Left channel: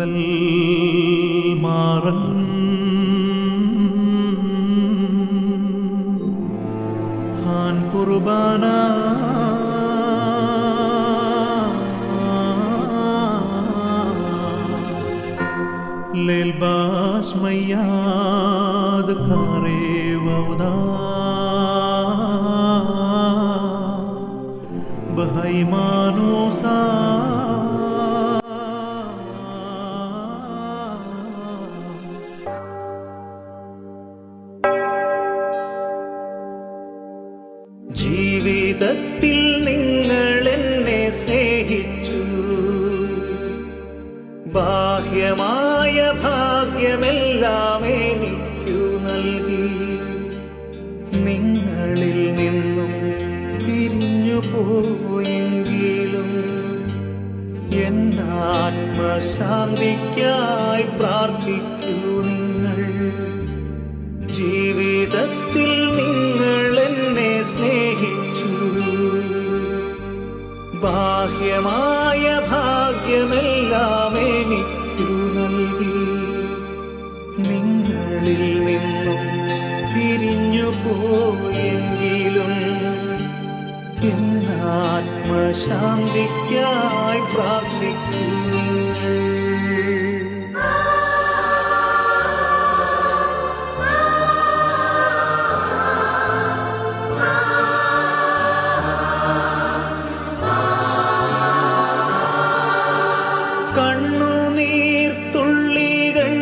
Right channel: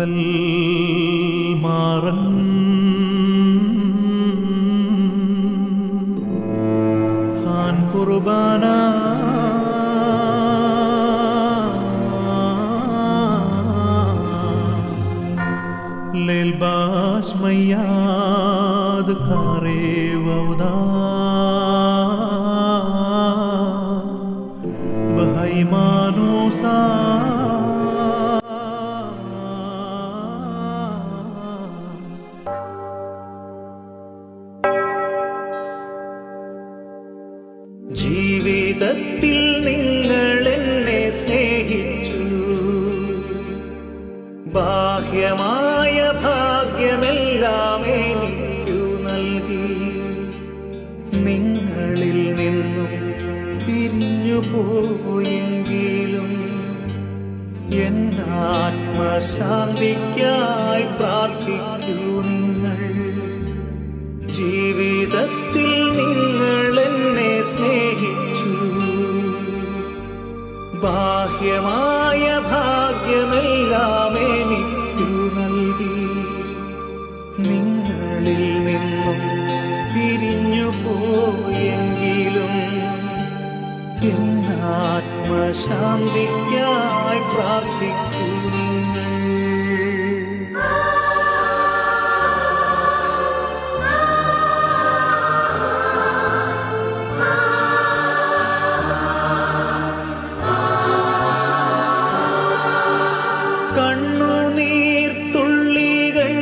കൽബൽ മാറൻ Han കുർബാന ലേൽബാസ് മയ്യാദ് കാരേ വൗദാ ബഹൈമാനൂസാ ജീവിതത്തിൽ നിങ്ങൾ എന്നെ സ്നേഹിച്ചു, ബാഹ്യമായ ഭാഗ്യമെല്ലാം എനിക്കു നൽകി. നിങ്ങളിൽ നിന്നും പിരിഞ്ഞു പോയെങ്കിലും എന്നാത്മശാന്തിക്കായി പ്രാർത്ഥിക്കൂ നിങ്ങൾ. ജീവിതത്തിൽ നിങ്ങൾ എന്നെ സ്നേഹിച്ചു, ബാഹ്യമായ ഭാഗ്യമെല്ലാം എനിക്കു നൽകി. നിങ്ങളിൽ നിന്നും പിരിഞ്ഞു പോയെങ്കിലും എന്നാത്മശാന്തിക്കായി പ്രാർത്ഥിക്കൂ നിങ്ങൾ. കണ്ണുനീർത്തുള്ളികൾ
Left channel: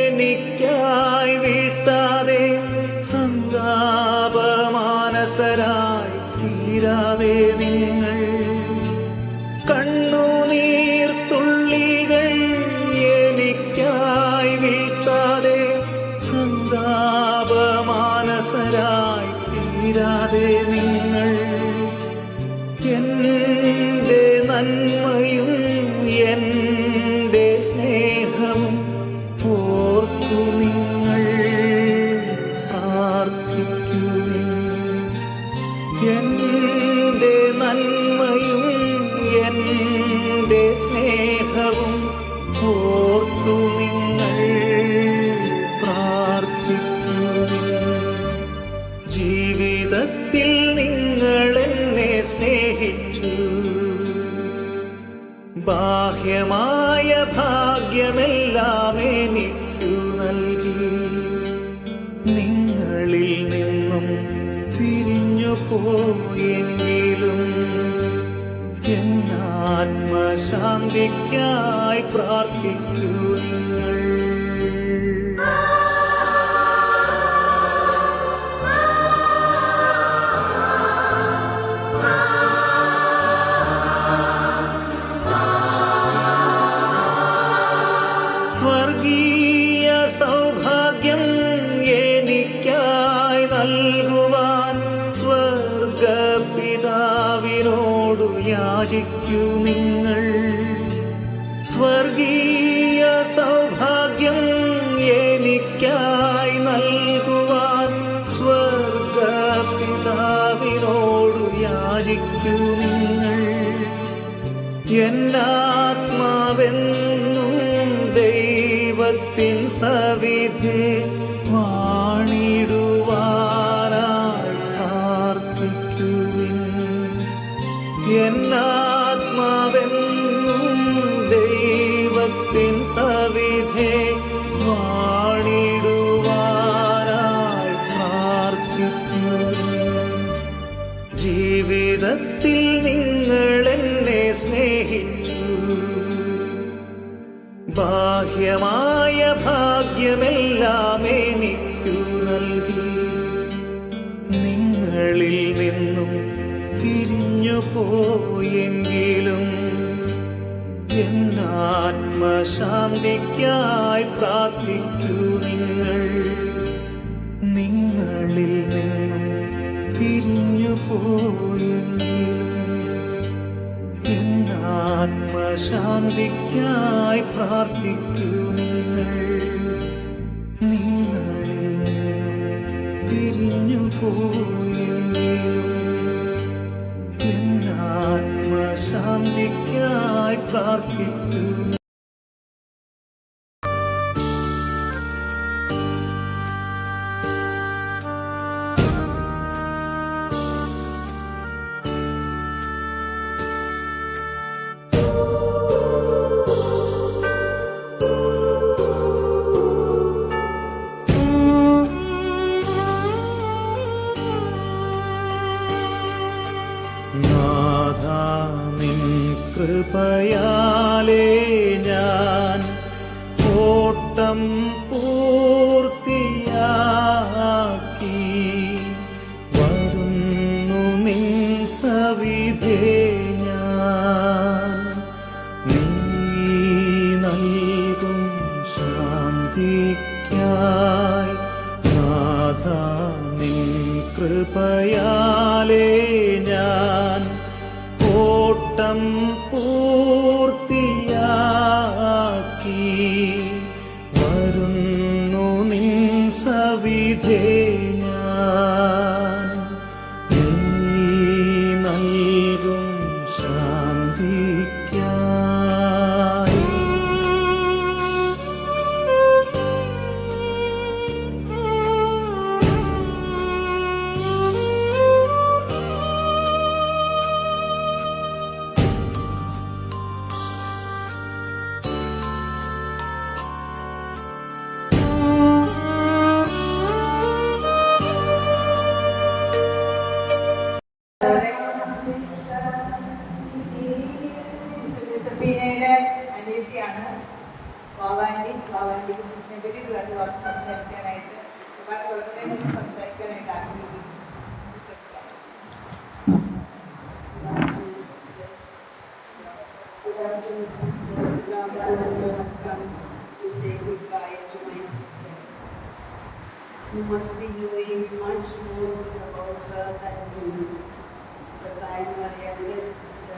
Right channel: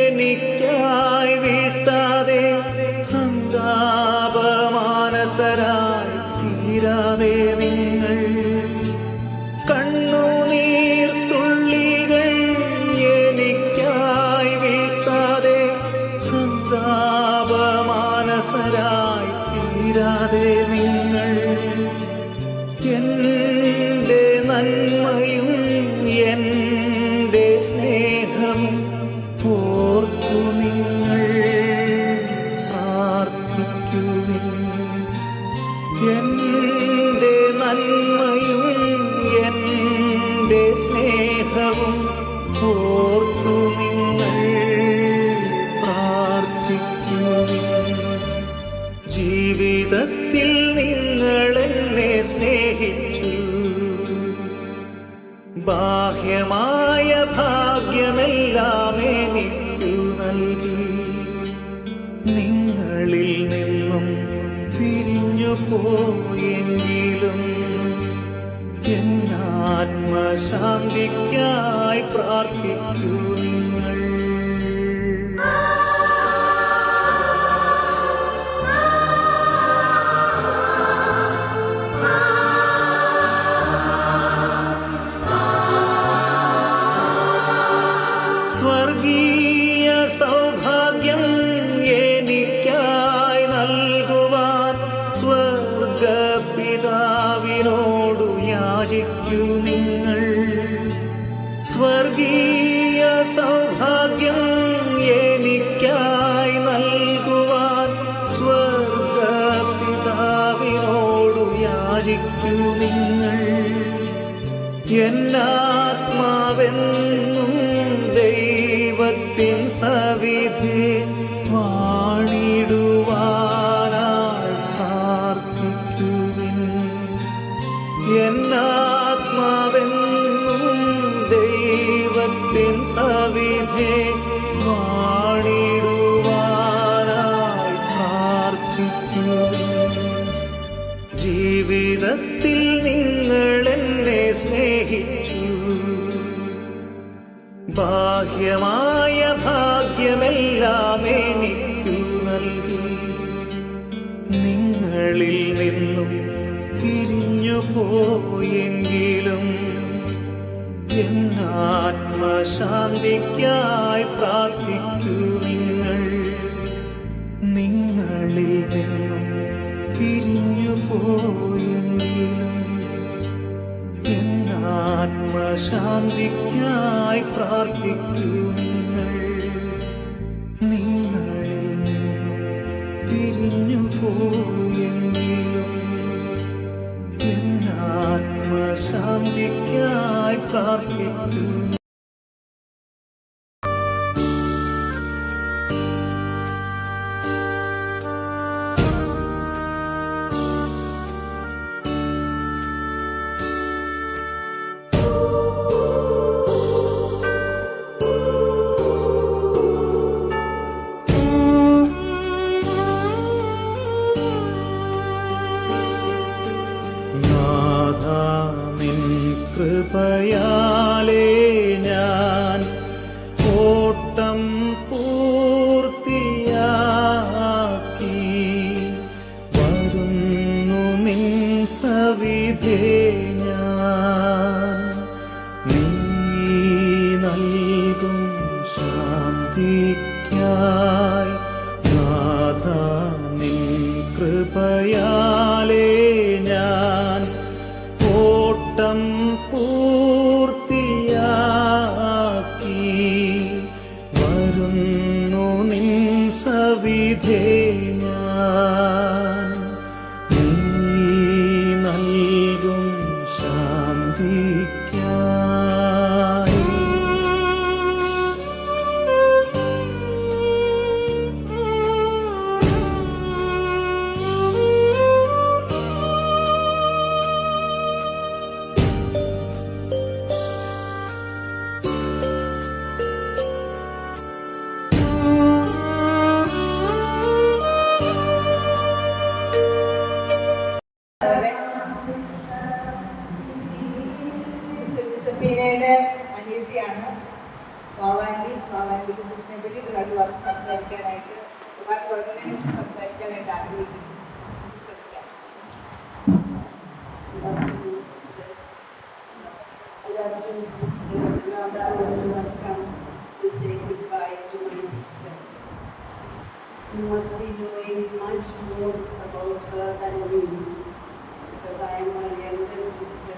എനിക്കായി വീഴ്ത്താതെ, സന്താപമാനസരായി തീരാതെ നിങ്ങൾ. കണ്ണുനീർത്തുള്ളികൾ എനിക്കായി വീഴ്ത്താതെ, സന്താപമാനസരായി തീരാതെ നിങ്ങൾ. എന്റെ നന്മയും എന്റെ സ്നേഹവും ഓർത്തു നിങ്ങൾ പ്രാർത്ഥിക്കുവിൻ. എന്റെ നന്മയും എന്റെ സ്നേഹവും ഓർത്തു നിങ്ങൾ പ്രാർത്ഥിക്കുവിൻ. ജീവിതത്തിൽ നിങ്ങൾ എന്നെ സ്നേഹിച്ചു, ബാഹ്യമായ ഭാഗ്യമെല്ലാം എനിക്കു നൽകി. നിങ്ങളിൽ നിന്നും പിരിഞ്ഞു പോയെങ്കിലും എന്നാത്മശാന്തിക്കായി പ്രാർത്ഥിക്കൂ നിങ്ങൾ. സ്വർഗീയ സൗഭാഗ്യം എനിക്കായി നൽകുവാൻ സ്വർഗപിതാവിനോടു യാചിക്കൂ നിങ്ങൾ. സ്വർഗീയ സൗഭാഗ്യം എനിക്കായി നൽകുവാൻ സ്വർഗപിതാവിനോടു യാചിക്കൂ നിങ്ങൾ. എന്നാത്മാവെന്നും ദൈവത്തിൻ സവിധേ വാണിടുവാനായി പ്രാർത്ഥിക്കുവിൻ. എന്നാത്മാവെന്നും ദൈവത്തിൻ സവിധേ വാണിടുവാനായി പ്രാർത്ഥിക്കുവിൻ. ജീവിതത്തിൽ നിങ്ങൾ എന്നെ സ്നേഹിച്ചു, ബാഹ്യമായ ഭാഗ്യമെല്ലാം എനിക്കു നൽകി. നിങ്ങളിൽ നിന്നും പിരിഞ്ഞു പോയെങ്കിലും എന്നാത്മശാന്തിക്കായി പ്രാർത്ഥിക്കൂ നിങ്ങൾ. നിങ്ങളിൽ നിന്നും പിരിഞ്ഞു പോയെങ്കിലും എന്നാത്മശാന്തിക്കായി പ്രാർത്ഥിക്കൂ നിങ്ങൾ. നിങ്ങളിൽ നിന്നും പിരിഞ്ഞു പോയെങ്കിലും എന്നാത്മശാന്തിക്കായി പ്രാർത്ഥിക്കൂ. നാഥാ നിൻ കൃപയാലേ ഞാൻ ഓട്ടം പൂർത്തിയാക്കി വരുന്നു നിൻ സവിധേ ഞാൻ. നീ നൽകും ശാന്തിക്കായി നാഥാ നിൻ കൃപയാലേ ഞാൻ ഓട്ടം പൂർത്തിയാക്കി വരുന്നു നിൻ സവിധേ ഞാൻ. നീ നൽകും ശാന്തിക്കായി. ജോസഫീനയുടെ അനിയത്തിയാണ് മാവാൻറ്റി. മാവാൻറ്റിക്ക് സിസ്റ്ററിനെ പറ്റി ഒരുപാട് വാക്ക് സംസാരിക്കാനായിട്ട് ഒരുപാട് വളരെ സംസാരിക്കാനായിട്ട് ആഗ്രഹിക്കുന്നു. Good afternoon, sisters. Now I have come to say goodbye to my sister. You must be knowing much more about her than me, because I am her youngest sister.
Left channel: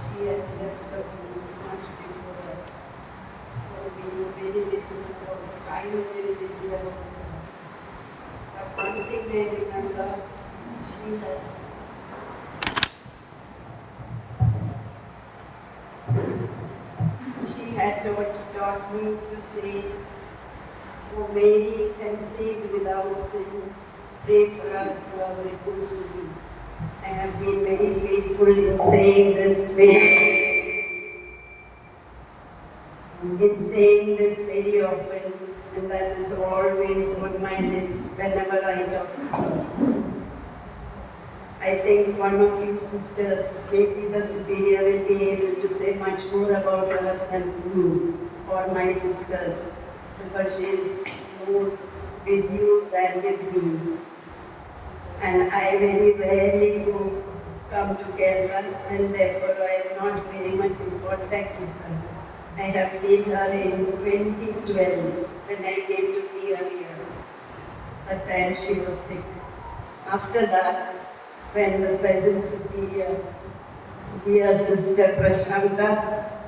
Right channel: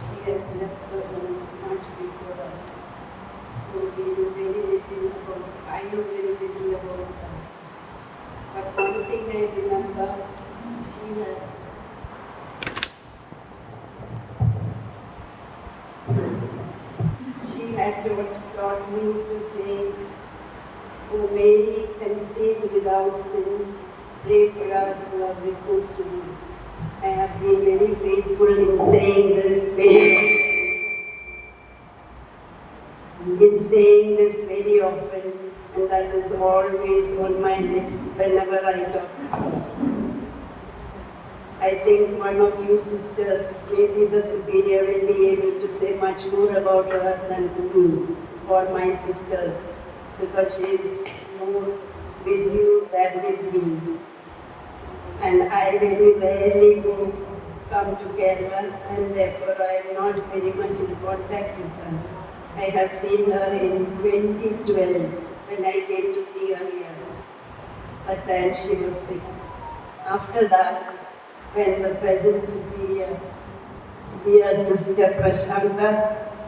She has left the home much before us. So we know very little about her. I know very little about her. But one thing I remember, she had taught me to say, "Oh Mary, conceived without sin, pray for us who are repose to thee." I have been very faithful in saying this very often, and that is always on my lips whenever I talk. I think one of you sisters, maybe the superior, will be able to say much more about her than me or my sisters, because she is more with you than with me. And I very rarely come to Kerala, and therefore I am not very much in contact with her. I have seen her in 2012 when I came to see her here. But then she was sick. After that, when the present superior, dear Sister Prashanta,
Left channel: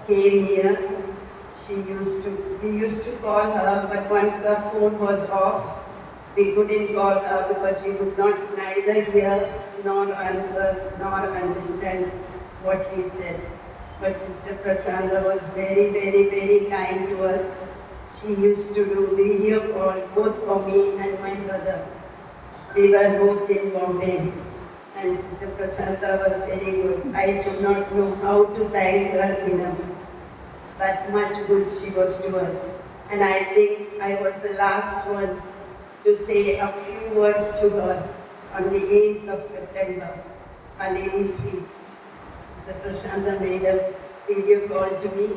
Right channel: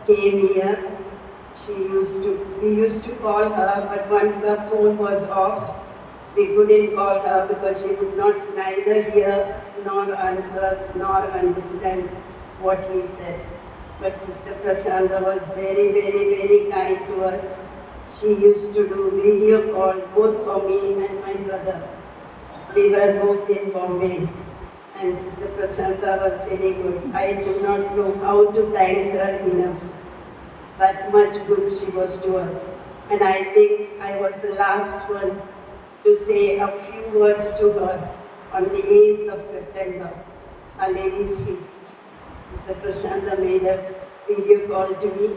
came here, we used to call her, but once her phone was off, we couldn't call her because she would not neither hear nor answer nor understand what we said. But Sister Prashanta was very, very, very kind to us. She used to do video call both for me and my brother. We were both in Bombay, and Sister Prashanta was very good. I do not know how to thank her enough, but much good she was to us. And I think I was the last one to say a few words to her on the 8th of September, Our Lady's Feast. Sister Prashanta made a video call to me,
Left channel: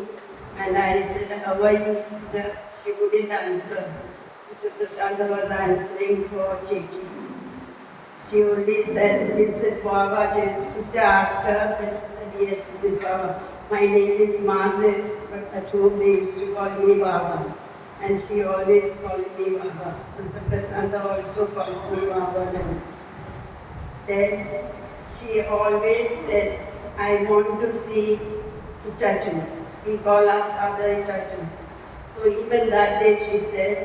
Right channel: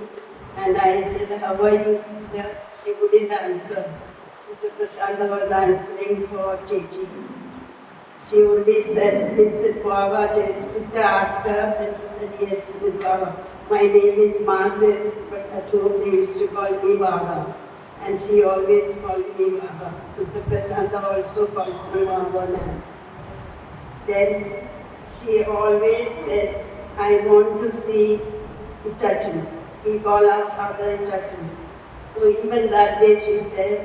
and I said, "How are you, sister?" She wouldn't answer. Sister Prashanta was answering for Chechi. She only said, "Is it Baba?" Sister asked her, and she said, "Yes, it is Baba. My name is Margaret, but at home they used to call me Baba." And she always called me Baba. Sister Prashanta also calls me Baba now. Then she always said, "I want to see Ichachan." We call our father Ichachan. So even that day she said,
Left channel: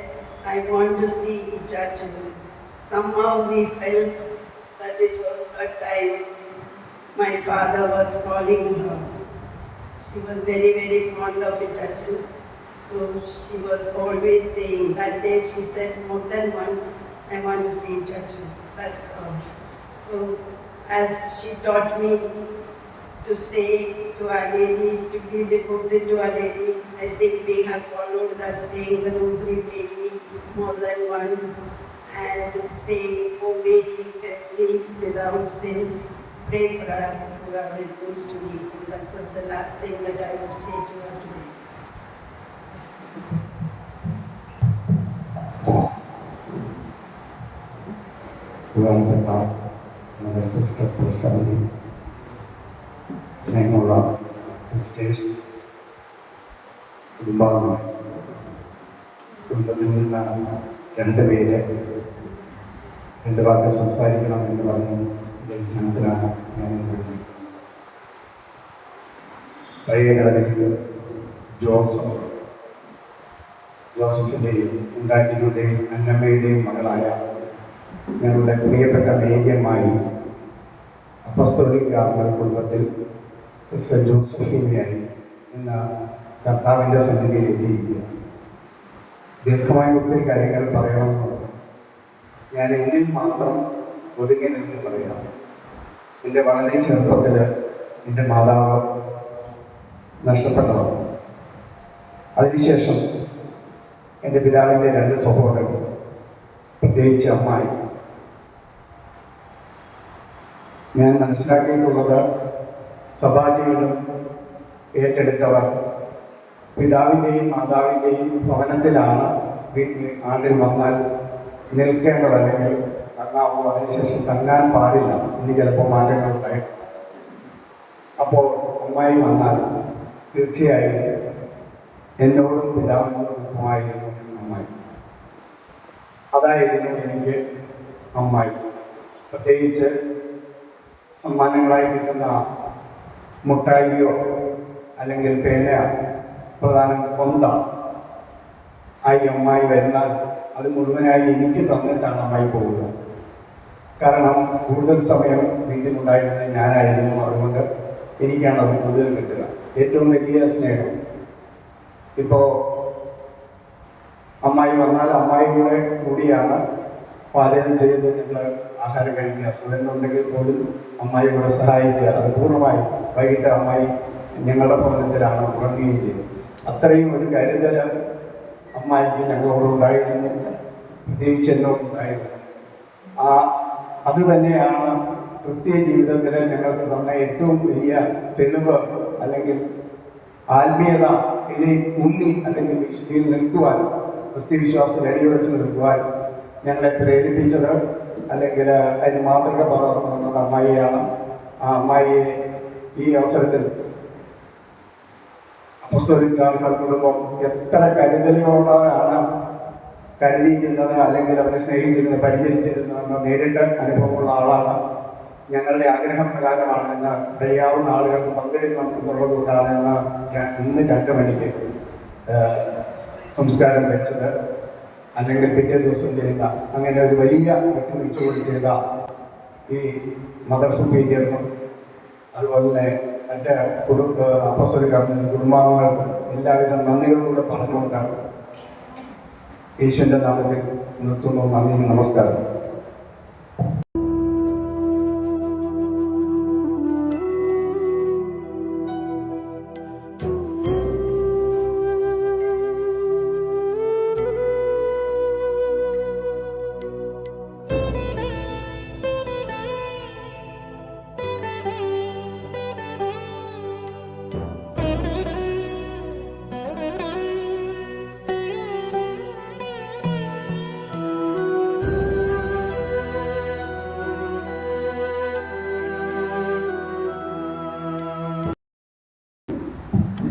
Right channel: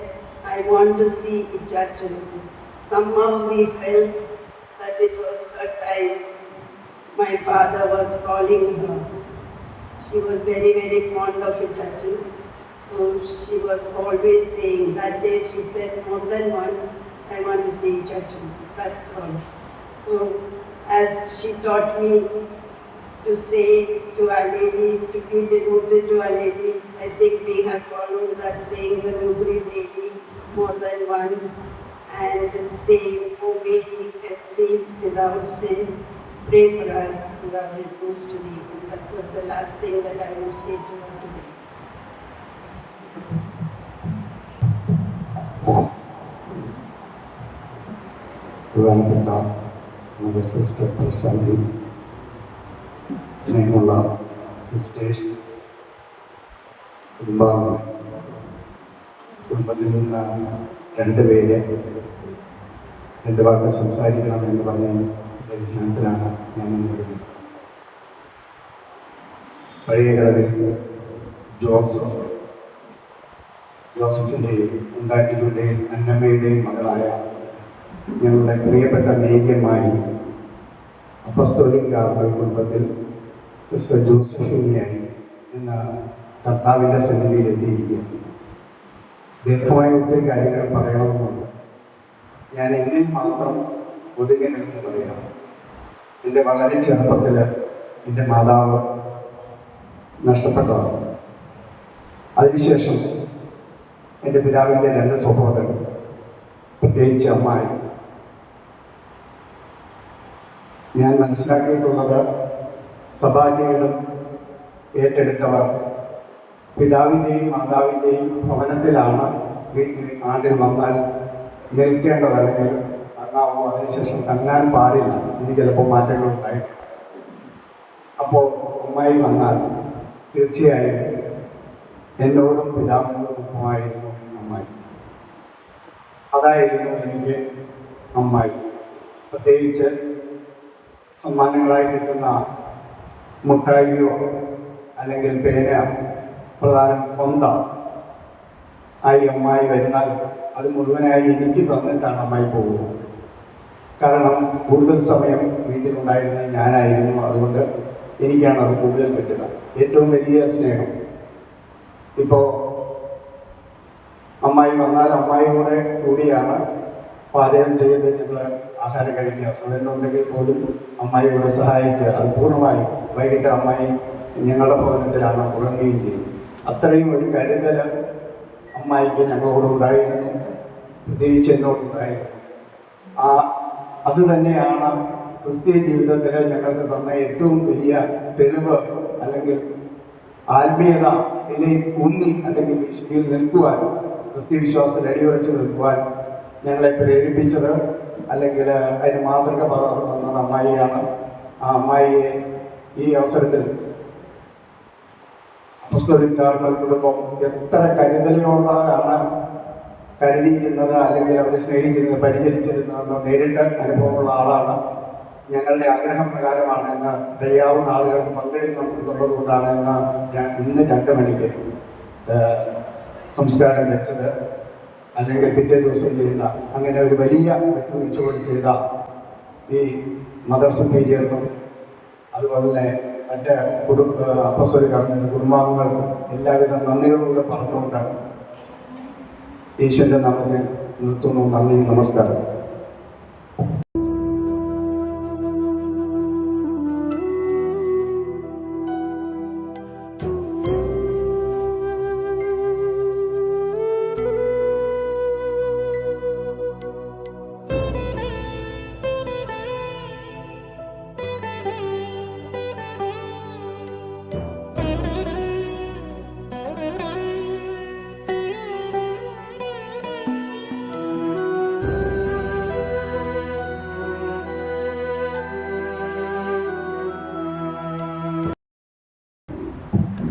"I want to see Ichachan." Somehow we felt that it was her time. My father was calling her. She was very, very fond of Ichachan. So she was always saying, that day she said more than once, "I want to see Ichachan." That's all. So as she taught me to say to Our Lady, to be devoted to Our Lady, I think we have followed that saying the Rosary Daily more than one, and saying, "Oh Mary, conceived without sin, pray for us who are very close to me. And that was the last thing that I would say to her today. ബഹുമാനപ്പെട്ട mother sister പ്രശാന്തി, സ്നേഹമുള്ള sisters, കുടുംബത്തിൽ നിന്ന് രണ്ടുപേര് രണ്ട് വാക്ക് സംസാരിക്കണമെന്ന് പറഞ്ഞ അടിസ്ഥാനത്തിലാണ് ഞാൻ നിൽക്കുന്നത്. പഴയ കടലിൽ ജോസഫിൻ്റെയും ഉണ്ടാക്കിയുടെയും അന്നമ്മയുടെയും മകളായ ഞങ്ങളുടെ പ്രിയപ്പെട്ട മേഘ്യമായി അപ്പസ്തോലിക് കാർമൽ കുടുംബത്തിൽ സിസ്റ്റർ ജോസഫിനെയായി ഇന്ന് കർത്താവിൻ്റെ സന്നിധിയിൽ എത്തിയിരിക്കുന്നു. ദീർഘമായ ഒത്തിരി കാര്യങ്ങൾ പറയണമെന്നുണ്ട്. ഞാൻ എന്നിൽ മാത്രം ഒതുങ്ങി നിന്ന് പറയാം. എൻ്റെ വളരെ ചെറുപ്പത്തിൽ എൻ്റെ മാതാവ് നഷ്ടപ്പെട്ടതാണ്. അതിനുശേഷം എൻ്റെ പിതാവിൻ്റെ രണ്ട് സഹോദരൻ, പ്രത്യേകിച്ച് അമ്മായി. ഞാൻ മനസ്സിലാക്കിയിട്ടുള്ളത് സഭാജീവിതം ഏറ്റെടുത്തവർ പിതാവിൻ്റെയും മാതാവിൻ്റെയും ഭവനത്തിലാണ് വീട്ടിൽ ആണ്ടിൽ വന്നാൽ നിൽക്കേണ്ടത്, അല്ലെങ്കിൽ നന്നാവും. അതിനുശേഷം തങ്ങാൻ പാടില്ല. ഇനി ചിലപ്പോൾ മാറ്റങ്ങൾ ഉണ്ടായിട്ടുണ്ട്. അപ്പോൾ അമ്മായി വന്നാൽ തീർച്ചയായും എന്നോടും പിതാവിനോടൊപ്പമായിരുന്നു അമ്മായി. അതായിരുന്നു എനിക്ക് അമ്മായി. പ്രത്യേകിച്ച് സമ്മാനങ്ങളായി കിട്ടുന്ന മുട്ടായിയോ അല്ലെങ്കിൽ പേന, പ്രധാനം കൊന്ത ആയി അമ്മായി വരുന്നാൽ അത് മുഴുവനായി എനിക്ക് തന്നിട്ടാണ് അമ്മായി പോകുന്നത്. കാരണം കൂടുതൽ സമയം വീട്ടിലുണ്ടായിരുന്നത് ഞാനായിരുന്നു. അതുകൊണ്ട് എനിക്കാണ് അത് കൂടുതൽ കിട്ടുക. ഏറ്റവും വലിയ സ്നേഹം. ഇപ്പോൾ അമ്മായി വന്നാൽ അമ്മായിയുടെ കൂടിയാണ് പാചകം ചെയ്ത് ഞങ്ങൾ ആഹാരം കഴിക്കുക. സുഖങ്ങളുണ്ടെങ്കിൽ പോലും അമ്മായിയുടെ സഹായിച്ച് അത് പൂർണ്ണമായി വൈകിട്ട് അമ്മായി ഞങ്ങളുടെ ഭവനത്തിലാണ് ഉറങ്ങുകയും ചെയ്യും. അത്രയും ഒരു കരുതൽ അമ്മായിക്ക് ഞങ്ങളോടുണ്ടായിരുന്നു, പ്രത്യേകിച്ച് എന്നോടുണ്ടായിരുന്നു. അത് തന്നെയാണ് ക്രിസ്തീയ ജീവിതത്തിൽ ഞങ്ങൾക്ക് തന്ന ഏറ്റവും വലിയ തെളിവ്, അല്ലെങ്കിൽ ആത്മീയത ഇനി ഊന്നി അല്ലെങ്കിൽ വിശുദ്ധിയിൽ നിൽക്കുവാൻ, ക്രിസ്തീയ വിശ്വാസത്തിൽ അടിയുറച്ച് നിൽക്കുവാൻ ഞങ്ങളെ പ്രേരിപ്പിച്ചത്, അല്ലെങ്കിൽ അതിന് മാതൃക പകർന്നു തന്നത് അമ്മായിയാണ്. ആ അമ്മായിയെ ഈ അവസരത്തിൽ അപ്പസ്തോലിക് കാർമൽ കുടുംബം എത്ര കരുതലോടാണ് കരുതിയിരുന്നത്, അല്ലെങ്കിൽ അവരെ സ്നേഹിച്ചിരുന്നത്, പരിചരിച്ചിരുന്നതെന്ന് നേരിട്ട് അനുഭവമുള്ള ആളാണ്. ഞങ്ങളുടെ ആഗ്രഹപ്രകാരമാണ് എന്ന് കഴിയാവുന്ന ആളുകൾക്ക് പങ്കെടുക്കുന്നുള്ളത് കൊണ്ടാണ് ഇന്ന് 2 മണിക്ക് സംസ്കാരം വെച്ചത്, അല്ലെങ്കിൽ പിറ്റേ ദിവസം ചെയ്യുന്ന അങ്ങനെ ഒരു വലിയ വിട്ടുവീഴ്ചയോട് ചെയ്ത ഈ മദർ സുപ്പീരിയർക്കും അതുപോലെ തന്നെ മറ്റ് അപ്പസ്തോലിക് കാർമൽ കുടുംബാംഗങ്ങൾ എല്ലാവിധ നന്ദിയോടുകൂടെ പറഞ്ഞുകൊണ്ട് യേശുവിൻ്റെ നാമത്തിൽ നിർത്തുന്നു. നന്ദി, നമസ്കാരം.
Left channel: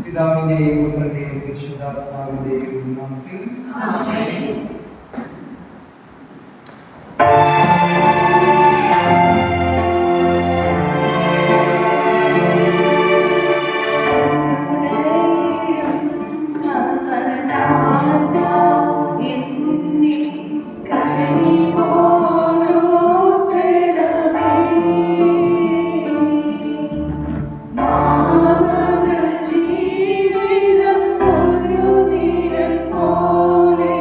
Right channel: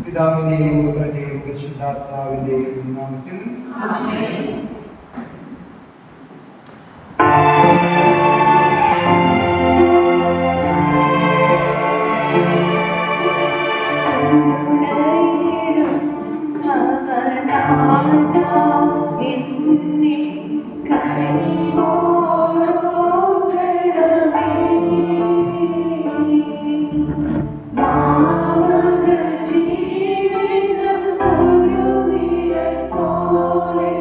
പിതാവിന്റെയും പുത്രന്റെയും പരിശുദ്ധാത്മാവിന്റെയും നാമത്തിൽ ആമേൻ. ജീവിതം ഒരു നിഴൽ പോലെ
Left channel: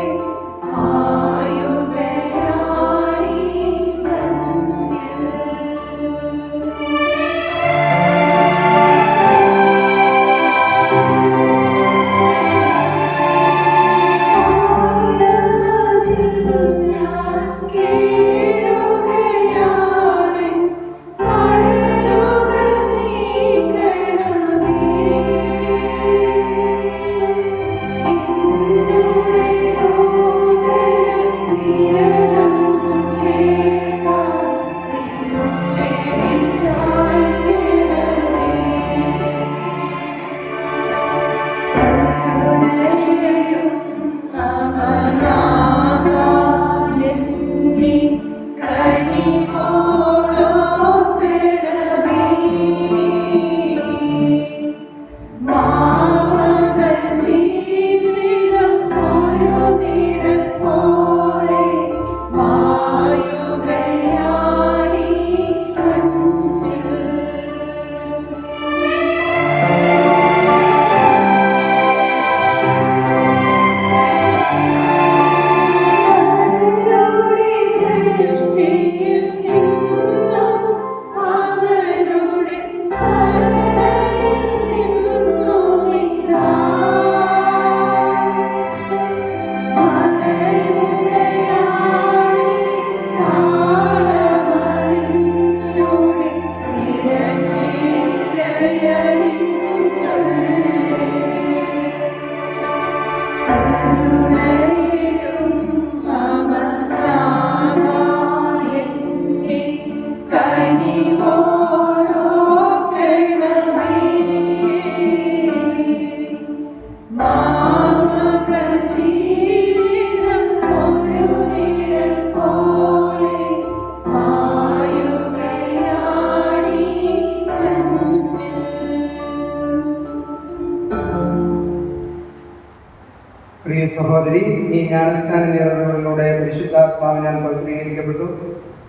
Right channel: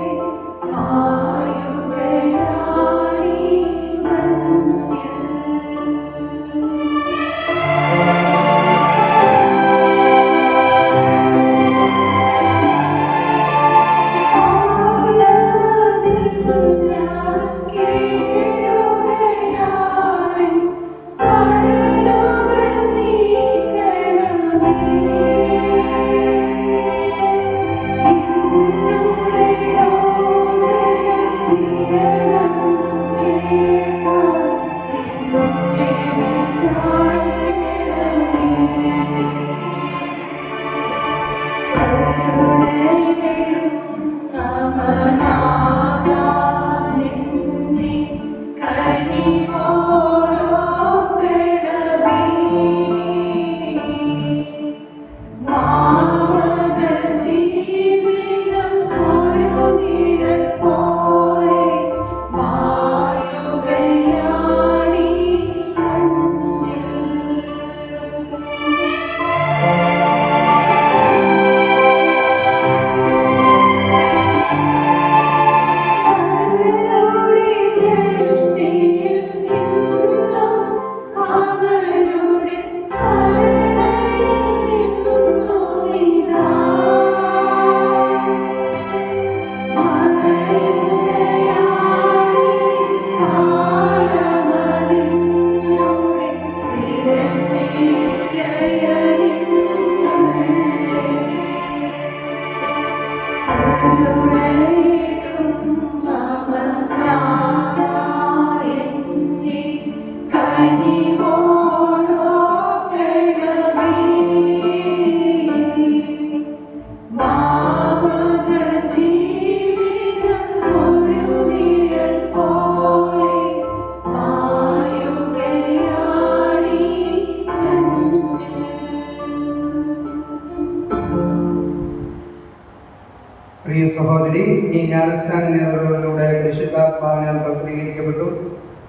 സഹോദരി, ഈ ജ്ഞാനസ്നാന നേർവകളിലൂടെ പരിശുദ്ധാത്മാവിനാൽ പൗത്രീകരിക്കപ്പെട്ടു.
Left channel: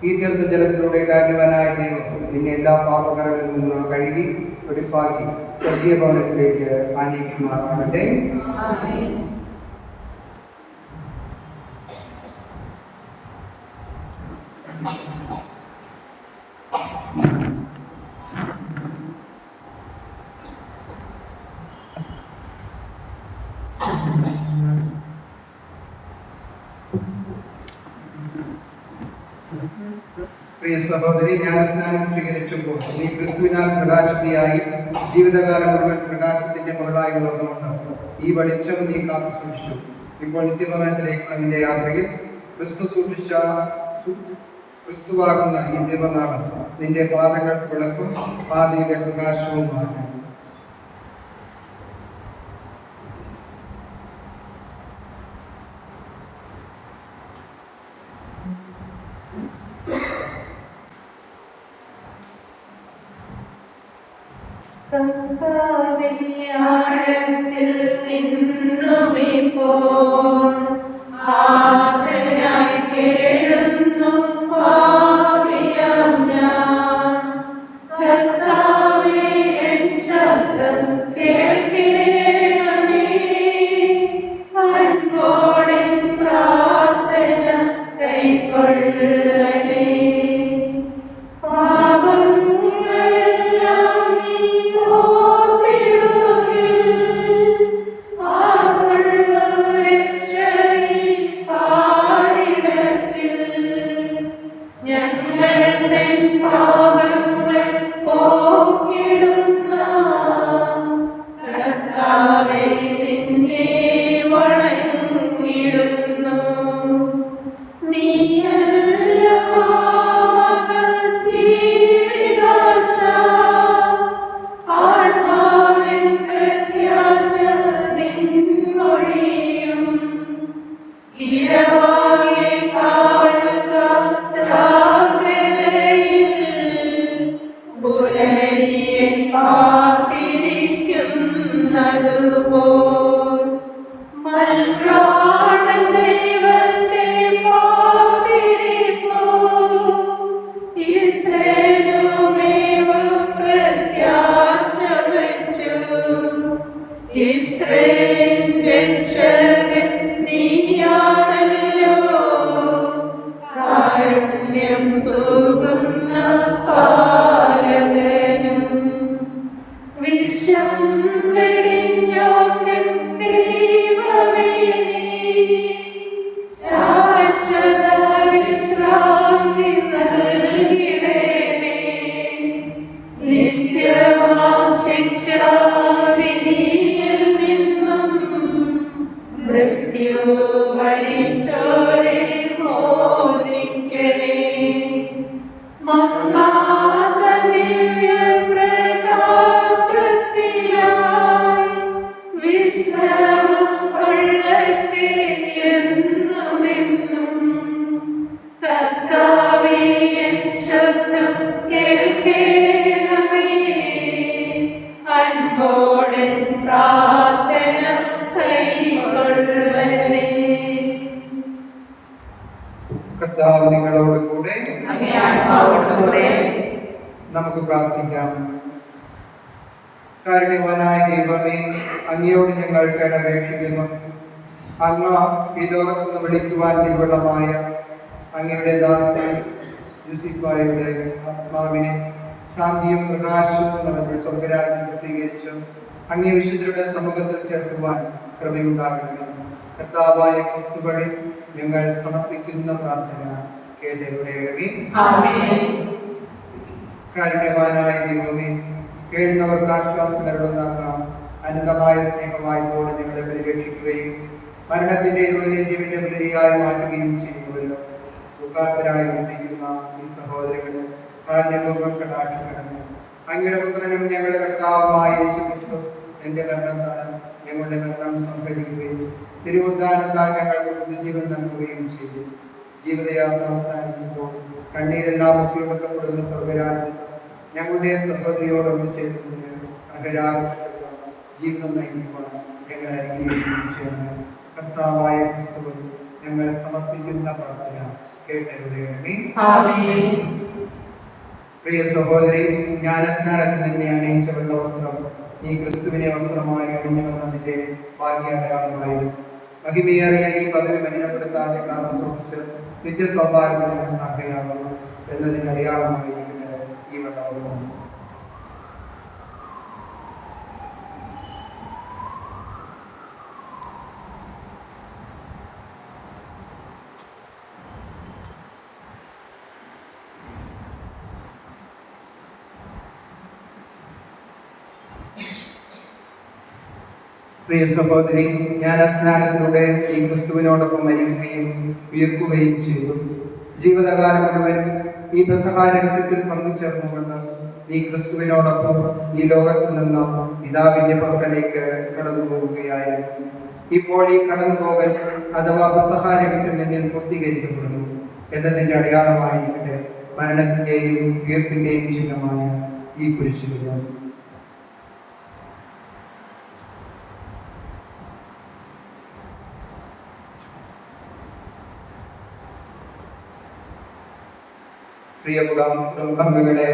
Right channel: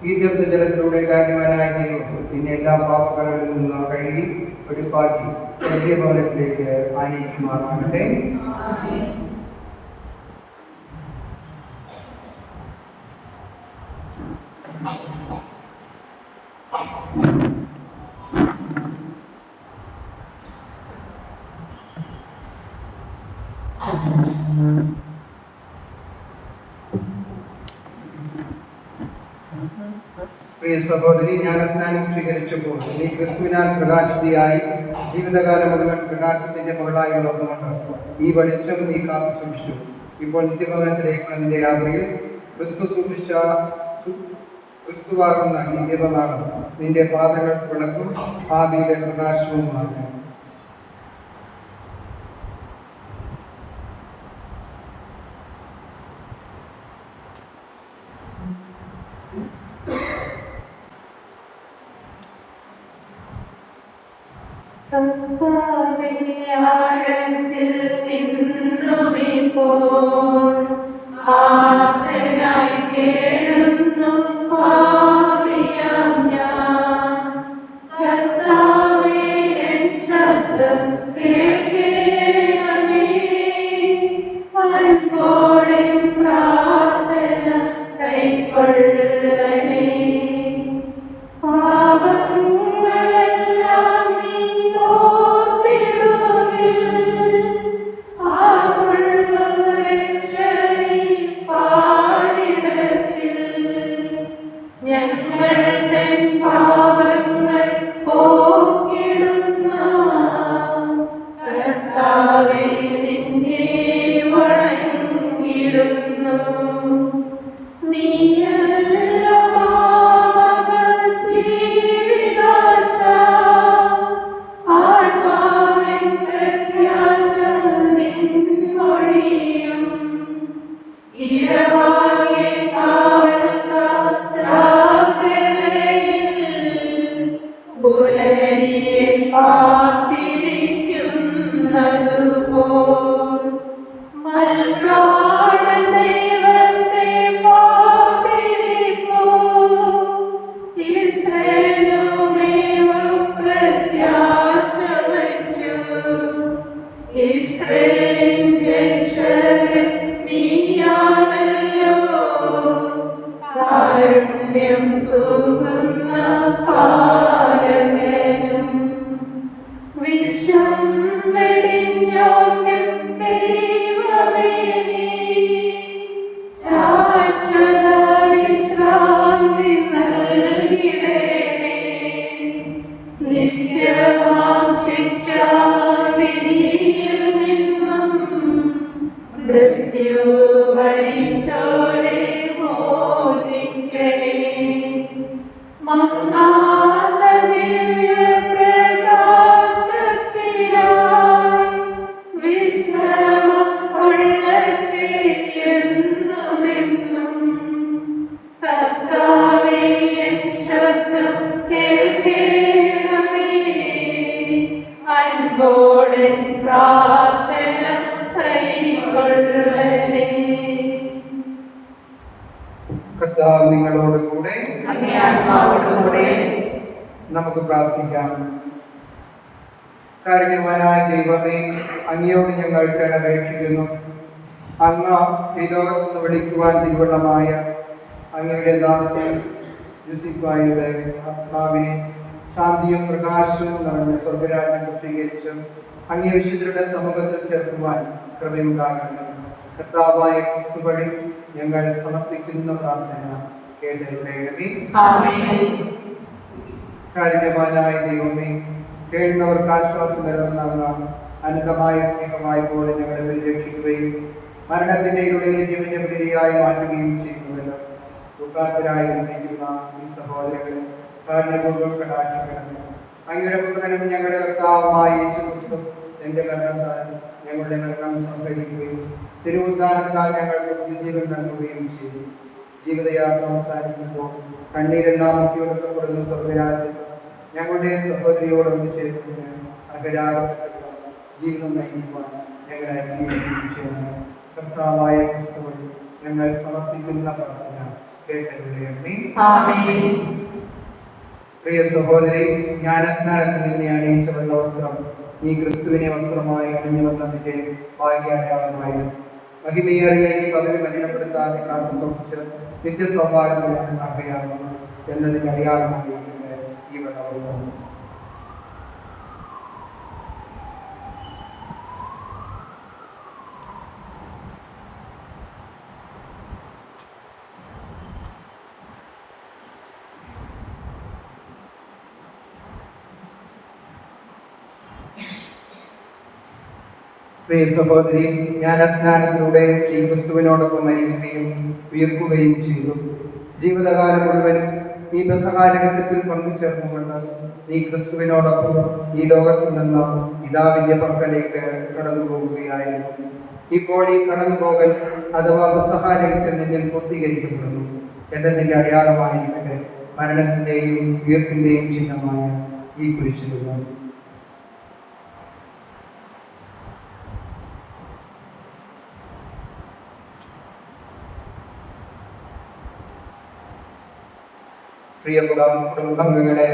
ഈ തീർത്ഥജലത്തിലൂടെ കാരണവാനായ ദൈവം നിന്നെ എല്ലാ പാപകരങ്ങളിൽ നിന്ന് കഴുകി വെടിപ്പാക്കി സ്വർഗീയ ഭവനത്തിലേക്ക് ആനയിക്കുമാറാകട്ടെ. പ്രിയ സഹോദരി, ജ്ഞാനസ്നാനം സ്വീകരിച്ചപ്പോൾ നീ ക്രിസ്തുവിനാൽ പ്രകാശിതയായി ജീവിതകാലം മുഴുവൻ പ്രകാശത്തിന്റെ മുകളായി വളർന്നുകൊണ്ട് ഈ വെളിച്ചം നീ കാത്തു സൂക്ഷിച്ചു. ഇപ്പോൾ നിത്യഭവനത്തിലേക്കുള്ള നിന്റെ യാത്രയിൽ ക്രിസ്തുവാകുന്ന ഈ ദൈവനാട് നിന്റെ പാതകൾക്ക് വിളക്കും പാതയിലെ പ്രകാശവുമാണ്. ആഴത്തിൽ നിന്നുമിപ്പോൾ ആർദ്രനായി കേഴുന്നു പാപിയാം ഞാൻ. കർത്താവേ, എൻ ശബ്ദം കേൾക്കണമേ. അൻപോടെ പ്രാർത്ഥന കൈക്കൊള്ളണേ. പാപങ്ങളെല്ലാം നീ കർത്താവ് നിങ്ങളോടുകൂടെ. നമുക്ക് പ്രാർത്ഥിക്കാം. കാരുണ്യവാനായ ദൈവമേ, അങ്ങയോട് ഞങ്ങൾ അപേക്ഷിക്കുന്നു. അങ്ങ് പിതോ എന്ന് വിളിക്കുവാൻ തിരുവള്ളമായ അങ്ങയുടെ ദാസൻ യൂസിഫായുടെ ആത്മാവിനെ ശാന്തിയും പ്രകാശവും നിറഞ്ഞ സ്വർഗരാജ്യം സ്വീകരിച്ച് അങ്ങേ വിശുദ്ധരുടെ സമൂഹത്തിൽ ചേർക്കുവാൻ കൃപയുണ്ടാകട്ടെ. കർത്താവായ ക്രിസ്തു വഴി ഞങ്ങൾ സമർപ്പിക്കുന്ന പ്രാർത്ഥന കേട്ടരുടേണമേ. കാരുണ്യവാനായ ദൈവമേ, കേഴുന്നവർക്ക് ആശ്വാസം നൽകുന്ന അനന്തമായ സ്നേഹമായതോടെ ഞങ്ങളെ പരിരക്ഷിക്കുകയും മരണത്തിന്റെ ഇരുളിനെ ജീവന്റെ പുലരിയായി മാറ്റുകയും ചെയ്യുന്നവരോ ദുഃഖാർത്തരായി വന്നിരിക്കുന്ന ഈ സഹോദരങ്ങളെ കാരുണ്യപൂർവ്വം കടാക്ഷിക്കണമേ. അങ്ങയുടെ പുത്രനും ഞങ്ങളുടെ കർത്താവുമായ യേശുക്രിസ്തു എന്റെ മരണത്താൽ ഞങ്ങളുടെ മരണം സംഭരിക്കുകയും തിരുവുദ്ധാനത്താൽ ഞങ്ങൾക്ക് പുതുജീവൻ നൽകുകയും ചെയ്തു. ജീവിതയാത്ര അവസാനിക്കുമ്പോൾ കണ്ണീരെല്ലാം ഒപ്പിയെടുക്കപ്പെടുന്ന സ്വർഗരാജ്യം ഞങ്ങളുടെ സഹോദരിയോടൊന്ന് ചേർക്കുന്നതിന് അർഹരായ ജീവിതം നയിക്കുവാൻ ഞങ്ങളെ ചെയ്യുന്നു. കർത്താവായ ക്രിസ്തുവിൽ ഞങ്ങൾ സമർപ്പിക്കുന്ന പ്രാർത്ഥന കേട്ടറിയണമേ. ആമേൻ. പ്രിയ സഹോദരി, ജ്ഞാനസ്നാനത്തിൽ തന്നെ അണിയിച്ച വെള്ളവസ്ത്രം ഈ ക്രിസ്തുവിനെ വസ്ത്രമായി അണിഞ്ഞു വന്നതിന്റെ ഭാഗ്യാടയാളമായി മഹിമയേറിയ ഈ പദവി മലിനപ്പെടുത്താതെ കാത്തു സൂക്ഷിച്ച് നിത്യസൗഭാഗ്യത്തിന് ഉണ്ടാക്കുകയാകുന്നു എന്നതിന് അടയാളമായി ഈ വെള്ളവസ്ത്രം. പ്രിയ സഹോദരി, ജ്ഞാനസ്നാനത്തിലൂടെ ഈ ക്രിസ്തുവിനോടൊപ്പം മരിക്കുകയും ഉയർക്കുകയും ചെയ്തു. ജീവിതകാലം മുഴുവൻ ഈ പെസഹ രഹസ്യത്തിൽ പങ്കുചേർന്നുകൊണ്ട് ഈ ക്രിസ്തുവിനോടൊപ്പം ഈ ലോകത്തിൽ നിന്ന് പിതാവിന്റെ പക്കലേക്ക് കടന്നു പോവുകയായിരുന്നു. ഇപ്പോൾ ഈ കടന്നുപോകൽ അഥവാ പെസഹ രഹസ്യം നിന്നിൽ പൂർത്തീകരിക്കപ്പെടുന്നു എന്നതിന്റെ അടയാളമായിരിക്കട്ടെ മരണത്തിന്റെയും ഉയർപ്പിന്റെയും ചിഹ്നമായ ഈ കുരിശുകൾ. പ്രിയ കുടുംബാംഗങ്ങളെ,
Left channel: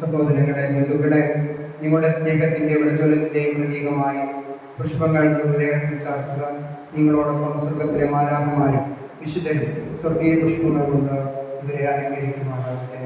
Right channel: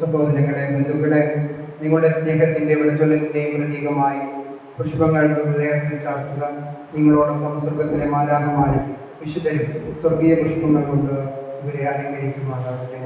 സഹോദരങ്ങളെ, ബന്ധുക്കളെ, നിങ്ങളുടെ സ്നേഹത്തിന്റെ വിളച്ചൊല്ലിന്റെയും പ്രതീകമായി പുഷ്പങ്ങൾ ഹൃദയത്തിൽ ചാർത്തുക. നിങ്ങളോടൊപ്പം സ്വർഗത്തിലെ മാലാഖമാരും വിശുദ്ധരും സ്വർഗീയ പുഷ്പങ്ങൾ കൊണ്ട് ഇവരെ അലങ്കരിക്കുമാറാകട്ടെ.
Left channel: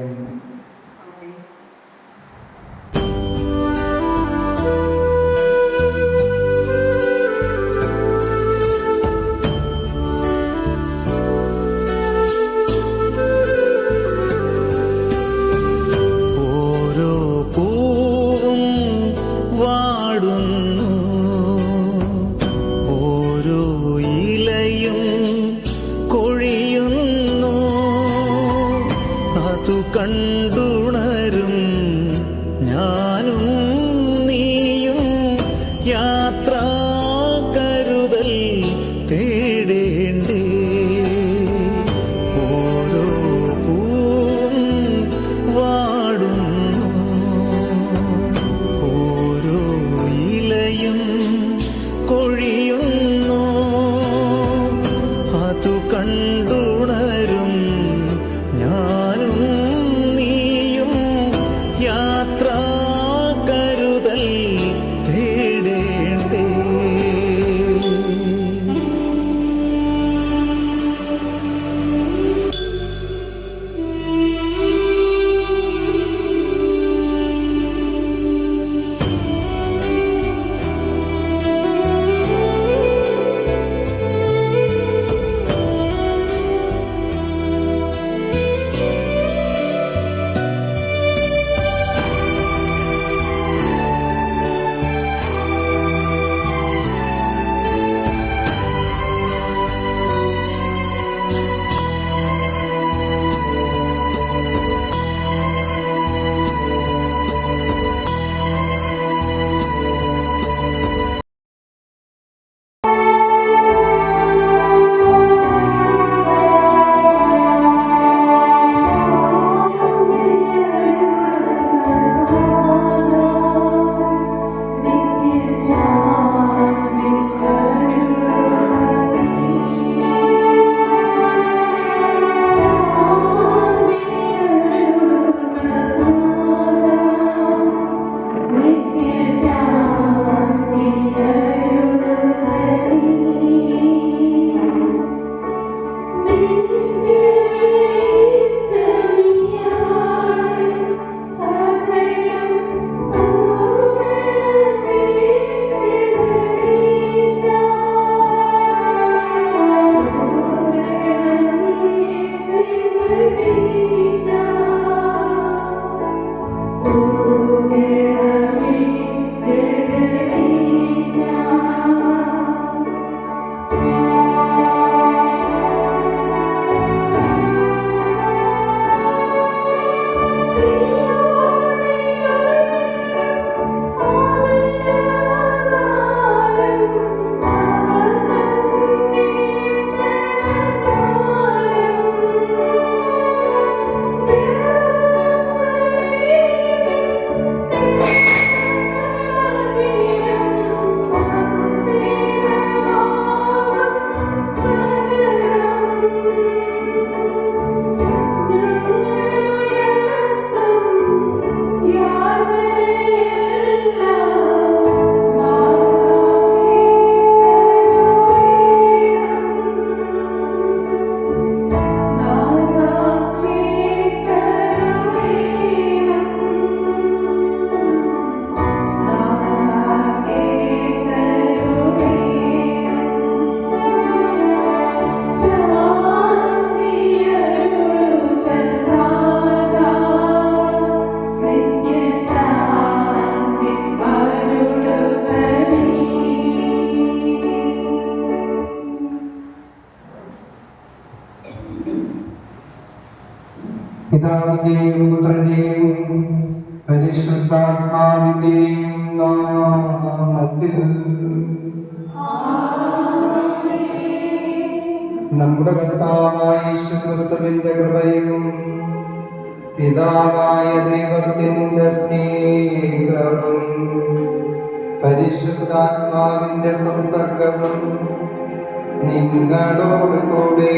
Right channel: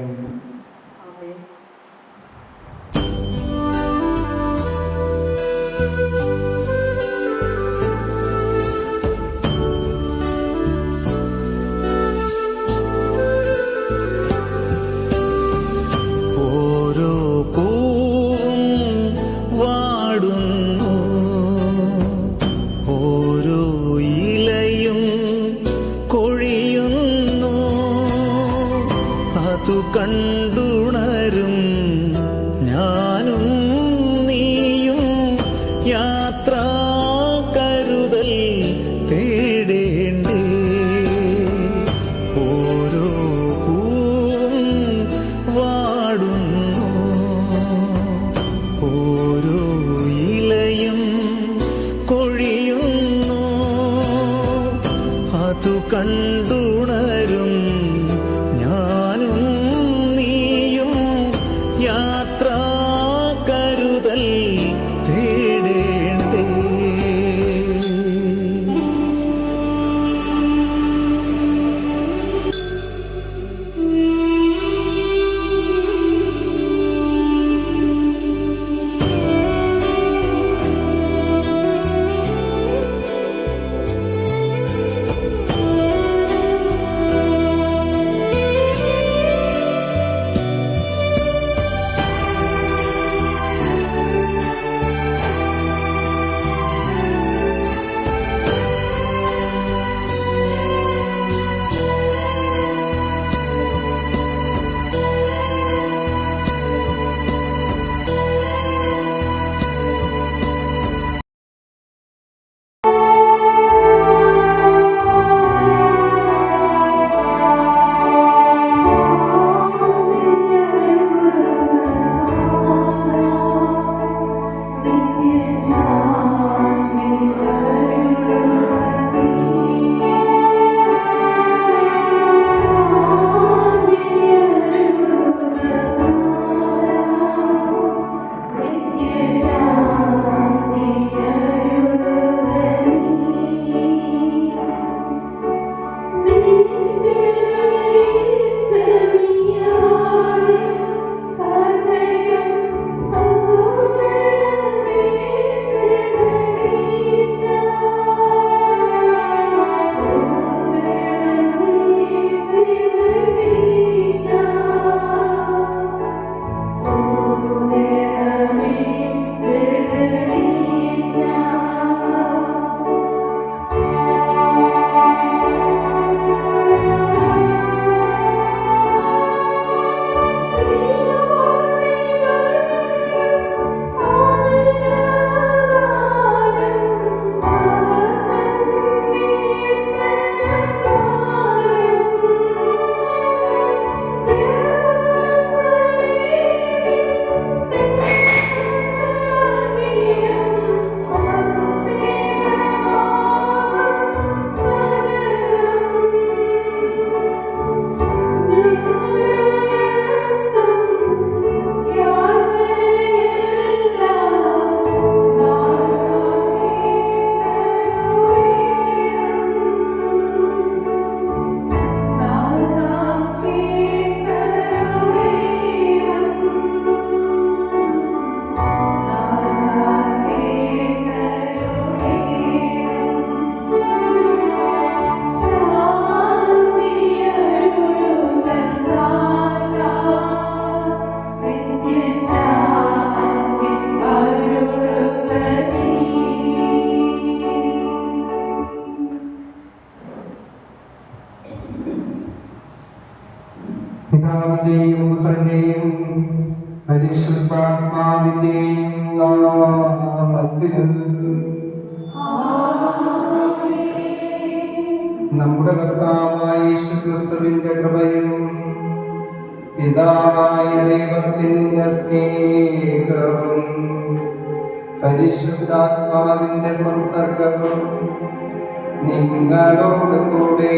കണ്ടുണരും ഞാനും നീയും യാത്രാ കരുതൽ തേടേണ്ടേ. ഓരോ പൂവും വാടുന്നു, ഓരോ ഇലയും കൊഴിയുന്നു. അതു കണ്ടുണരും ഞാനും നീയും യാത്രാ കരുതൽ തേടേണ്ടേ. പരിശുദ്ധാത്മാവിന്റെയും നാമത്തിൽ നമ്മുടെ കർത്താവായ യേശുക്രിസ്തുവിന്റെ കൃപയും പിതാവായ ദൈവത്തിന്റെ സ്നേഹവും പരിശുദ്ധാത്മാവിന്റെ സംസർഗവും നിങ്ങളോട് കൂടെ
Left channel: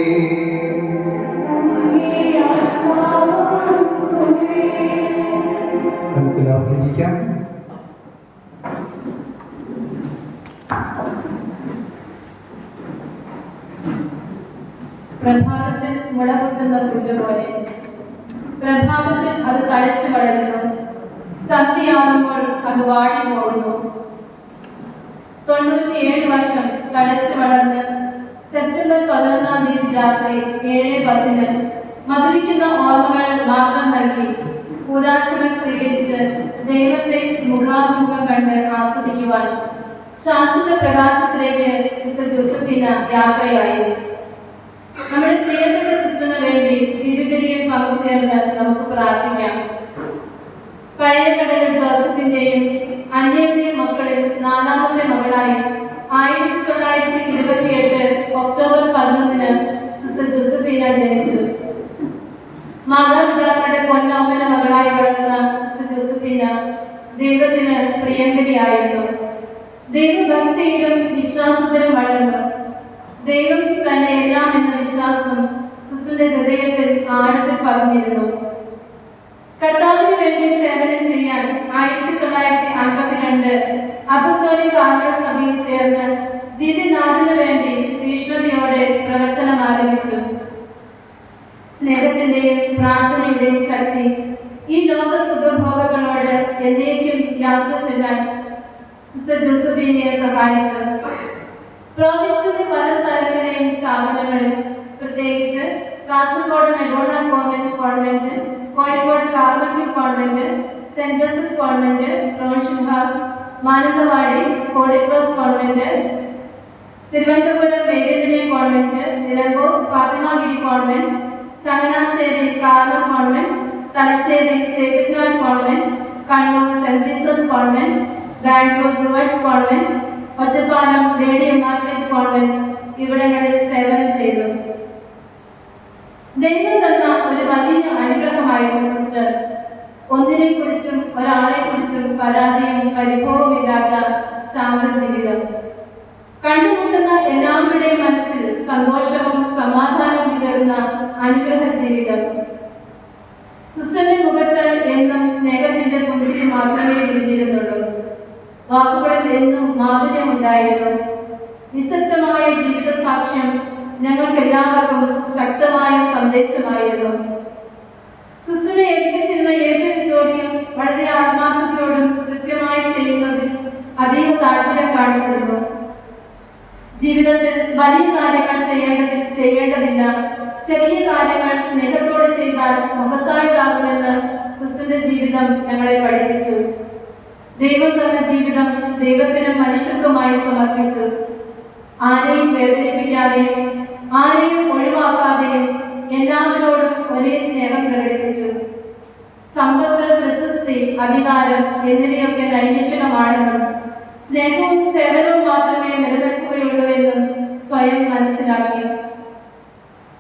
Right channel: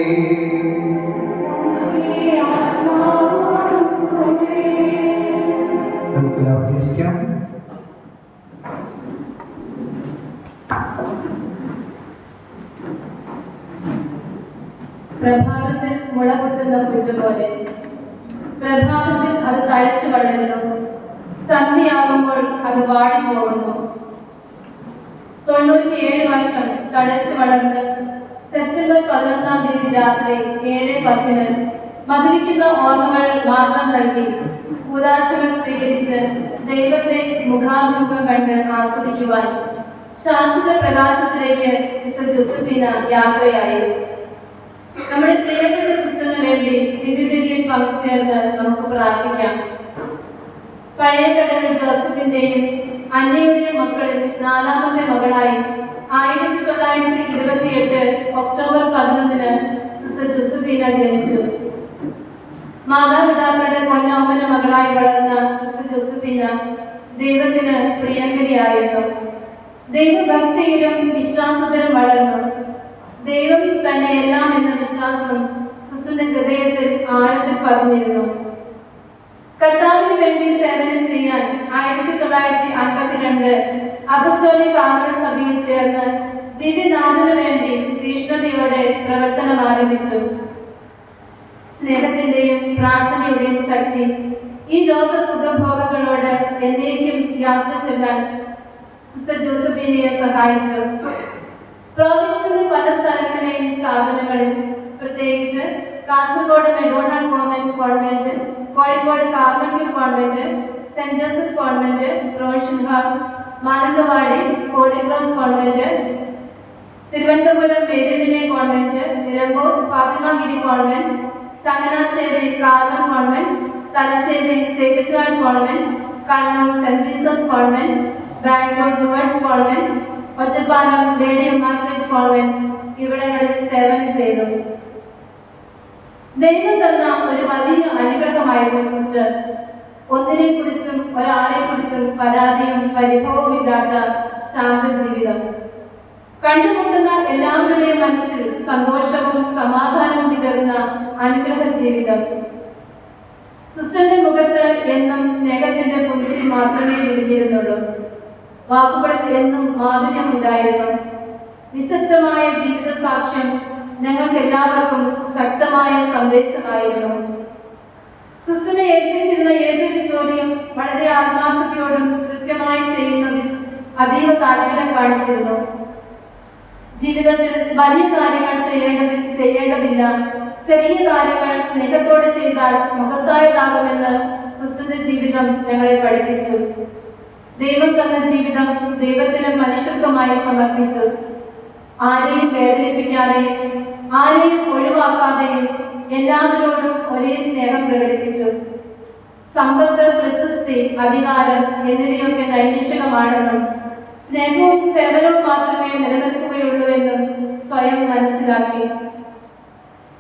നമുക്കെല്ലാവർക്കും ഇരിക്കാം. പ്രഭാതത്തിൽ മുളപൊട്ടുന്ന പുല്ലുപോലെ പ്രഭാതത്തിൽ അത് തഴച്ചു വളരുന്നു, സന്ധ്യയാകുമ്പോൾ അത് വാടിപ്പോകുന്നു. 97 വർഷം തഴച്ചു വളർന്ന് സെപ്റ്റംബർ 11-ാം തീയതി രാത്രി 7:10 മധുരിക്കുന്ന ഓർമ്മകൾ മാത്രം നൽകി ഉദാസനം സ്വീകരിച്ച് ദൈവത്തെ മുഖാമുഖം കണ്ട് ആസ്വദിക്കുവാൻ ശാശ്വത പ്രകാശത്തിലേക്ക് സിസ്റ്റർ ജോസഫീന യാത്രയായി. നമ്മുടെ പ്രിയപ്പെട്ട സിസ്റ്ററിന് വേണ്ടി ദിവ്യബലിയിൽ പങ്കുചേർന്ന് നമുക്ക് പ്രാർത്ഥിക്കാം. പഴയ കടൽ ജോസഫിന്റെയും അന്നയുടെയും മക്കളിൽ 4ാമത്തെ മകളായി 1928 ഒക്ടോബർ 11 സിസ്റ്റർ ജോസഫീന ജനിച്ചു. മാതാപിതാക്കളുടെ പൊന്നോമന മകളായി വളർന്ന സിസ്റ്റർ ജോസഫീന ദൈവത്തിന് പ്രിയങ്കരിയായിരുന്നു. ദൈവഭക്തിയിലും വിശ്വാസത്തിലും വളർന്നു. ദൈവം തന്നെ എല്ലാം എന്ന വിശ്വാസം സിസ്റ്ററിന്റെ ഹൃദയത്തിൽ ആഴത്തിൽ പതിഞ്ഞിരുന്നു. കർത്താവിന് വേണ്ടി സേവനം ചെയ്യാൻ 1952 അപ്പസ്തോലിക് കാർമൽ സഭയിൽ ചേർന്ന് ദിവ്യനാഥന് വേണ്ടി തീഷ്ണതയോടെ പ്രവർത്തനം ആരംഭിച്ചു. സ്നേഹത്തിന്റെയും പ്രാർത്ഥനയുടെയും ശക്തി ഈ ലോക സുഖഭോഗങ്ങളോട് എന്നേക്കും യാത്ര ചെല്ലാൻ സിസ്റ്റർ ജോസഫീനയെ സഹായിച്ചു. പ്രോവിൻസിന്റെ പല സ്ഥലങ്ങളിലെയും സ്ഥാപനങ്ങളിൽ, പ്രത്യേകിച്ച് കാസർഗോഡ് മെഡോണൽ convent, Kozhikode Carmel convent, saint Joseph convent, provincial house, Mananthavady holy cross convent, Thiruvananthapuram മേരിദിനെ convent, Nilambur Fathimagiri convent, Changanassery Carmel convent, Thalassery sacred convent, Kannur saint Jesus convent, Bangalore ബ്ലൂവേഴ്സ് convent, Ottapalam lady Margaret convent ഇവിടങ്ങളിൽ സേവനം ചെയ്തു. ദൈവം തന്ന ഒരു വലിയ അനുഗ്രഹമായിരുന്നു സിസ്റ്റർ. ഒന്നിനെ കുറിച്ചും ഒരാളെ കുറിച്ചും പരാതിയും പരിഭവമില്ലാത്ത ശാന്ത ജീവിതം. കണ്ടുമുട്ടുന്ന എല്ലാവരുടെയും മനസ്സിൽ സന്തോഷവും സമാധാനവും വിതറുന്ന അനുഗ്രഹ ജീവിതം. സിസ്റ്ററിന്റെ മുഖത്ത് എന്നും സ്നേഹത്തിന്റെ പുഞ്ചിരി മാത്രമേ വിരിഞ്ഞിരുന്നുള്ളൂ. വാക്കുകളിൽ എന്നും മാധുര്യമുണ്ടായിരുന്നു. നിശബ്ദമായ ജീവിത സാക്ഷ്യം ഞങ്ങൾക്ക് എല്ലാവർക്കും ശക്തമായ സന്ദേശമായിരുന്നു. സിസ്റ്ററിനെ ഏൽപ്പിച്ചിരുന്ന ഏതൊരു ജോലിയും വളരെ ആത്മാർത്ഥതയോടും കൃത്യമായി ചെയ്യുന്നതിൽ അതീവ താല്പര്യം കാണിച്ചിരുന്നു. ജീവിതത്തിൽ വലിയ കാര്യങ്ങൾ ചെയ്യേണ്ടതില്ല, ചെറിയ കാര്യങ്ങൾ സ്നേഹത്തോടെ ചെയ്താൽ മഹത്തായതാകുമെന്ന് സിസ്റ്ററിന്റെ ജീവിതം ഞങ്ങളെ പഠിപ്പിച്ചു. ദൈവം തന്ന ജീവിതം ദൈവത്തിനും മനുഷ്യത്വമായി സമർപ്പിച്ചു. ആരെയും വേദനിപ്പിക്കാതെയും ആരെയും ഒഴിവാക്കാതെയും എല്ലാവരോടും ഒരേ സ്നേഹം പ്രകടിപ്പിച്ചു. സമ്പത്ത്, പ്രശസ്തി, അധികാരം എന്നിവയൊക്കെ നൈമിഷികമാണെന്നും സ്നേഹവും സേവനവും മാത്രമേ നിലനിൽക്കുകയുള്ളൂവെന്നും സ്വയം മനസ്സിലാക്കി.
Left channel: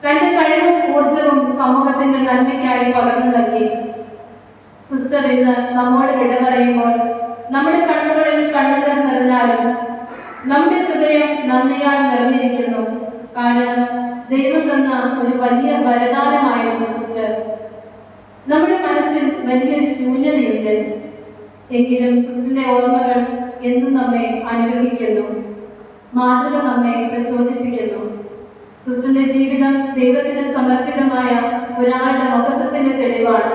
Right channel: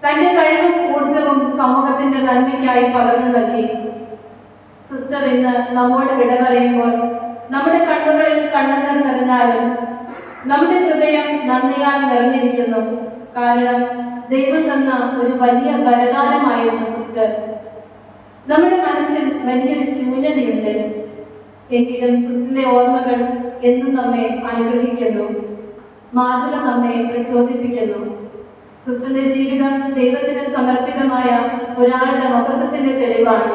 തന്റെ കഴിവും ഊർജവും സമൂഹത്തിന്റെ നന്മയ്ക്കായി പകർന്നു നൽകി. സിസ്റ്റർ ഇന്ന് നമ്മോട് വിട പറയുമ്പോൾ നമ്മുടെ കണ്ണുകളിൽ കണ്ണുനീർ നിറഞ്ഞാലും നമ്മുടെ ഹൃദയം നന്ദിയാൽ നിറഞ്ഞിരിക്കുന്നു. കാരണം ദൈവം തന്ന ഒരു വലിയ വരദാനമായിരുന്നു സിസ്റ്റർ. നമ്മുടെ മനസ്സിൽ വലിയൊരു ശൂന്യതയുണ്ട്, എങ്കിലും സിസ്റ്ററിന്റെ ഓർമ്മകൾ എന്നും നമ്മെ അനുഗ്രഹിക്കുന്നു. മാതൃക നമ്മെ പ്രചോദിപ്പിക്കുന്നു. സിസ്റ്ററിന്റെ ജീവിതം ദൈവത്തിന് സമർപ്പിതമായ ഒരാളുടെ മഹത്വത്തിന്റെ തെളിവാണ്.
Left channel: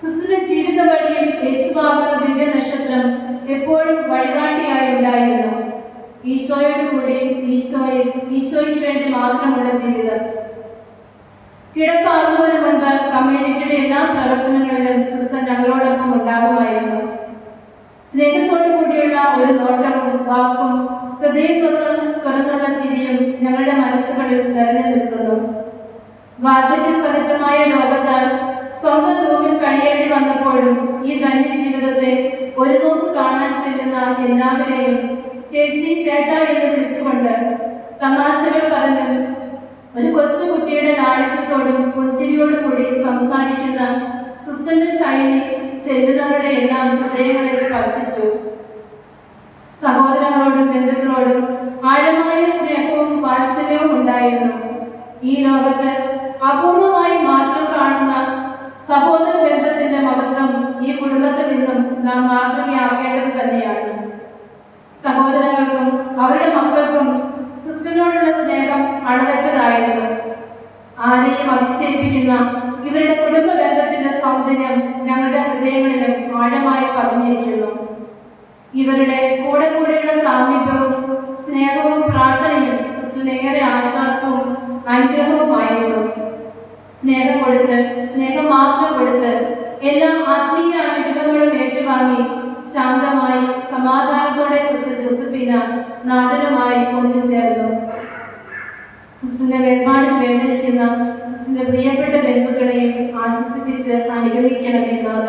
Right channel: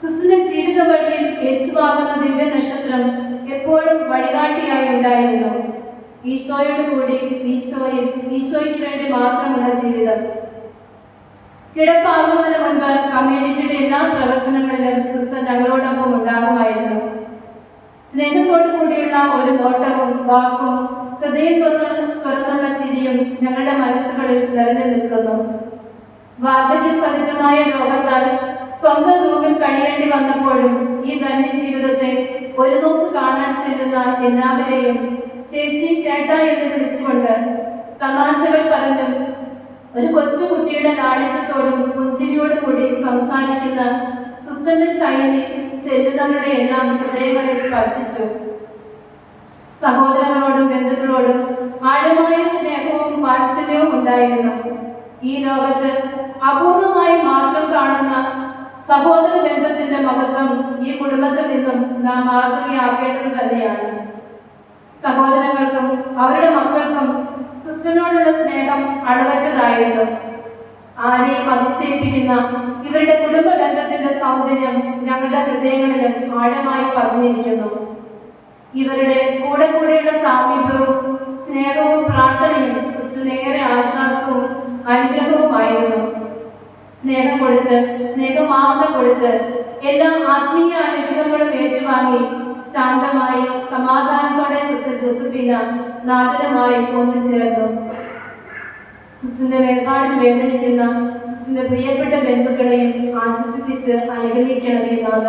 സിസ്റ്ററിന്റെ ജീവിത വഴിയിൽ യേശുവാകുന്ന ദിവ്യ നക്ഷത്രം എപ്പോഴും വഴികാട്ടിയായി ഉണ്ടായിരുന്നു. ഈശോയുടെ കൂടെ ഈശോയ്ക്ക് വേണ്ടി മാത്രമുള്ള ജീവിതം. കിടപ്പാകുന്നതിന് മുൻപ് കമ്മ്യൂണിറ്റിയുടെ എല്ലാ പ്രവർത്തനങ്ങളിലും സിസ്റ്റർ ഞങ്ങളോടൊപ്പം ഉണ്ടാകുമായിരുന്നു. സ്നേഹത്തോടു കൂടിയുള്ള ഒരു നോട്ടവും വാക്കും ഹൃദയം തുറന്നുള്ള ചിരിയും ഞങ്ങളുടെ മനസ്സുകളിൽ നിറഞ്ഞു നിൽക്കുന്നു. വാർദ്ധക്യ സഹജമായ രോഗത്താൽ സ്വന്തം റൂമിൽ കഴിയേണ്ടി വന്നപ്പോഴും ഈ ധന്യജീവിതത്തെ ഒരു നോക്ക് കാണാൻ ചെല്ലുന്ന എല്ലാവരെയും ചേച്ചി ചേട്ടാ എന്ന് വിളിച്ചുകൊണ്ട് തമാശകൾ പറഞ്ഞും ഒരു കൊച്ചുകുട്ടിയുടെ ലാളിത്യത്തോടും പുഞ്ചിരിയോടും കൂടി സംസാരിക്കുന്ന സിസ്റ്ററിന്റെ ശൈലി ചെല്ലുന്നവരുടെ എല്ലാം ഹൃദയങ്ങളെ സ്പർശിച്ചു. സഹോദരങ്ങളോടും ബന്ധുക്കളോടും ആഴമായ സ്നേഹവും വാത്സല്യവും ഉണ്ടായിരുന്നു. ഈ ലോകത്ത് അപൂർവമായി മാത്രം കാണുന്ന സഹോദര ബന്ധത്തിന്റെ മഹത്വം ഈ കുടുംബത്തിൽ നിന്നും നാം മാതൃകയാക്കേണ്ടത് തന്നെയാണ്. സഹോദരങ്ങൾക്കും അവരുടെ മക്കൾക്കും സിസ്റ്ററിനോടുള്ള സ്നേഹം അളവറ്റതായിരുന്നു. ആരെയും അതിശയിപ്പിക്കുന്ന ഇവരുടെ കുടുംബ ബന്ധത്തിന്റെ സൗന്ദര്യം ഞങ്ങളുടെ ഹൃദയങ്ങളിലും ആഴമായി പതിഞ്ഞിരിക്കുന്നു. ഇവരുടെ കൂടെയുള്ള സാമീപ്യവും സ്നേഹവും പ്രാർത്ഥനയും സിസ്റ്ററിന് ഏറെ ആശ്വാസവും അനുഗ്രഹവുമായിരുന്നു. സ്നേഹം കൊടുത്ത്, സ്നേഹം മാത്രം കൊടുത്ത് എല്ലാ ആത്മീയ അനുഗ്രഹങ്ങളും ഏറ്റുവാങ്ങി ശാന്തമായി സമാധാനത്തോടെ സിസ്റ്റർ ജോസഫീന നാദനമായി ഒന്നുചേർന്നു. സിസ്റ്ററിന്റെ വേർപാടിൽ വേദനിക്കുന്ന സിസ്റ്ററിന്റെ പ്രിയപ്പെട്ട ബന്ധുക്കളെയും ആശ്വസിപ്പിച്ച് അനുഗ്രഹിക്കണമേ നാഥ.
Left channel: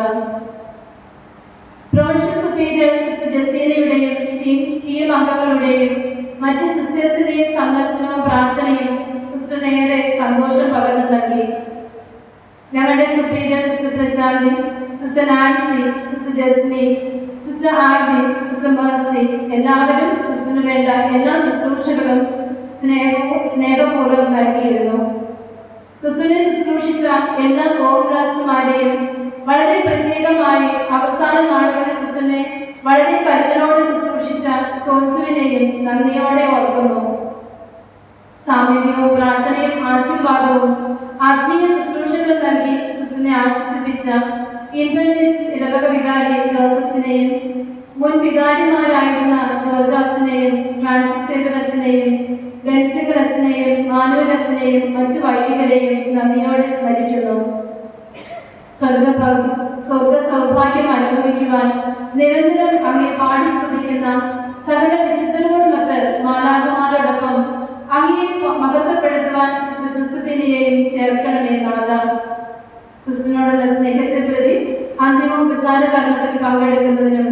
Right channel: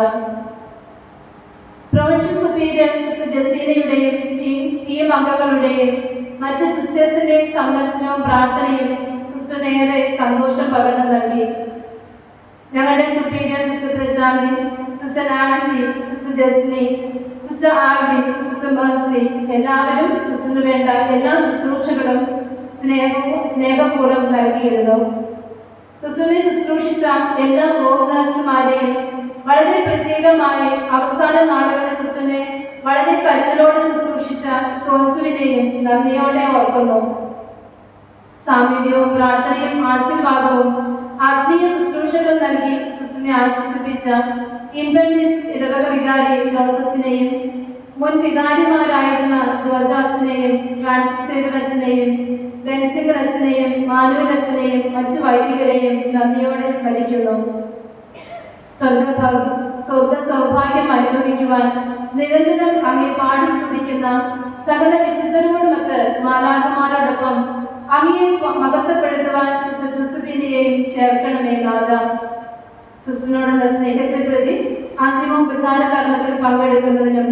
പ്രൊഫഷണൽ സുപ്പീരിയർ സിസ്റ്റർ ജസീനയുടെയും ടീം അംഗങ്ങളുടെയും മറ്റ് സിസ്റ്റേഴ്സിന്റെയും സന്ദർശനവും പ്രാർത്ഥനയും സിസ്റ്ററിന് ഏറെ സന്തോഷം പകർന്നു നൽകി. ഞങ്ങളുടെ superior sister Prashanthi, sister Nancy, sister Jasmi, sister ആർബിൻ, സിസ്റ്റർ മേഴ്സി എല്ലാവരും സിസ്റ്ററിന് വേണ്ട എല്ലാ ശുശ്രൂഷകളും സ്നേഹപൂർവ്വം നൽകിയിരുന്നു. സിസ്റ്ററിനെ ശുശ്രൂഷിച്ച എല്ലാ കോർണേഴ്സുമാരെയും വളരെ പ്രത്യേകമായി അവസാന നാളുകളിൽ സിസ്റ്ററിനെ വളരെ കരുതലോടെ ശുശ്രൂഷിച്ച സോൻസുവിനെയും നന്ദിയോടെ ഓർക്കുന്നു. സാമീപ്യവും പ്രാർത്ഥനയും ആശീർവാദവും ആത്മീയ ശുശ്രൂഷകൾ നൽകി സിസ്റ്ററിനെ ആശ്വസിപ്പിച്ച ഇൻവെന്റീസ് ഇടവക വികാരി ജോസഫിനെയും മുൻ വികാരിമാരായിരുന്ന ജോർജ് അച്ഛനെയും ഫ്രാൻസിസ് സേവ്യർ അച്ഛനെയും ബെൻസിംഗർ അച്ഛനെയും മാനുവൽ അച്ഛനെയും മറ്റു വൈദികരെയും നന്ദിയോടെ സ്മരിക്കുന്നു. സ്വർഗ സൗഭാഗ്യം അനുഭവിക്കുവാൻ നിരന്തരം അങ്ങേ പാടി സ്തുതിക്കുന്ന സകല വിശുദ്ധരോടുമൊത്ത് മാലാഖമാരോടൊപ്പം അങ്ങയെ മഹത്വപ്പെടുത്തുവാൻ സിസ്റ്റർ ജോസഫിനെയും ചേർക്കണമേ നാഥ. സിസ്റ്ററിനോടുള്ള സ്നേഹത്തെ പ്രതി അന്തിമോപചാര കർമ്മത്തിൽ പങ്കെടുക്കുന്നതിനും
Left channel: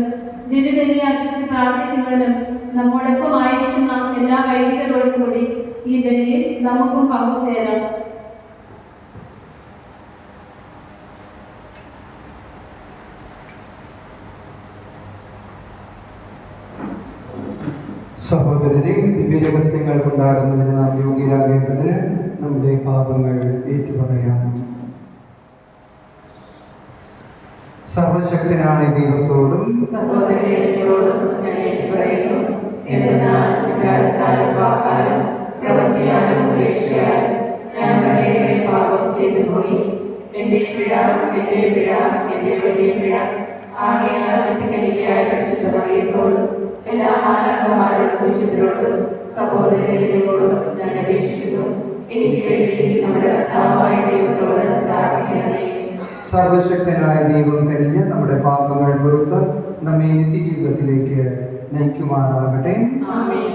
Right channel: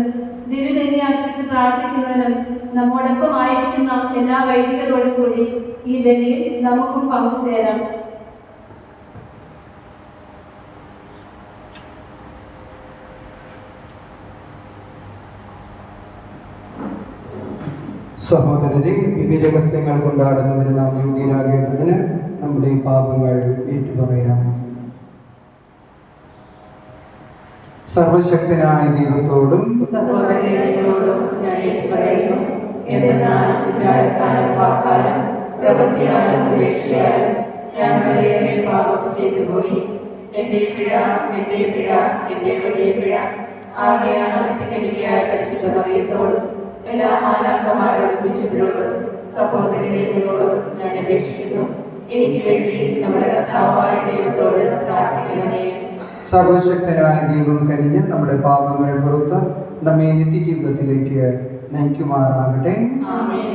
ദിവ്യബലി അർപ്പിച്ച് പ്രാർത്ഥിക്കുന്നതിനും നമ്മോടൊപ്പം ആയിരിക്കുന്ന എല്ലാ വൈദികരോടും കൂടി ഈ ബലിയിൽ നമുക്കും പങ്കുചേരാം. സഹോദരരെ, ദിവ്യരഹസ്യങ്ങൾ കൊണ്ടാടുന്നതിന് നാം യോഗ്യരാകേണ്ടതിന് നമ്മുടെ പാപങ്ങൾ ഏറ്റുപറയാം. സർവശക്തനായ ദൈവത്തോടും സഹോദരങ്ങളോടും ഞാൻ ഏറ്റുപറയുന്നു. എന്തെന്നാൽ വിചാരത്താലും വാക്കാലും പ്രവൃത്തിയാലും ഉപേക്ഷയാലും ഞാൻ വളരെയേറെ പാപം ചെയ്തു പോയി. എന്റെ പിഴ, എന്റെ വലിയ പിഴ. ആകയാൽ നിത്യകനികയായ പരിശുദ്ധ മറിയത്തോടും എല്ലാ മാലാഖമാരോടും വിശുദ്ധരോടും സഹോദരങ്ങളോടും ഞാൻ അപേക്ഷിക്കുന്നു. എനിക്ക് വേണ്ടി നമ്മുടെ കർത്താവായ ദൈവത്തോട് പ്രാർത്ഥിക്കണമേ. സർവശക്തനായ ദൈവം കനിഞ്ഞ് നമ്മുടെ പാപങ്ങൾ പുറത്ത് നമ്മെ നിത്യജീവിതത്തിലേക്ക് നയിക്കുമാറാകട്ടെ. ആമേൻ.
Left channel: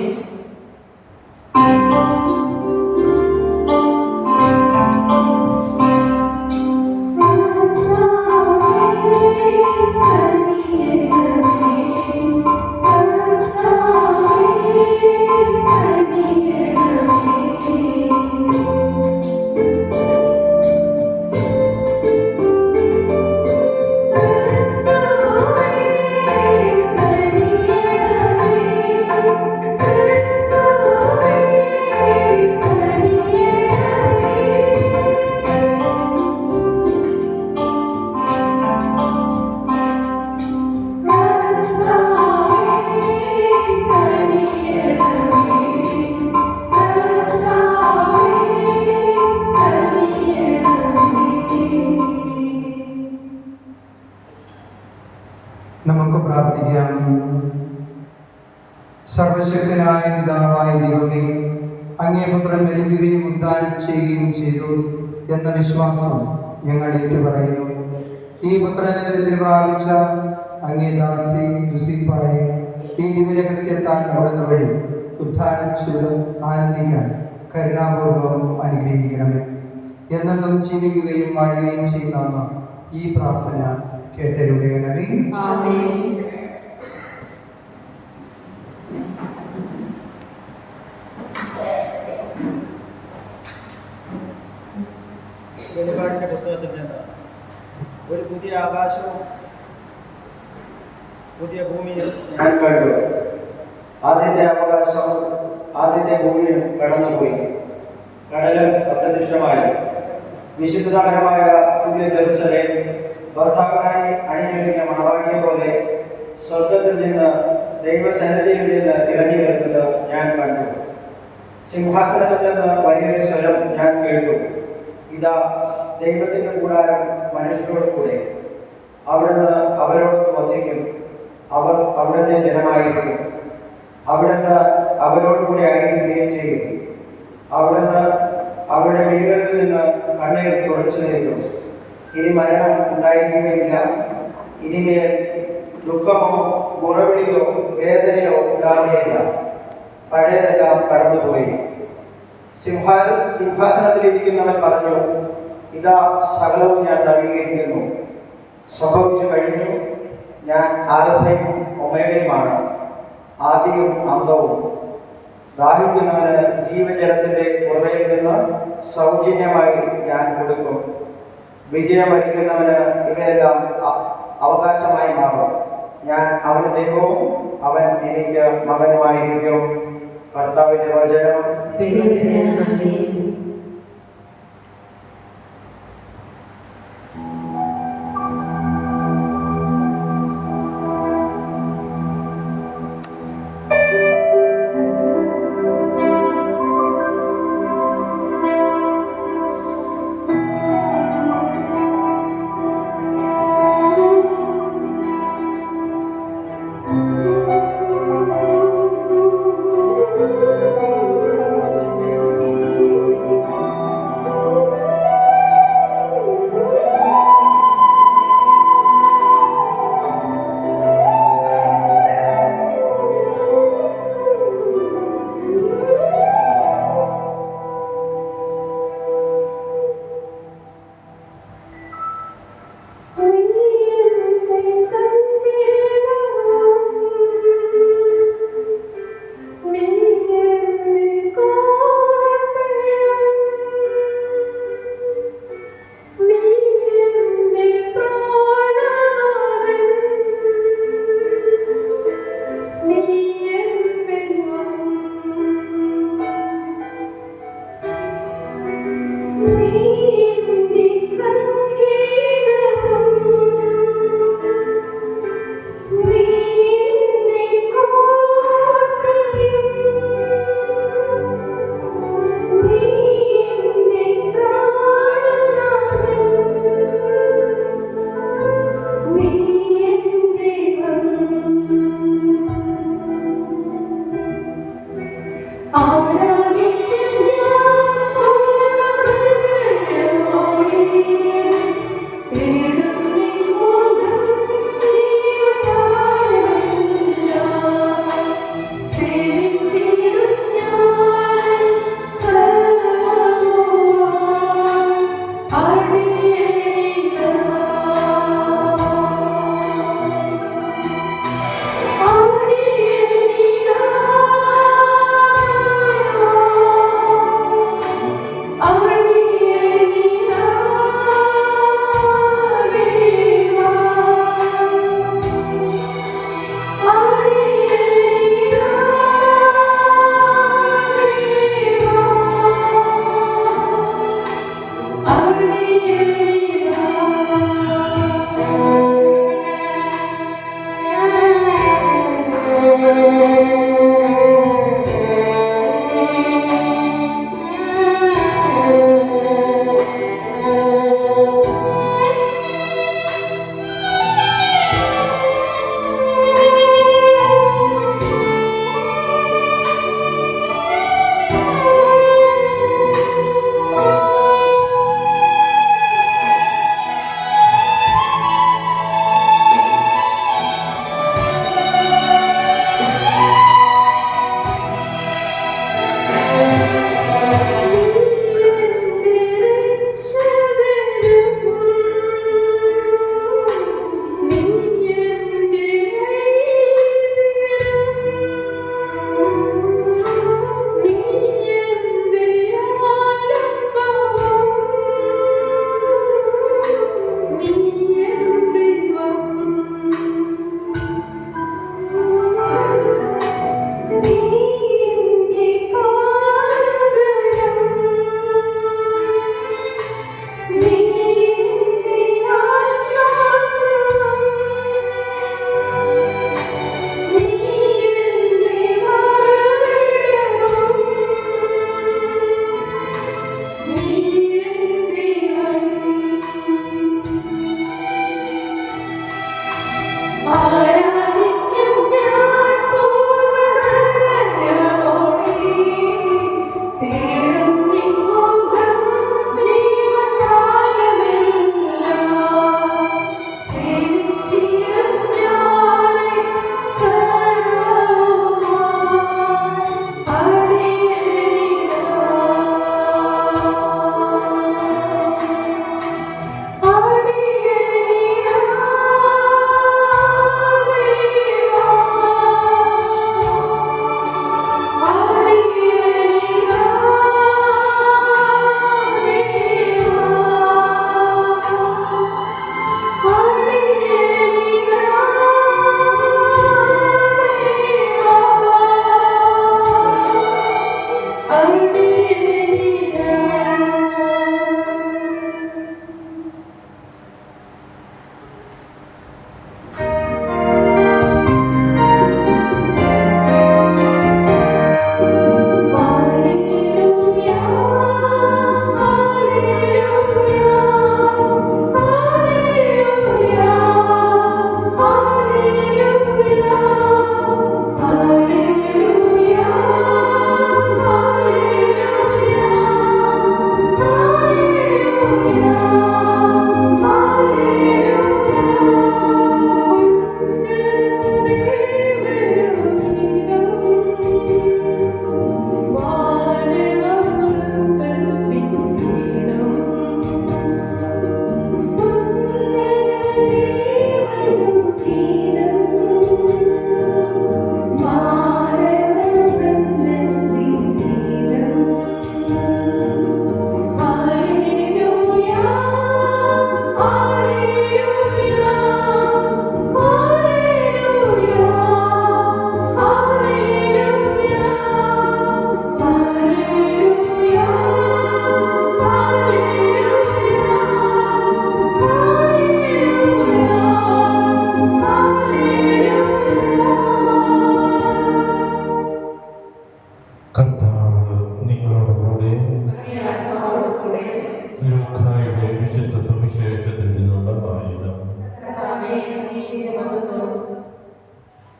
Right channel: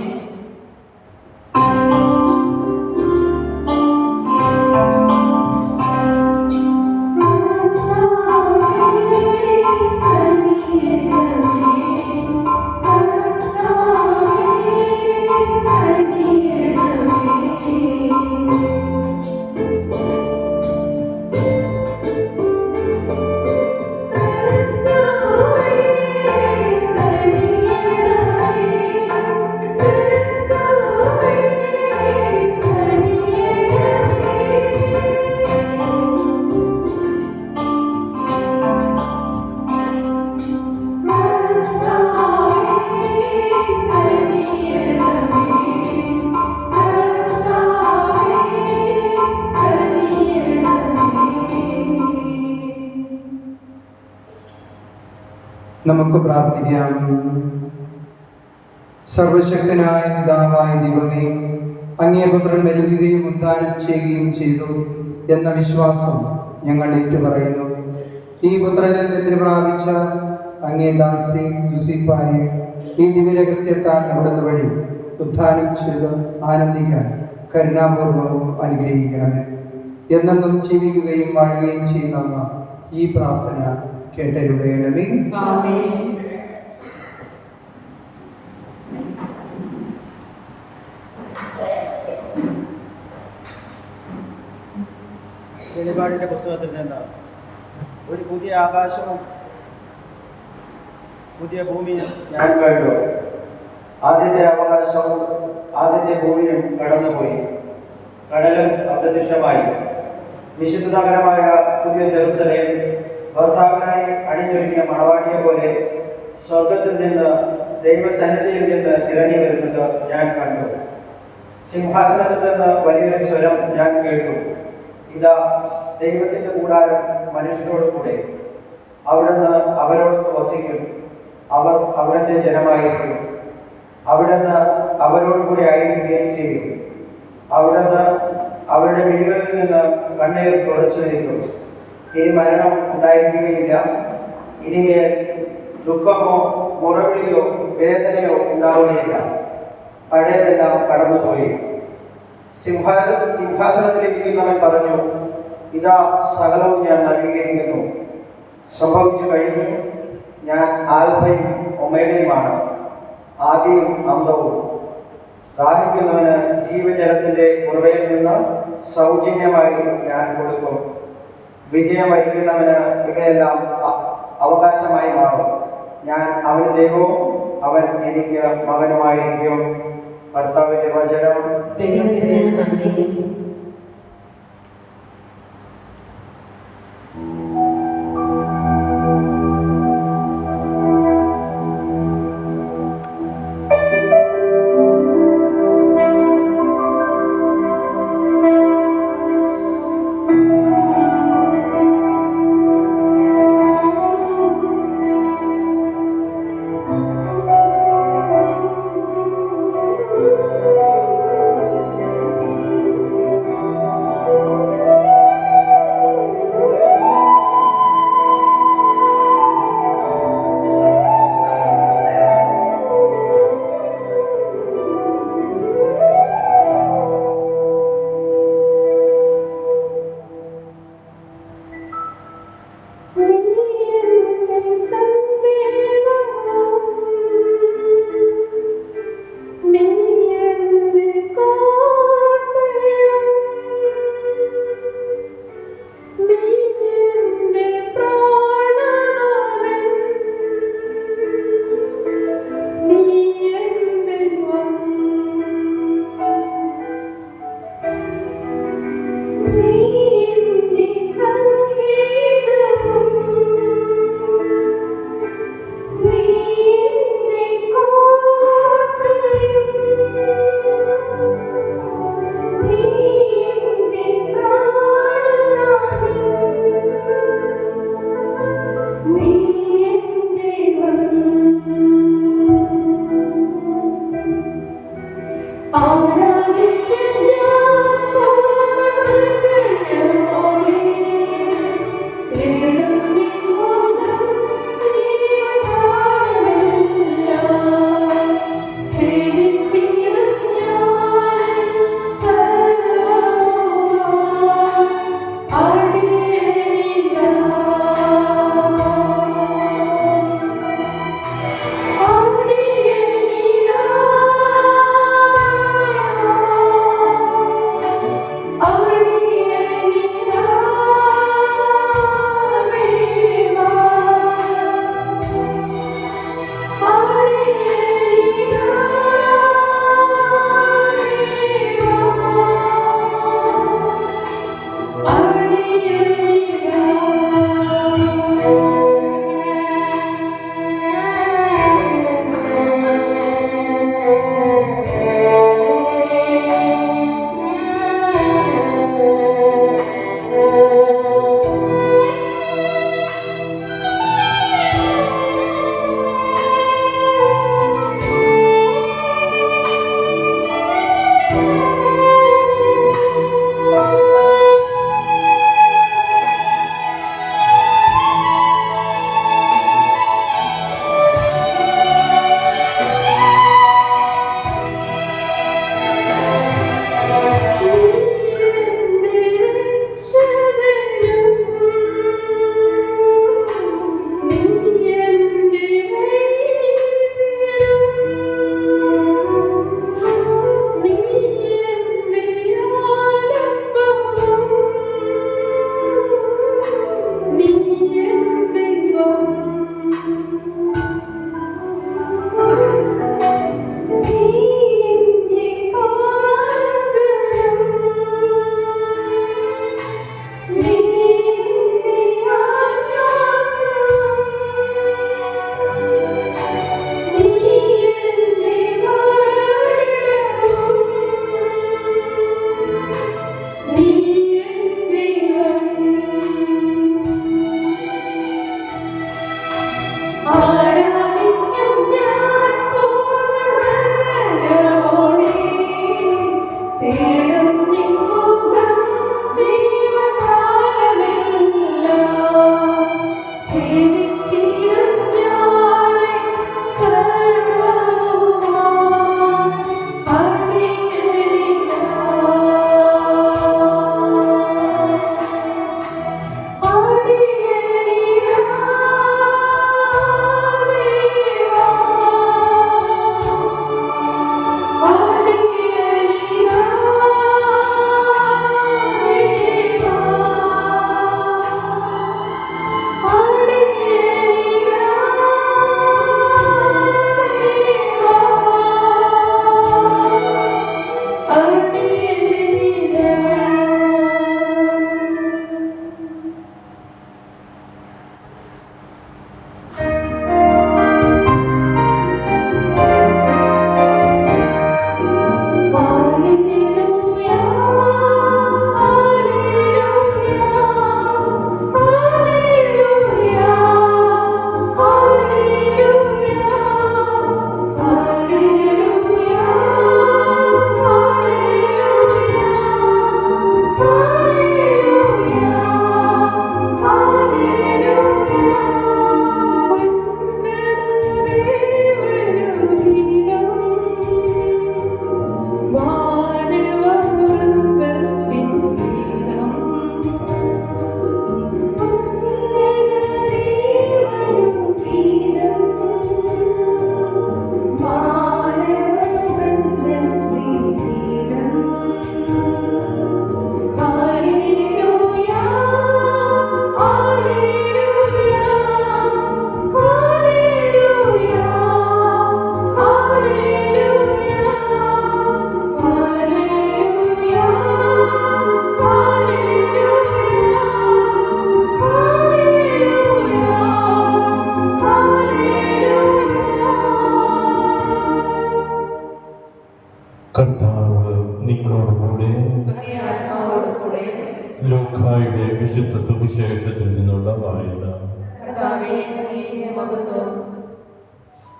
നമുക്ക് പ്രാർത്ഥിക്കാം. സർവശക്തനായ പിതാവായ ദൈവമേ, അങ്ങേ പുത്രൻ മരിക്കുകയും ഉദ്ധാനം ചെയ്യുകയും ചെയ്തു എന്ന വിശ്വാസം ഞങ്ങൾ ഏറ്റുപറയുന്നു. ഈ പുത്രനിൽ നിന്ന് പ്രാപിച്ച അങ്ങേ ദാസി ജോസഫായെ ഈ ദിവ്യരഹസ്യത്താൽ അവിടുന്ന് വഴി ഉദ്ധാനം ചെയ്ത് ആനന്ദിക്കാൻ കരുണാപൂർവ്വം അനുഗ്രഹിക്കണമേ. എന്നെന്നും ജീവിക്കുകയും വാഴുകയും ചെയ്യുന്ന ഈ പ്രാർത്ഥന കേട്ടരുളയണമേ. ആമേൻ. വെളിപാടിൻ്റെ പുസ്തകത്തിൽ നിന്ന് ഒരു പുതിയ ആകാശവും പുതിയ ഭൂമിയും ഞാൻ കണ്ടു. ആദ്യത്തെ ആകാശവും ആദ്യത്തെ ഭൂമിയും കടന്നുപോയി, കടലും അപ്രത്യക്ഷമായി. വിശുദ്ധ നഗരമായ പുതിയ ജെറുസലേം ഭർത്താവിനായി അണിഞ്ഞൊരുങ്ങിയ മണവാട്ടിയെ പോലെ സ്വർഗത്തിൽ നിന്ന് ദൈവസന്നിധിയിൽ നിന്ന് ഇറങ്ങി വരുന്നത് ഞാൻ കണ്ടു. സിംഹാസനത്തിൽ നിന്ന് വലിയൊരു സ്വരം ഞാൻ കേട്ടു, ഇതാ ദൈവത്തിൻ്റെ കൂടാരം മനുഷ്യരോട് കൂടെ, അവിടുന്ന് അവരോട് വസിക്കും, അവർ അവിടുത്തെ ജനമായിരിക്കും, അവിടുന്ന് അവരോട് കൂടി ആയിരിക്കുകയും ചെയ്യും. അവിടുന്ന് അവരുടെ വീടുകളിൽ നിന്ന് കണ്ണീർ തുടച്ചു നിൽക്കും. ഇനി മരണം ഉണ്ടായിരിക്കുകയില്ല, ഇനിമേൽ ദുഃഖമോ മുറവിളിയോ വേദനയോ ഉണ്ടാവുകയില്ല, പഴയതെല്ലാം കടന്നുപോയി. സിംഹാസനത്തിലിരിക്കുന്നവൻ പറഞ്ഞു, ഇതാ സകലവും ഞാൻ നവീകരിക്കുന്നു, സംഭവിച്ചു കഴിഞ്ഞു. ഞാൻ ആൽഫയും ഒമേഗയുമാണ്, ആദിയും അന്തവും. ദാഹിക്കുന്നവന് ജീവജലത്തിൻ്റെ ഉറവയിൽ നിന്ന് സൗജന്യമായി ഞാൻ കൊടുക്കും. വിജയം വരിക്കുന്നവന് ഇവയെല്ലാം അവകാശമായി മാറും. ഞാൻ അവന് ദൈവവും അവൻ എനിക്ക് മകനുമായിരിക്കും. കർത്താവിൻ്റെ വചനം. ദൈവത്തിന് നന്ദി.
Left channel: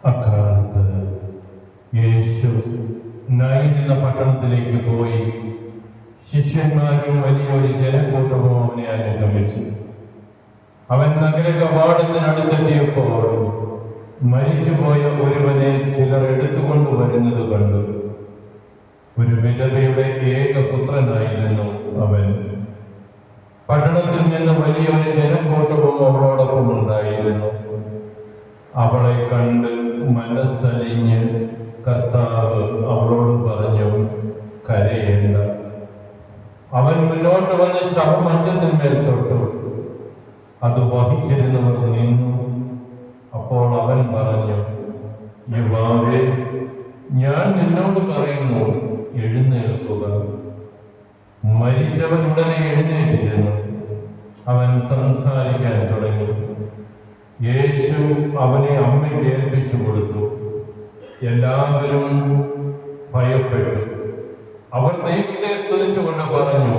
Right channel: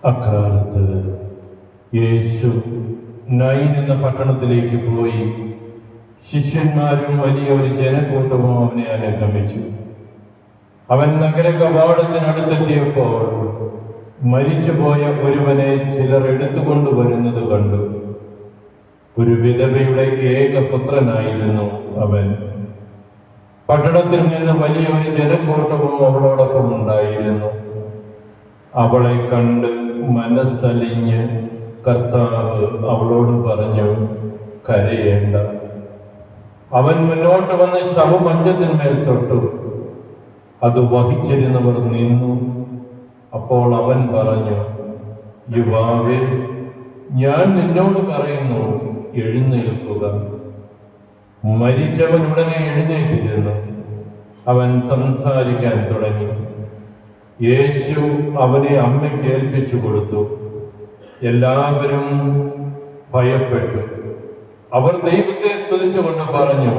അക്കാലത്ത് യേശു നൈൻ എന്ന പട്ടണത്തിലേക്ക് പോയി. ശിഷ്യന്മാരും വലിയൊരു ജനക്കൂട്ടവും അവനെ അനുഗമിച്ചു. അവൻ നഗര കവാടത്തിനടുത്തെത്തിയപ്പോൾ മരിച്ചുപോയ ഒരുവനെ ചിലർ എടുത്തുകൊണ്ടുവരുന്നത് കണ്ടു. ഒരു വിധവയുടെ ഏകപുത്രനായിരുന്നു അവൻ. പട്ടണത്തിൽ നിന്ന് വലിയൊരു ജനക്കൂട്ടവും അവളോടൊപ്പം ഉണ്ടായിരുന്നു. അവളെ കണ്ട് മനസ്സലിഞ്ഞ് കർത്താവ് അവളോട് പറഞ്ഞു, കരയേണ്ട. അവൻ മുന്നോട്ട് വന്ന് ശവമഞ്ചത്തിന്മേൽ തൊട്ടു. അത് വഹിച്ചിരുന്നവർ നിന്നു. അപ്പോൾ അവൻ പറഞ്ഞു, യുവാവേ, ഞാൻ നിന്നോട് പറയുന്നു, എഴുന്നേൽക്കുക. മരിച്ചവൻ ഉടനെ എഴുന്നേറ്റിരുന്നു. അവൻ സംസാരിക്കാൻ തുടങ്ങി. യേശു അവനെ അമ്മയ്ക്ക് ഏൽപ്പിച്ചു കൊടുത്തു. എല്ലാവരും ഭയപ്പെട്ടു. അവർ ദൈവത്തെ സ്തുതിച്ചുകൊണ്ട് പറഞ്ഞു,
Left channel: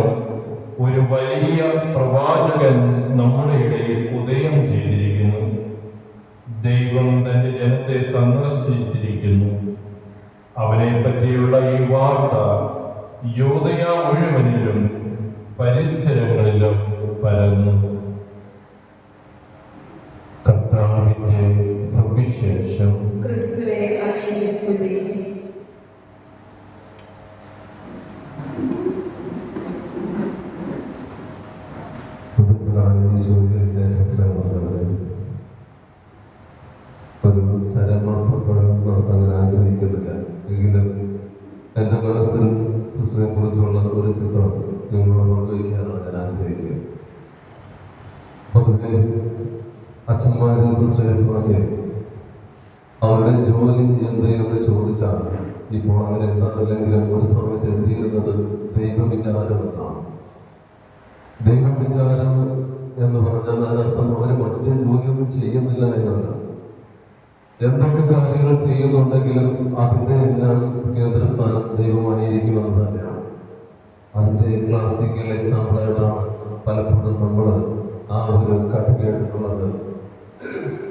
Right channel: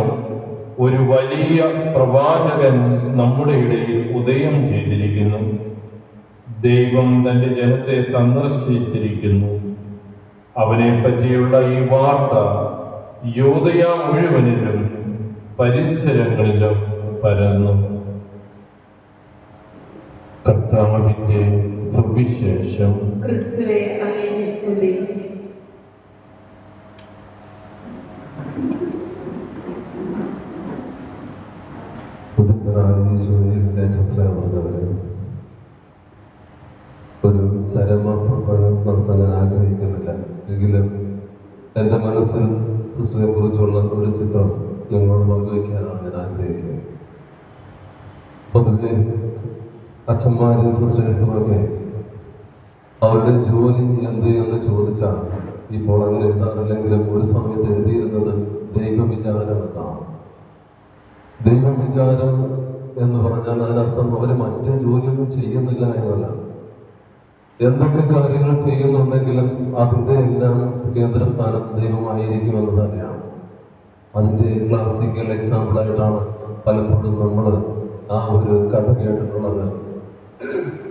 ഒരു വലിയ പ്രവാചകൻ നമ്മുടെ ഇടയിൽ ഉദയം ചെയ്തിരിക്കുന്നു. ദൈവം തന്റെ ജനത്തെ സന്ദർശിച്ചിരിക്കുന്നു. അവനെ പറ്റിയുള്ള ഈ വാർത്ത യൂദയ മുഴുവനിലും പരിസരങ്ങളിലും പരന്നു. കർത്താവിന്റെ സുവിശേഷം. ക്രിസ്തുവേ അങ്ങേക്ക് സ്തുതി. ഒരു ചരമപ്രസംഗം നടത്താൻ ഞാൻ ആഗ്രഹിക്കുന്നില്ല. എങ്കിലും എൻ്റെ മനസ്സിൽ സിസ്റ്ററിനെ കുറിച്ചുള്ള ഒരു ചിത്രം നിങ്ങളോട് പങ്കുവയ്ക്കാനാണ് ഞാൻ ആഗ്രഹിക്കുന്നത്. പൊതുവെ അച്ഛന്മാരും സിസ്റ്റേഴ്സുമൊക്കെ അവരുടെ ജോലി എന്ത് എന്ന് ചോദിച്ചാൽ ഇപ്പോൾ അങ്ങനെ എഴുതാറില്ലെങ്കിലും ഒരു സമയത്ത് എഴുതിയിരുന്നത് ദൈവവിചാരം എന്നാണ്. ദൈവവിചാരം എന്ന് പറഞ്ഞാൽ അതിനർത്ഥം അവർ മറ്റേ ജോലിയൊന്നും ചെയ്യുന്നില്ല എന്നല്ല. എന്തൊക്കെ കാര്യങ്ങൾ ചെയ്യുന്നുണ്ടെങ്കിലും അതിൻ്റെ എല്ലാം കേന്ദ്രസ്ഥാനം ദൈവമായിരിക്കുമെന്ന് തന്നെയാണ്. അതിൻ്റെ ക്ലാസിക്കൽ എക്സാമ്പിളായിട്ടാണ് പലപ്പോഴും നമ്മൾ ആ ഒരു കഥ കേട്ടിട്ടുള്ളത്.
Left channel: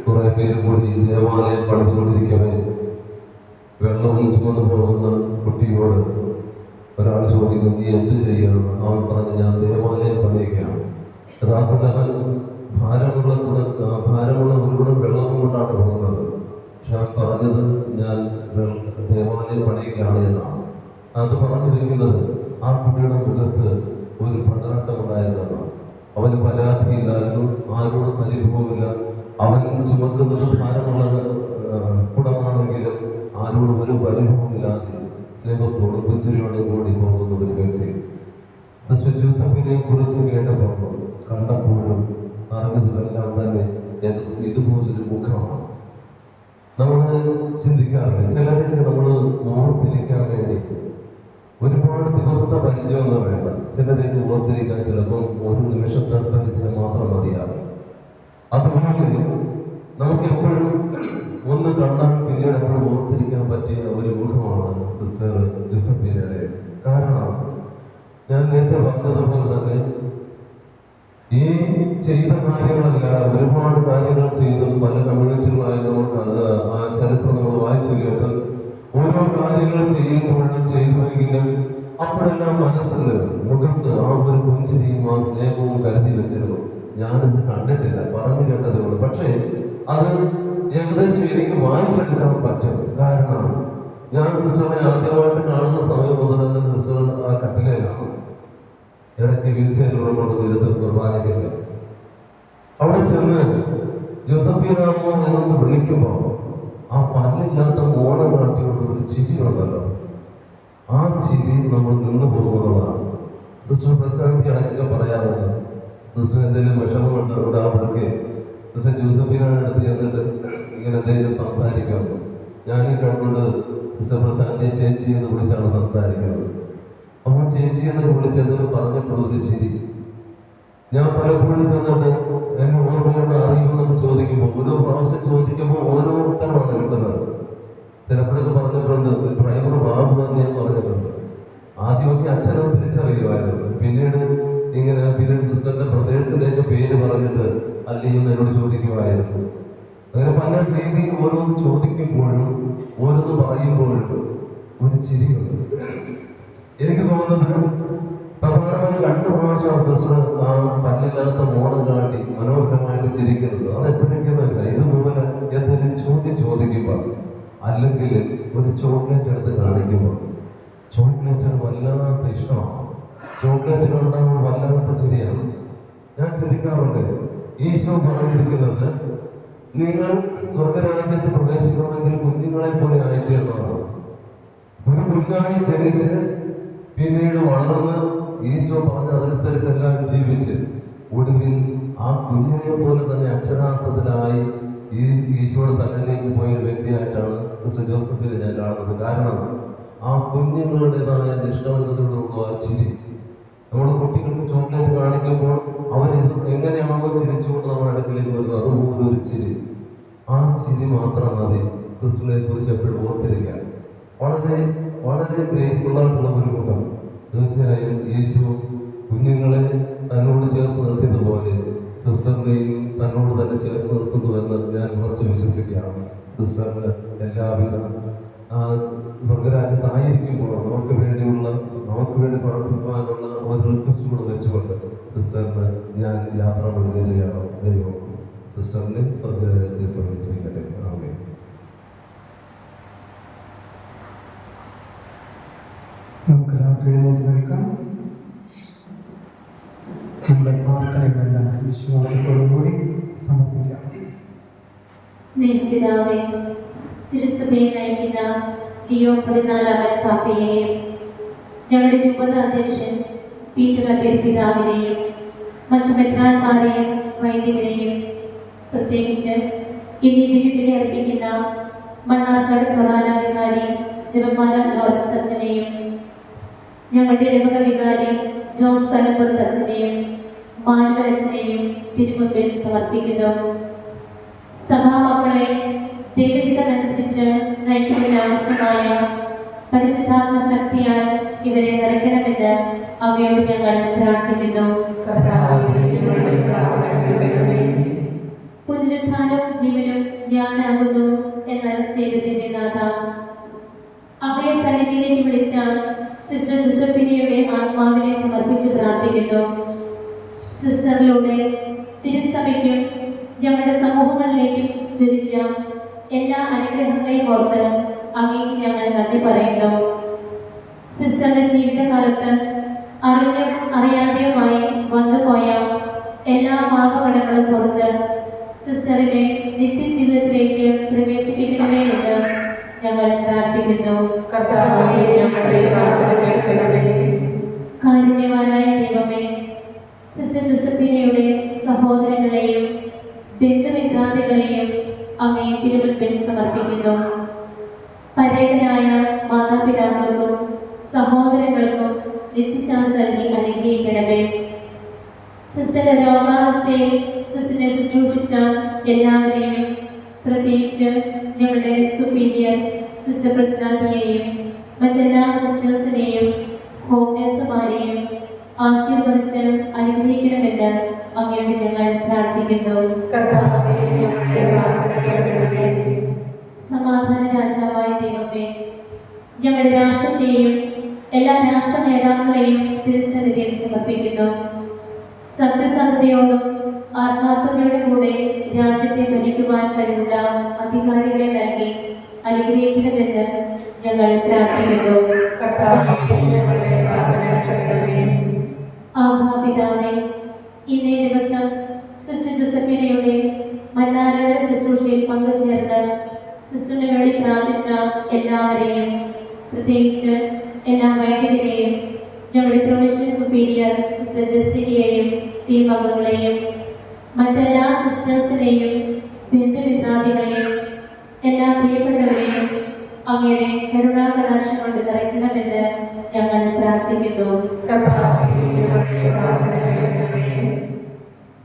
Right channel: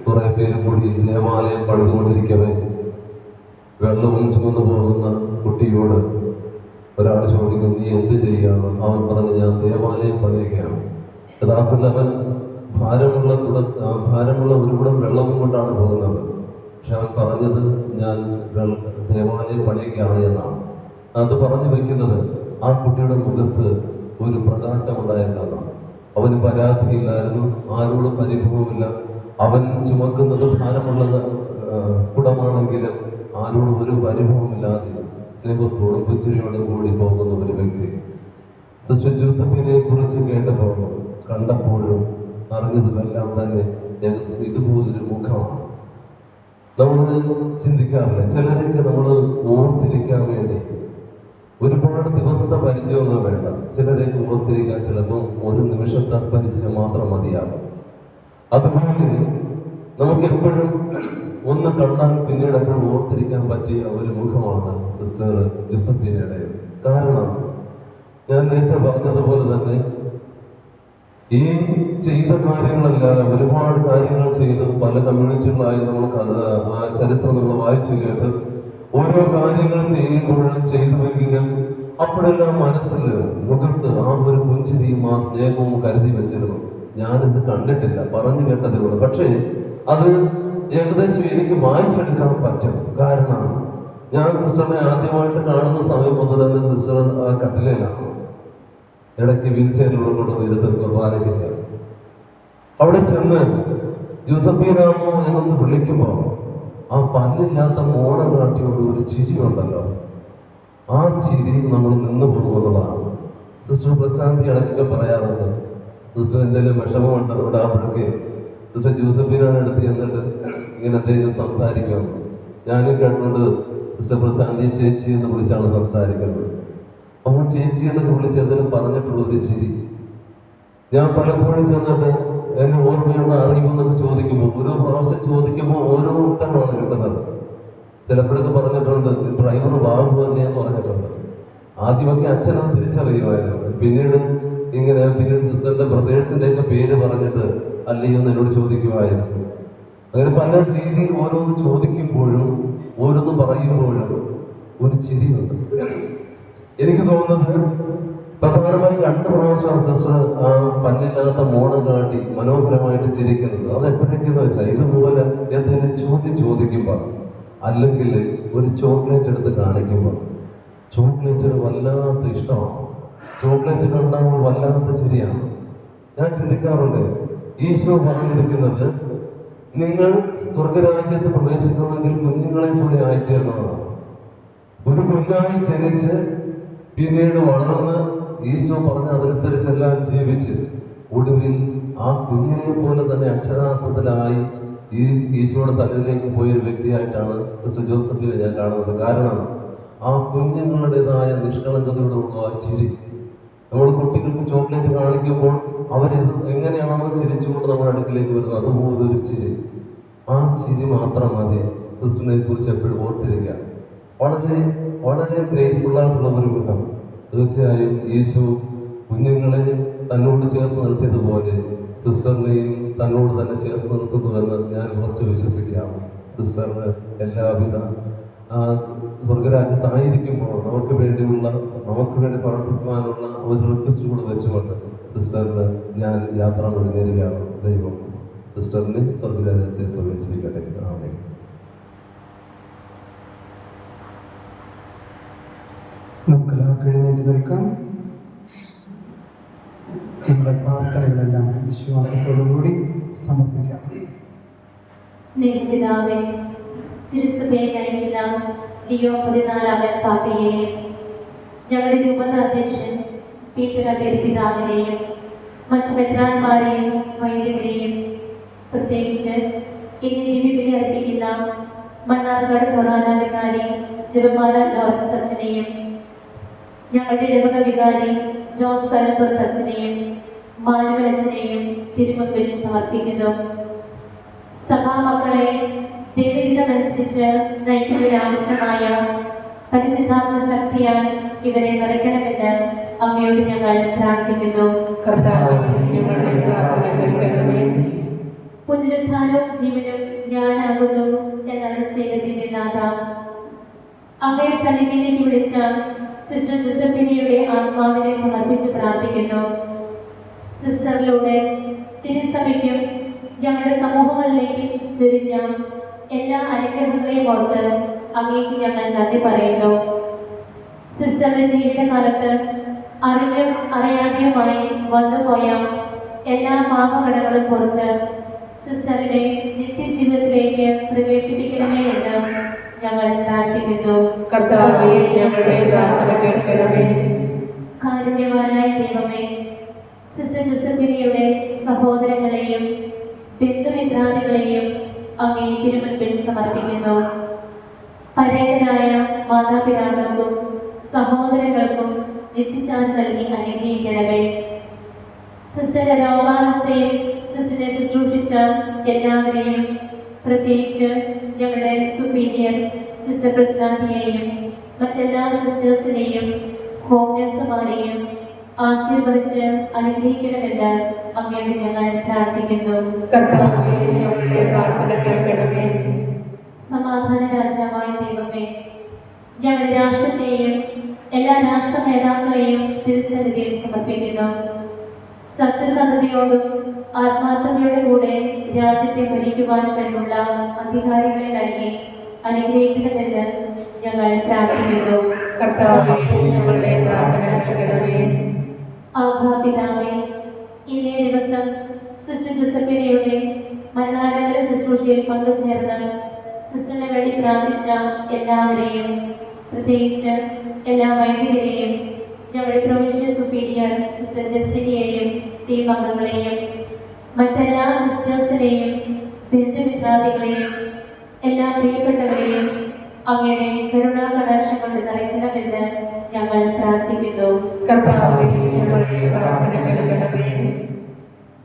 കുറെ പേര് കൂടി ദേവാലയം പണിതുകൊണ്ടിരിക്കവേ വെള്ളവും ചുമന്നു പോകുന്ന കുട്ടിയോട് ഒരാൾ ചോദിക്കും, നീ എന്ത് ചെയ്യാം? അവൻ പറഞ്ഞ്, ഞാൻ ദേവാലയം പണിയുകയാണ്. യഥാർത്ഥത്തിൽ അവൻ ഭാരമുള്ള ഒരു കുടം വെള്ളവും കൊണ്ടാണ് പോകുന്നത്. പക്ഷെ അവൻ പറഞ്ഞത്, ഞാൻ ദേവാലയം പണിയുകയാണ് എന്നാണ്. അത് പറഞ്ഞു വയ്ക്കുന്നത് ആ കുട്ടിയുടെ മുഖത്ത് ഒരു പ്രകാശമുണ്ടായിരുന്നതാണ്. അവന് പരാതിയില്ലായിരുന്നു, ആരോടും പരിഭവമില്ല. അവൻ ചുമക്കുന്നത് ഭാരമുള്ള കുടമാണെങ്കിലും ആരോടും ഒരു പരിഭവമില്ലാതെ സ്നേഹത്തോടും പുഞ്ചിരിയോടും കൂടി പോകുന്ന ഒരു വ്യക്തി. സിസ്റ്റർ ജോസഫിനെ കുറിച്ച് കേട്ടപ്പോഴും കണ്ടപ്പോഴും അറിഞ്ഞതിലെല്ലാം തന്നെ ഇതുപോലൊരു മുഖമാണ്. നമ്മൾ ചിന്തിക്കാറില്ല, ചിലരൊക്കെ നമ്മൾ ഓർത്തിരിക്കാൻ വേണ്ടി ഒരുപാട് ദിവസത്തെ പരിചയമൊന്നും വേണ്ട. ചിലരെയൊക്കെ ഓർത്തിരിക്കാൻ ചിലപ്പോൾ ഒരു നിമിഷത്തെ പരിചയം മാത്രം മതിയാകും. അതുപോലെ നമുക്ക് എപ്പോഴും ഒന്ന് കണ്ടാൽ പിന്നീട് എപ്പോഴും ഓർത്തിരിക്കാൻ പറ്റിയ ഒരു മുഖമാണ് സിസ്റ്റർ ജോസഫിനയുടെ. കാരണം ഞാൻ നേരത്തെ പറഞ്ഞതുപോലെ തന്നെ ഈ ചെയ്ത കാര്യങ്ങളെല്ലാം ഒരുപാട് കാര്യങ്ങൾ ചെയ്ത് പല കമ്മ്യൂണിറ്റികളായി നമുക്ക് ആ ചരിത്രം നമ്മൾ വായിച്ചു കേട്ട് ഓരോ കാര്യങ്ങൾ ചെയ്യുമ്പോഴും ചെയ്തുവെങ്കിലും അപ്പോഴെല്ലാം മനസ്സിൽ മുഖത്ത് ആ ഒരു പുഞ്ചിരിയും ആ സ്നേഹവും കരുതി വെച്ചിരുന്നു. ഞാനിത് കണ്ടിട്ടില്ല, പറഞ്ഞു കേട്ടതേ ഉള്ളൂ. പക്ഷേ അത് ഏകദേശം എനിക്ക് വായിച്ചെടുക്കാൻ പറ്റും. കാരണം ഞാൻ സിസ്റ്ററിനെ ആദ്യമായിട്ട് കാണുന്ന സമയം മുതൽ തന്നെ സിസ്റ്റർ ആ കട്ടിലാണ്. ഇടയ്ക്ക് വീൽ ചെയറിലൂടെ കൊണ്ടുവന്നിരുത്ത് കുർബാനയ്ക്കൊക്കെ അവിടെ ചെന്ന് ജോസഫീനാമോ എന്നൊന്ന് വിളിക്കുമ്പോൾ ആ പല്ലില്ലാത്ത മോണ കാട്ടിയോണ്ട് ഒരു ചിരി ഉണ്ടല്ലോ, ആ ചിരി നമ്മൾ നിന്ന് പോകുന്നതാണ്. സിസ്റ്റർ പ്രശാന്തി ഇടയ്ക്കൊക്കെ പറയാറുണ്ട്, സിസ്റ്റർ എന്തെങ്കിലും വിഷമമുണ്ട് ഇടാമ്പോഴേക്ക് സിസ്റ്റർ ജോസഫീനാണ് എടുത്ത് ചെന്നിട്ട് ഇങ്ങനെ എന്തെങ്കിലും സംസാരിക്കാം. ഞാനും കണ്ടുകൊണ്ട് സിസ്റ്റർ പ്രശാന്തിയെ ചേച്ചി എന്ന് വിളിച്ചാണ് സംസാരിക്കുന്നത്. അപ്പോൾ ചേച്ചി എന്ന് വിളിച്ച് എന്തെങ്കിലും പറഞ്ഞിട്ടുള്ള ഒരു ചിരി. ഞാൻ പലപ്പോഴും ചെന്നിട്ട് എന്നെ ഓർമ്മയോട് അറിയുമെന്നൊക്കെ ചോദിക്കുമ്പോൾ ഓരോ പ്രാവശ്യം ചോദിക്കുമ്പോൾ ഓരോ ഉത്തരമാണ് കിട്ടുന്നത്. ചിലപ്പോഴൊക്കെ പറഞ്ഞിട്ടുണ്ട്, ഡ്രൈവർ ബാബു തന്നെയെന്ന് പറഞ്ഞിട്ടുണ്ട്. ആദ്യമൊക്കെ അച്ഛനത് തിരിച്ചറിയുമായിരുന്നു. പിന്നീട് പിന്നീട് സിസ്റ്ററിന്റെ ബ്രദേഴ്സിന്റെ ഒക്കെ പേര് പറഞ്ഞിട്ട് അല്ലയോ എന്നോട് ചോദിക്കുമായിരുന്നു. അങ്ങനെ പല രീതിയിൽ ഓരോന്ന് ചോദിക്കുമ്പോഴും ഓരോന്ന് പറയുമ്പോഴും ഒരു ചിരിയുണ്ട്. എനിക്ക് തോന്നുന്നത് പ്രധാനമായി 2 പ്രാവശ്യം സിസ്റ്റർ ആ പല്ലില്ലാത്ത മോണം കാട്ടി മനോഹരമായിട്ട് ചിരിക്കുന്നത്. അത് എപ്പോഴേക്കെന്ന് വെച്ചാൽ ഇതുപോലെ എന്തെങ്കിലും ചോദ്യം ചോദിക്കുമ്പോൾ, അല്ലെങ്കിൽ ഒരു ചോക്ലേറ്റ് എടുത്ത് കാണിക്കുമ്പോൾ, ചോക്ലേറ്റ് വല്ലാത്ത ഇഷ്ടമാണ്. ചോക്ലേറ്റ് കണ്ടാകുമ്പോൾ വല്ലാത്ത ചിരിയാണ്. ഞാൻ ചിന്തിക്കാറുണ്ട്, ഈശോ പറഞ്ഞിരിക്കുന്നത് നിങ്ങൾ സ്വർഗരാജ്യത്ത് പ്രവേശിക്കണമെങ്കിൽ കുഞ്ഞുങ്ങളെ പോലെ ആയിത്തീർന്നതാണ്. ഒരു കുഞ്ഞായി ജനിച്ച് പിന്നീട് വളർന്ന് ഈശോ പറഞ്ഞ അതനുസരിച്ചെല്ലാം ജീവിച്ച് ഒടുവിൽ ആ കുഞ്ഞിനെ പോലെ തന്നെ അക്ഷരാർത്ഥത്തിലായി ഈ ഈശോയുടെ സന്നിധിയിലേക്ക് പോയൊരു വ്യക്തിയായിട്ടാണ് സിസ്റ്റർ ജോസഫിനെ ഞാൻ കാണുന്നത്. കാരണം ആ കുഞ്ഞുങ്ങളുടേതായ നിഷ്കളങ്കതയോടുള്ള ആ ചിരി, നമ്മുടെ കുട്ടികൾക്ക് ചോക്ലേറ്റ് കാണിക്കുമ്പോൾ അവരിത് എങ്ങനെയാണോ ചിരിച്ചുകൊണ്ട് നമ്മുടെ അടുക്കിലേക്ക് വരുന്നത് അതുപോലൊരു ചിരി. ആ ചിരി മാത്രം മതി സിസ്റ്ററിനെ കുറിച്ച് എപ്പോഴും ഓർത്തിരിക്കുക. വളരെ വളരെ ഗ്രേസ്ഫുള്ളായിട്ടുള്ള ഒരു മുഖം. തീർച്ചയായും യേശു കുഞ്ഞുങ്ങളെ തന്നോട് ചേർത്ത് നിർത്തിയതുപോലെ സിസ്റ്ററിനെയും തന്നോട് തന്നെ ചേർത്ത് നിർത്തുന്നുവെന്ന് ഞാൻ ഉറച്ചു വിശ്വസിക്കുകയാണ്. സിസ്റ്ററിന് എല്ലാവിധ സ്വർഗരാജ്യത്തായിരിക്കുമ്പോൾ നമുക്ക് വേണ്ടി പ്രവർത്തിക്കുവാനുള്ള ഒരു റിക്വസ്റ്റ് കൂടെ വെച്ചുകൊണ്ട് സിസ്റ്ററിന് ഞാൻ യാത്ര നേരുകയാണ്. ദൈവം സിസ്റ്ററിനെ സ്വർഗരാജ്യത്തെ പ്രവേശിപ്പിക്കട്ടെ. ആമേൻ. നമുക്കെല്ലാവർക്കും എഴുന്നേറ്റ് നിൽക്കാം. നമ്മുടെ പ്രാർത്ഥനകളെല്ലാം വിശ്വാസത്തോടുകൂടി സമർപ്പിക്കാം. സ്നേഹപിതാവേ, തിരുസഭയെ നയിക്കുന്ന ലിയോ 14 പാപ്പയെയും ഞങ്ങളുടെ രൂപത അധ്യക്ഷൻ പീറ്റർ അബേൽ പിതാവിനെയും മറ്റു മെത്രാന്മാരെയും വൈദികരെയും പ്രത്യേകിച്ച് ഇന്ന് ദിവ്യബലി അർപ്പിക്കുന്ന മണ്ണാർക്കാട് പ്രധാന വികാരി ജപമാല ലോറൻസ് അച്ഛനെയും ഞങ്ങളുടെ ഇടവക വികാരി ജോസ് കല്ലപ്പുറത്ത് അച്ഛനെയും മാനുവൽ അച്ഛനെയും തിരുമുമ്പിൽ സമർപ്പിക്കുന്നു. സഭാമക്കളെ ദൈവഹിതമനുസരിച്ച് നയിക്കുന്നതിനാവശ്യമായ പരിശുദ്ധാത്മ ശക്തിയാൽ ഇവരെ നിറയ്ക്കണമെന്ന് അങ്ങയോട് ഞങ്ങൾ പ്രാർത്ഥിക്കുന്നു. പുനരുത്ഥാനവും ജീവനും ഞാനാകുന്നു എന്നരുൾ ചെയ്ത ദിവ്യനാഥ, അങ്ങയെ സന്നിധിയിലേക്ക് വിളിച്ച സിസ്റ്റർ ജോസഫിനയുടെ ആത്മാവിനെ സമർപ്പിച്ച് പ്രാർത്ഥിക്കുന്നു. സിസ്റ്ററിലൂടെ തിരുസഭയ്ക്കും ഞങ്ങളുടെ സമൂഹങ്ങളിലേക്കും ചൊരിഞ്ഞ എല്ലാ അനുഗ്രഹങ്ങളെയും ഓർത്ത് അങ്ങേക്ക് ഞങ്ങൾ നന്ദി പറയുന്നു. സിസ്റ്ററുടെ ജീവിതകാലത്ത് അറിഞ്ഞും അറിയാതെയുമായി വന്നുപോയ എല്ലാ പാപകടങ്ങളും പുറത്ത് സിസ്റ്ററിനെ നിത്യജീവിതത്തിലേക്ക് പ്രവേശിപ്പിക്കണമേ എന്ന് ഞങ്ങൾ പ്രാർത്ഥിക്കുന്നു. കർത്താവേ, ഞങ്ങളുടെ പ്രാർത്ഥന കേൾക്കണമേ. കാരുണ്യവാനായ ദൈവമേ, സിസ്റ്റർ ജോസഫിനയുടെ സഹോദരങ്ങളെയും ബന്ധുമിത്രാദികളെയും അങ്ങേ തിരുമുൻപിൽ സമർപ്പിക്കുന്നു. പരേതരായ മാതാപിതാക്കൾക്കും സഹോദരങ്ങൾക്കും നിത്യശാന്തി നൽകി അനുഗ്രഹിക്കണമേ. സിസ്റ്ററിന്റെ രോഗാവസ്ഥയിൽ സിസ്റ്ററിനെ ശുശ്രൂഷിച്ച എല്ലാവരെയും, പ്രത്യേകിച്ച് ഞങ്ങളുടെ സുപ്പീരിയർ സിസ്റ്റർ പ്രശാന്തിയെയും മറ്റെല്ലാ സിസ്റ്റേഴ്സിനെയും ഹോം നഴ്സുമാരെയും ആശീർവദിച്ച് അനുഗ്രഹിക്കണമെന്ന് അങ്ങയോട് ഞങ്ങൾ പ്രാർത്ഥിക്കുന്നു. കർത്താവേ, ഞങ്ങളുടെ പ്രാർത്ഥന കേൾക്കണമേ. സമാധാന രാജാവായ ദൈവമേ, ഞങ്ങളുടെ രാഷ്ട്രത്തെയും എല്ലാ രാഷ്ട്ര നേതാക്കളെയും തിരുസന്നിധിയിൽ സമർപ്പിക്കുന്നു. സത്യസന്ധതയോടും ആത്മാർത്ഥതയോടും കൂടെ രാജ്യത്തെ ഭരിക്കുവാൻ കഴിവുള്ള അധികാരികളെ നൽകി അനുഗ്രഹിക്കണമെന്ന് ഞങ്ങൾ പ്രാർത്ഥിക്കുന്നു. കർത്താവേ, ഞങ്ങളുടെ പ്രാർത്ഥന കേൾക്കണമേ. പിതാവേ, ഇന്നേ ദിവസം സിസ്റ്റർ ജോസഫിനയുടെ മന്നാനഗര ശുശ്രൂഷയിൽ പങ്കുചേർന്ന് സിസ്റ്ററിന് വേണ്ടി പ്രാർത്ഥിച്ച എല്ലാവരെയും, പ്രത്യേകിച്ച് എല്ലാ വൈദികരെയും, ഞങ്ങളുടെ പ്രൊവിൻഷ്യൽ സുപ്പീരിയർ സിസ്റ്റർ ജെസ്സിനെയും ടീം അംഗങ്ങളെയും മറ്റെല്ലാ സിസ്റ്റേഴ്സിനെയും ബന്ധുമിത്രാദികളെയും എല്ലാ പ്രിയപ്പെട്ടവരെയും അങ്ങയുടെ കരുണാകടാക്ഷം കൊണ്ട് നിറയ്ക്കണമെന്ന് ഞങ്ങൾ പ്രാർത്ഥിക്കുന്നു. കർത്താവേ, ഞങ്ങളുടെ പ്രാർത്ഥന കേൾക്കണമേ.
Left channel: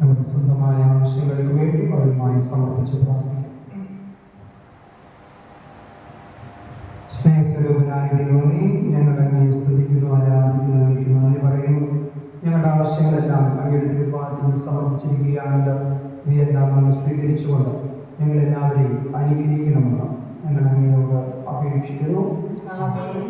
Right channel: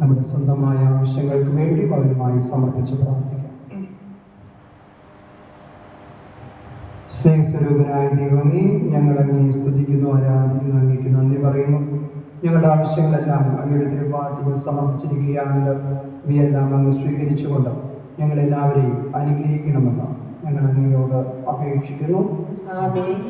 നമ്മുടെ സ്വന്തമായ ആവശ്യങ്ങൾക്ക് വേണ്ടി പകരമായി സമർപ്പിച്ച് പ്രാർത്ഥിക്കാം. സ്നേഹസ്വരൂപനായ ദൈവമേ, ഞങ്ങൾ അങ്ങയെ സ്തുതിക്കുന്നു, ആരാധിക്കുന്നു, അങ്ങേക്ക് നന്ദി പറയുന്നു. ഞങ്ങളുടെ ആവശ്യങ്ങളെല്ലാം അങ്ങയുടെ തിരുപ്പാദത്തിൽ സമർപ്പിച്ചിരിക്കുകയാണല്ലോ. ഇവയെല്ലാം അങ്ങ് സ്വീകരിച്ചുകൊണ്ട് ഞങ്ങളെല്ലാവരെയും അനുഗ്രഹിക്കണമെന്ന് ഞങ്ങൾ അങ്ങയോട് അപേക്ഷിക്കുന്നു. ആമേൻ.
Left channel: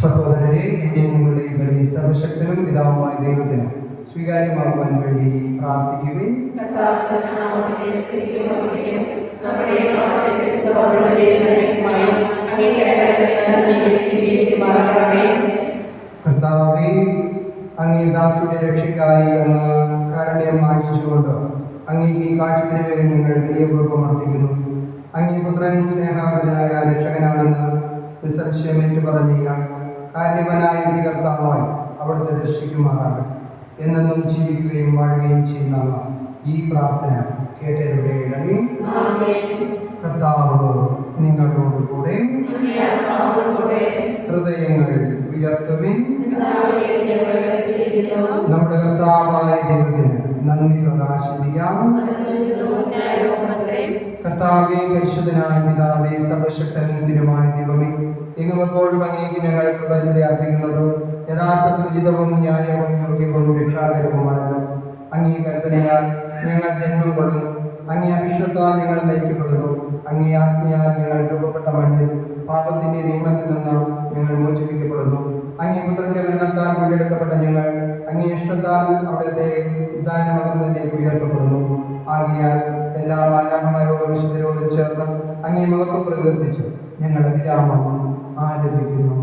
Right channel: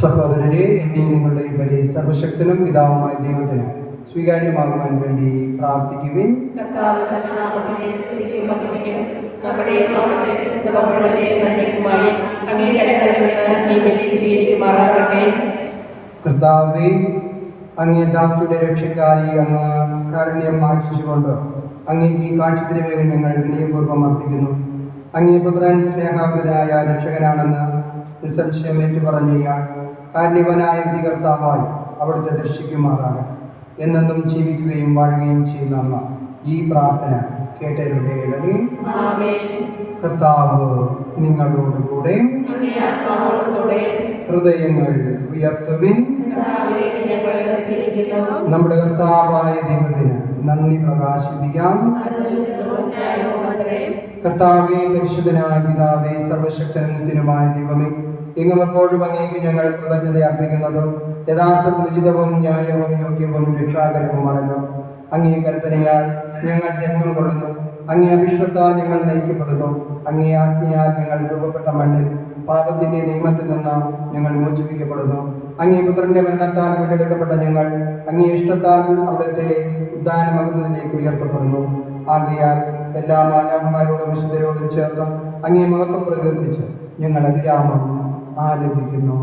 സഹോദരരെ, എൻ്റെ നിങ്ങളുടെ ബലി സർവശക്തനും പിതാവുമായ ദൈവത്തിന് സ്വീകാര്യമാകുവാൻ വേണ്ടി പ്രാർത്ഥിക്കുവിൻ. കർത്താവേ, അങ്ങേ ദാസിയുടെ രക്ഷയ്ക്കായി അങ്ങ് കാരുണ്യം ആചരിച്ചുകൊണ്ട് അങ്ങേക്ക് ഈ കാഴ്ചത്തിരിവേഗം ഞങ്ങൾ വിനയപൂർവ്വം അർപ്പിക്കുന്നു. അങ്ങേ പുത്രൻ സ്നേഹാവനായ രക്ഷകനാണെന്ന് നിസ്സംശയം ഏറ്റുപറഞ്ഞ ഇയാൾ കാരുണ്യവനായ കർത്താവായി അവിടുത്തെ ദർശിക്കുമാറാണ്. എന്നെന്നും ജീവിക്കുകയും വാഴുകയും ചെയ്യുന്ന ഈ പ്രാർത്ഥന കേട്ടരുടേണമേ. കർത്താവ് നിങ്ങളോടുകൂടെ. ഹൃദയങ്ങൾ ഉയർത്തുവിൻ. നമ്മുടെ കർത്താവായ ദൈവത്തിന് നന്ദി പ്രകാശിപ്പിക്കാം. കർത്താവേ, പരിശുദ്ധനായ പിതാവേ, സർവശക്തനുമായ ദൈവമേ, എങ്ങും എപ്പോഴും അങ്ങേക്ക് ഞങ്ങൾ കൃതജ്ഞത അർപ്പിക്കുന്നത് യഥാർത്ഥത്തിൽ ഉചിതവും ന്യായവും യോഗ്യവും രക്ഷാകരവുമാണല്ലോ. അങ്ങേ കൽപ്പനയാൽ ഞങ്ങൾ ജന്മം കൊള്ളുന്നു, അങ്ങേ അഭിഷേകത്താൽ ഞങ്ങൾ നയിക്കപ്പെടുന്നു, അങ്ങേ ആജ്ഞയാൽ ഞങ്ങൾ രൂപപ്പെട്ട മണ്ണിൽ പാപത്തിന്റെ നിയമത്തിൽ നിന്ന് ഞങ്ങൾ മോചിപ്പിക്കപ്പെടുന്നു. അങ്ങേ പുത്രന്റെ മരണത്താൽ വീണ്ടെടുക്കപ്പെട്ട ഞങ്ങൾ അങ്ങേ ഇഷ്ടത്താൽ അവിടുത്തെ ഉദ്ധാനമകുന്നതിലേക്ക് ഉയർത്തപ്പെടുന്നു. ആകയാൽ എല്ലാ മാലാഖമാരോടും വിശുദ്ധരോടും ചേർന്ന് അങ്ങേ മഹത്വം പ്രകീർത്തിച്ച് ഞങ്ങൾ അഭിരാമം ആലപിക്കുന്നു.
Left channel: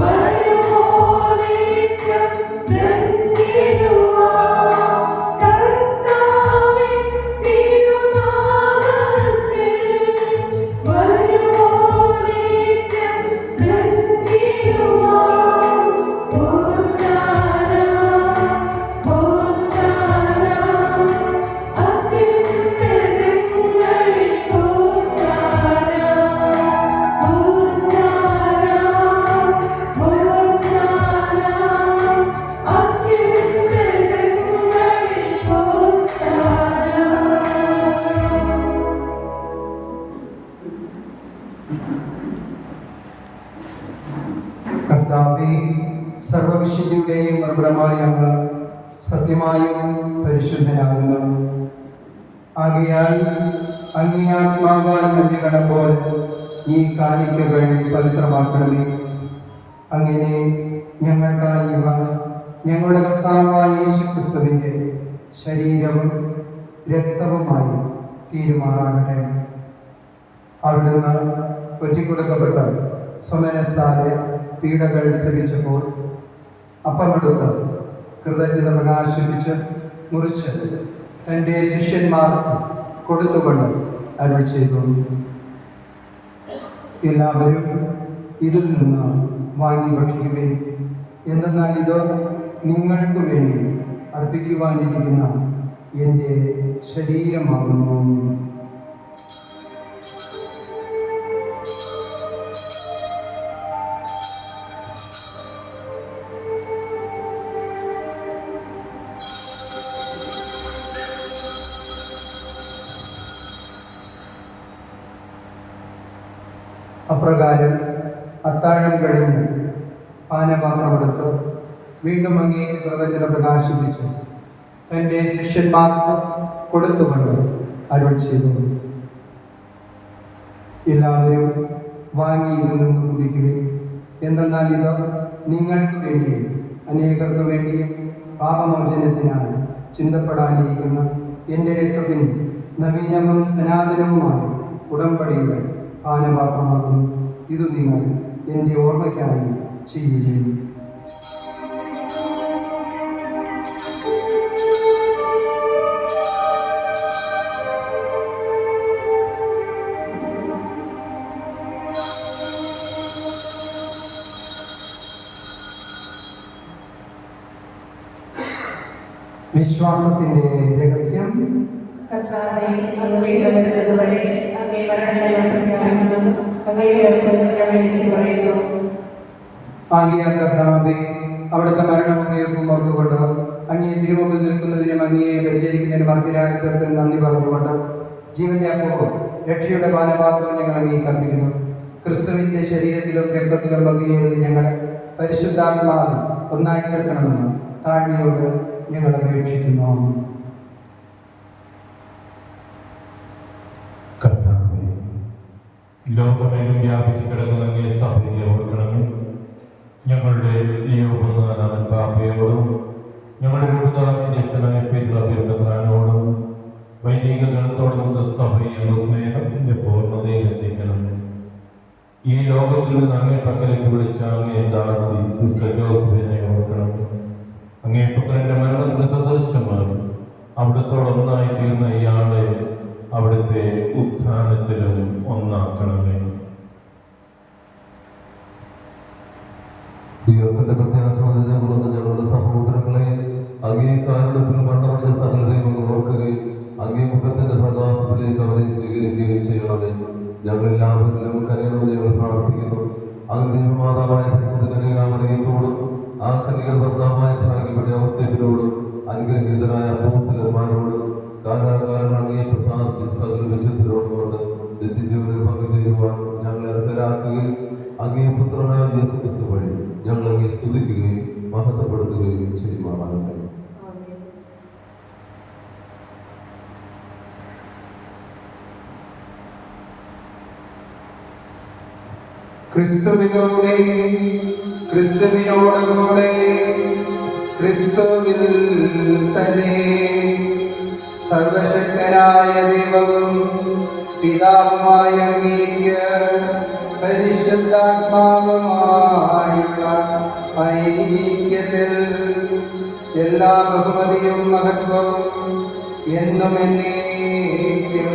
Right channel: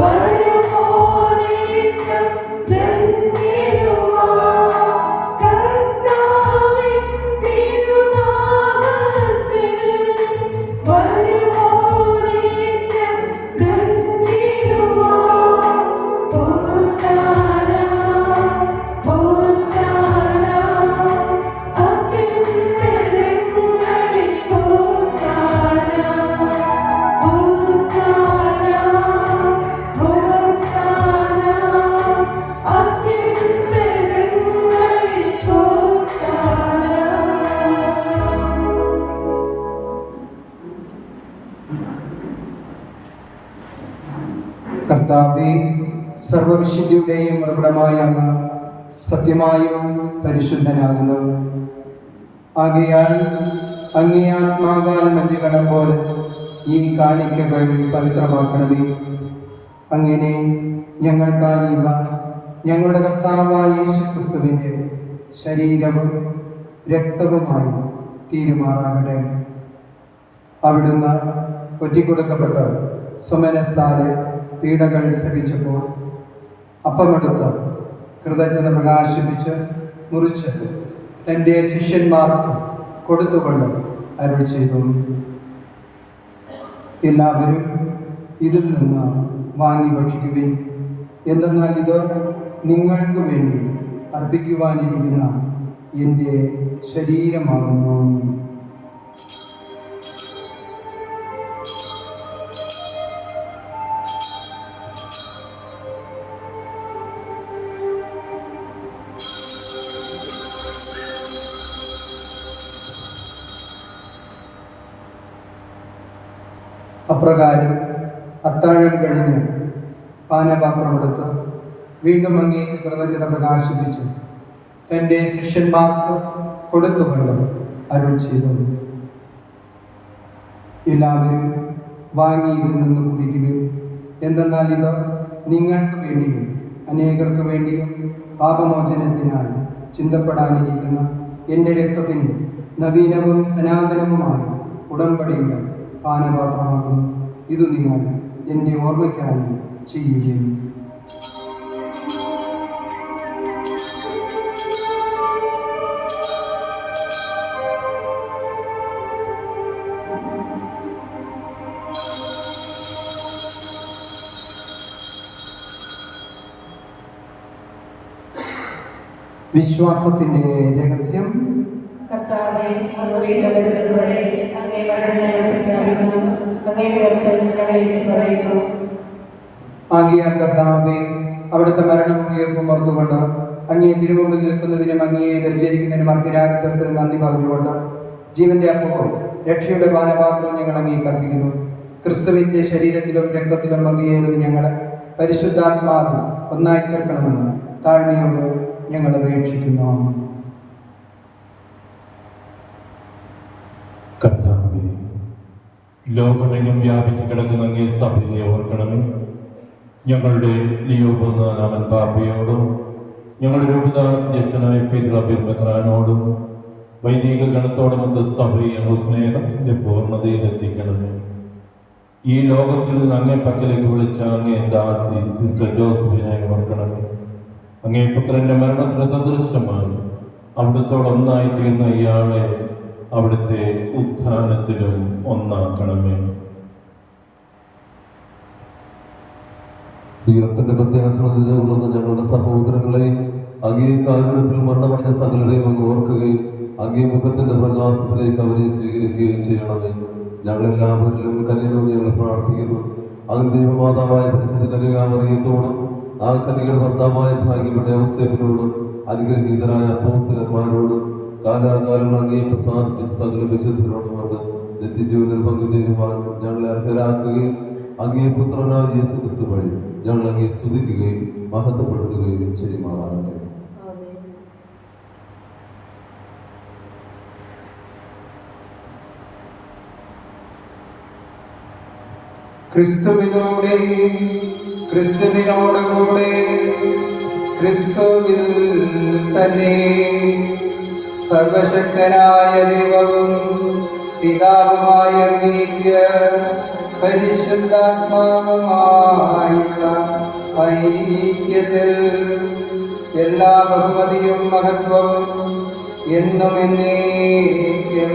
What കർത്താവേ, സർവവിശുദ്ധിയുടെയും ഉറവിടമായ അങ്ങ് സത്യമായും പരിശുദ്ധനാകുന്നു. ആകയാൽ അങ്ങേ ആത്മാവാൽ മഞ്ഞുകണം പോലെ ഈ കാണിക്കകൾ പവിത്രമാക്കണമേ. അങ്ങനെ ഞങ്ങൾക്കായി ഇവ ഞങ്ങളുടെ കർത്താവായ യേശുക്രിസ്തുവിൻ്റെ ശരീരവും രക്തവുമായി തീരുമാറാകട്ടെ. അവിടുന്ന് ഒറ്റിക്കൊടുക്കപ്പെട്ട സുമനസ്സാലെ പീഡകൾ സഹിച്ചപ്പോൾ അപ്പമെടുത്ത് കൃതജ്ഞത പ്രകാശിപ്പിച്ച് മുറിച്ച് തൻ്റെ ശിഷ്യന്മാർക്ക് കൊടുത്തുകൊണ്ട് അരുൾ ചെയ്തു, എല്ലാവരും ഇതിൽ നിന്ന് വാങ്ങി ഭക്ഷിക്കുവിൻ. എന്തെന്നാൽ ഇത് നിങ്ങൾക്ക് വേണ്ടി അർപ്പിക്കുവാനിരിക്കുന്ന എൻ്റെ ശരീരമാകുന്നു. അപ്രകാരം അത്താഴം കഴിഞ്ഞ് പാനപാത്രമെടുത്ത് വീണ്ടും അങ്ങേക്ക് കൃതജ്ഞത പ്രകാശിപ്പിച്ചു തൻ്റെ ശിഷ്യന്മാർക്ക് കൊടുത്തുകൊണ്ട് അരുൾ ചെയ്തു, എല്ലാവരും വാങ്ങി ഇതിൽ നിന്ന് കുടിക്കുവിൻ. എന്തെന്നാൽ ഇത് നിങ്ങൾക്ക് വേണ്ടിയും അനേകർക്ക് വേണ്ടിയും പാപമോചനത്തിനായി ചിന്തപ്പെടാനിരിക്കുന്ന എൻ്റെ രക്തത്തിനും നവീനവും സനാതനവുമായ ഉടമ്പടിയുടെ പാനപാത്രമാകുന്നു. ഇത് നിങ്ങൾ എൻ്റെ ഓർമ്മയ്ക്കായി ചെയ്യുകയും. വിശ്വാസത്തിൻ്റെ രഹസ്യം. കർത്താവേ, അങ്ങ് വീടുകളിലുള്ളവരെ അങ്ങേ മരണത്തെ പ്രഖ്യാപിക്കുന്നു, അങ്ങയുടെ ഞങ്ങളെ പറയുന്നു. ആകയാൽ കർത്താവേ, അവിടുത്തെ മരണവും ഉയർപ്പും ഓർത്തുകൊണ്ട് അങ്ങയെ തിരുമുമ്പിൽ നിൽക്കുന്നതിനും അങ്ങയെ പരിചരിക്കുന്നതിനും അർഹരാഗ്രഹത്തിൽ നന്ദി പറഞ്ഞുകൊണ്ട് ജീവന്റെ അപ്പവും രക്ഷയുടെ പാനപാത്രം ഞങ്ങൾ അങ്ങേക്ക് അർപ്പിക്കുന്നു. ക്രിസ്തുവിന്റെ ശരീരത്തിലും രക്തത്തിലും പങ്കുചേരുന്ന ഞങ്ങളെ പരിശുദ്ധാത്മാവിൽ ഒന്നായി ചേർക്കണമെന്ന് താഴ്മയോട് ഞങ്ങൾ അപേക്ഷിക്കുന്നു. കർത്താവേ, ലോകമെങ്ങും വ്യാപിച്ചു കിടക്കുന്ന അങ്ങേ സഭയെ ഓർക്കണമേ. ഞങ്ങളുടെ ലിയോ നാലാമൻ പാപ്പയോടും ഞങ്ങളുടെ രൂപതാധ്യക്ഷനായ പെരുമെത്രാനോടും വൈദിക ഗണത്തോടുമൊത്ത് സഭയെ അങ്ങ് സ്നേഹത്തിന്റെ പൂർണ്ണതയിൽ എത്തിക്കണമേ. ഈ ലോകത്തിൽ നിന്ന് അങ്ങേ പക്കലേക്ക് വിളിച്ച അങ്ങേ ദാസി സിസ്റ്റർ ജോസഫിനെ ഓർക്കണമേ. അങ്ങേ പുത്രന്റെ മരണത്തിന് സദൃശമായി അവിടുത്തോടൊന്നായി തീർന്ന ഇയാളെ അവിടുത്തെ ഉത്ഥാനത്തിലും ഒന്നാക്കണമേ. ഉയർത്തിന്റെ പ്രത്യാശനത്തിലെ ഉള്ളത് ഞങ്ങളുടെ സഹോദരങ്ങളെ അങ്ങേ കാരണത്തിൽ മരണമടഞ്ഞ സകലതയും അങ്ങ് ഓർക്കുകയും അങ്ങേ മുഖത്തിന്റെ പ്രകാശത്തിലേക്ക് അവരെ സ്വീകരിക്കുകയും ചെയ്യണമേ. ഞങ്ങളെല്ലാവരിലും കനിയണമെന്ന് ഞങ്ങൾ പ്രാർത്ഥിക്കുന്നു. അങ്ങ് ദൈവമാതാവായ പരിശുദ്ധ കന്യകാമറിയത്തോടും ആ കന്യകയുടെ ഭർത്താവായ ഭാഗ്യപ്പെട്ട യോസേഫിനോടും അനുഗ്രഹീതരായ അപ്പോസ്തലന്മാരോടും കാലാകാലം അങ്ങയെ പ്രസാദിപ്പിച്ച സകല വിശുദ്ധരോടുമൊത്ത് നിത്യജീവനിൽ പങ്കുചേരുവാൻ ഞങ്ങളെ അർഹരാക്കുകയും അങ്ങേ പുത്രനായ യേശു ക്രിസ്തു വഴി ഞങ്ങൾ അങ്ങയെ സ്തുതിക്കുകയും മഹത്വപ്പെടുത്തുകയും ചെയ്യുമാറാകട്ടെ. ക്രിസ്തുവിനോടെ ക്രിസ്തുവിനോടുകൂടെ ക്രിസ്തുവിൽ തന്നെ സർവശക്തനായ ദൈവവും പിതാവുമായ അങ്ങേക്ക് പരിശുദ്ധാത്മാവുമായുള്ള ഐക്യത്തിൽ എല്ലാ ബഹുമതിയും മഹത്വവും എന്നും എന്നേക്കും.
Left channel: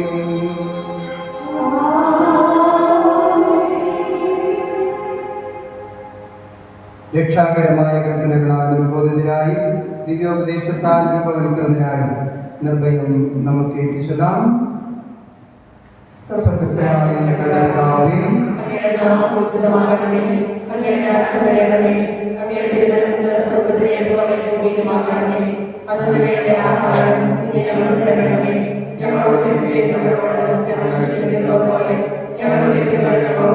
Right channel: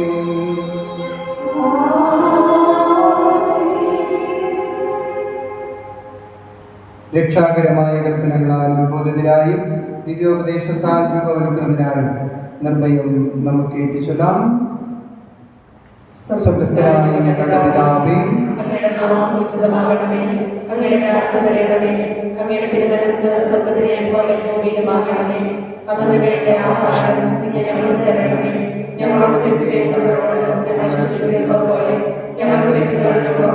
രക്ഷാകരമായ കൽപ്പനകളാൽ ഉത്ബോധിതരായും ദിവ്യോപദേശത്താൽ രൂപവൽകൃതരായും നിർഭയം നമുക്ക് ഏറ്റുചൊല്ലാം. സ്വർഗ്ഗസ്ഥനായ ഞങ്ങളുടെ പിതാവേ, അങ്ങയുടെ നാമം പൂജിതമാകണമേ, അങ്ങയുടെ രാജ്യം വരണമേ, അങ്ങയുടെ തിരുമനസ്സ് സ്വർഗ്ഗത്തിലെ പോലെ ഭൂമിയിലുമാകണമേ. അന്നു വേണ്ട ആഹാരം ഇന്ന് ഞങ്ങൾക്ക് തരണമേ. ഞങ്ങളോട് തെറ്റ് ചെയ്യുന്നവരോട് ഞങ്ങൾ ക്ഷമിച്ചതുപോലെ ഞങ്ങളുടെ തെറ്റുകൾ ഞങ്ങളോട്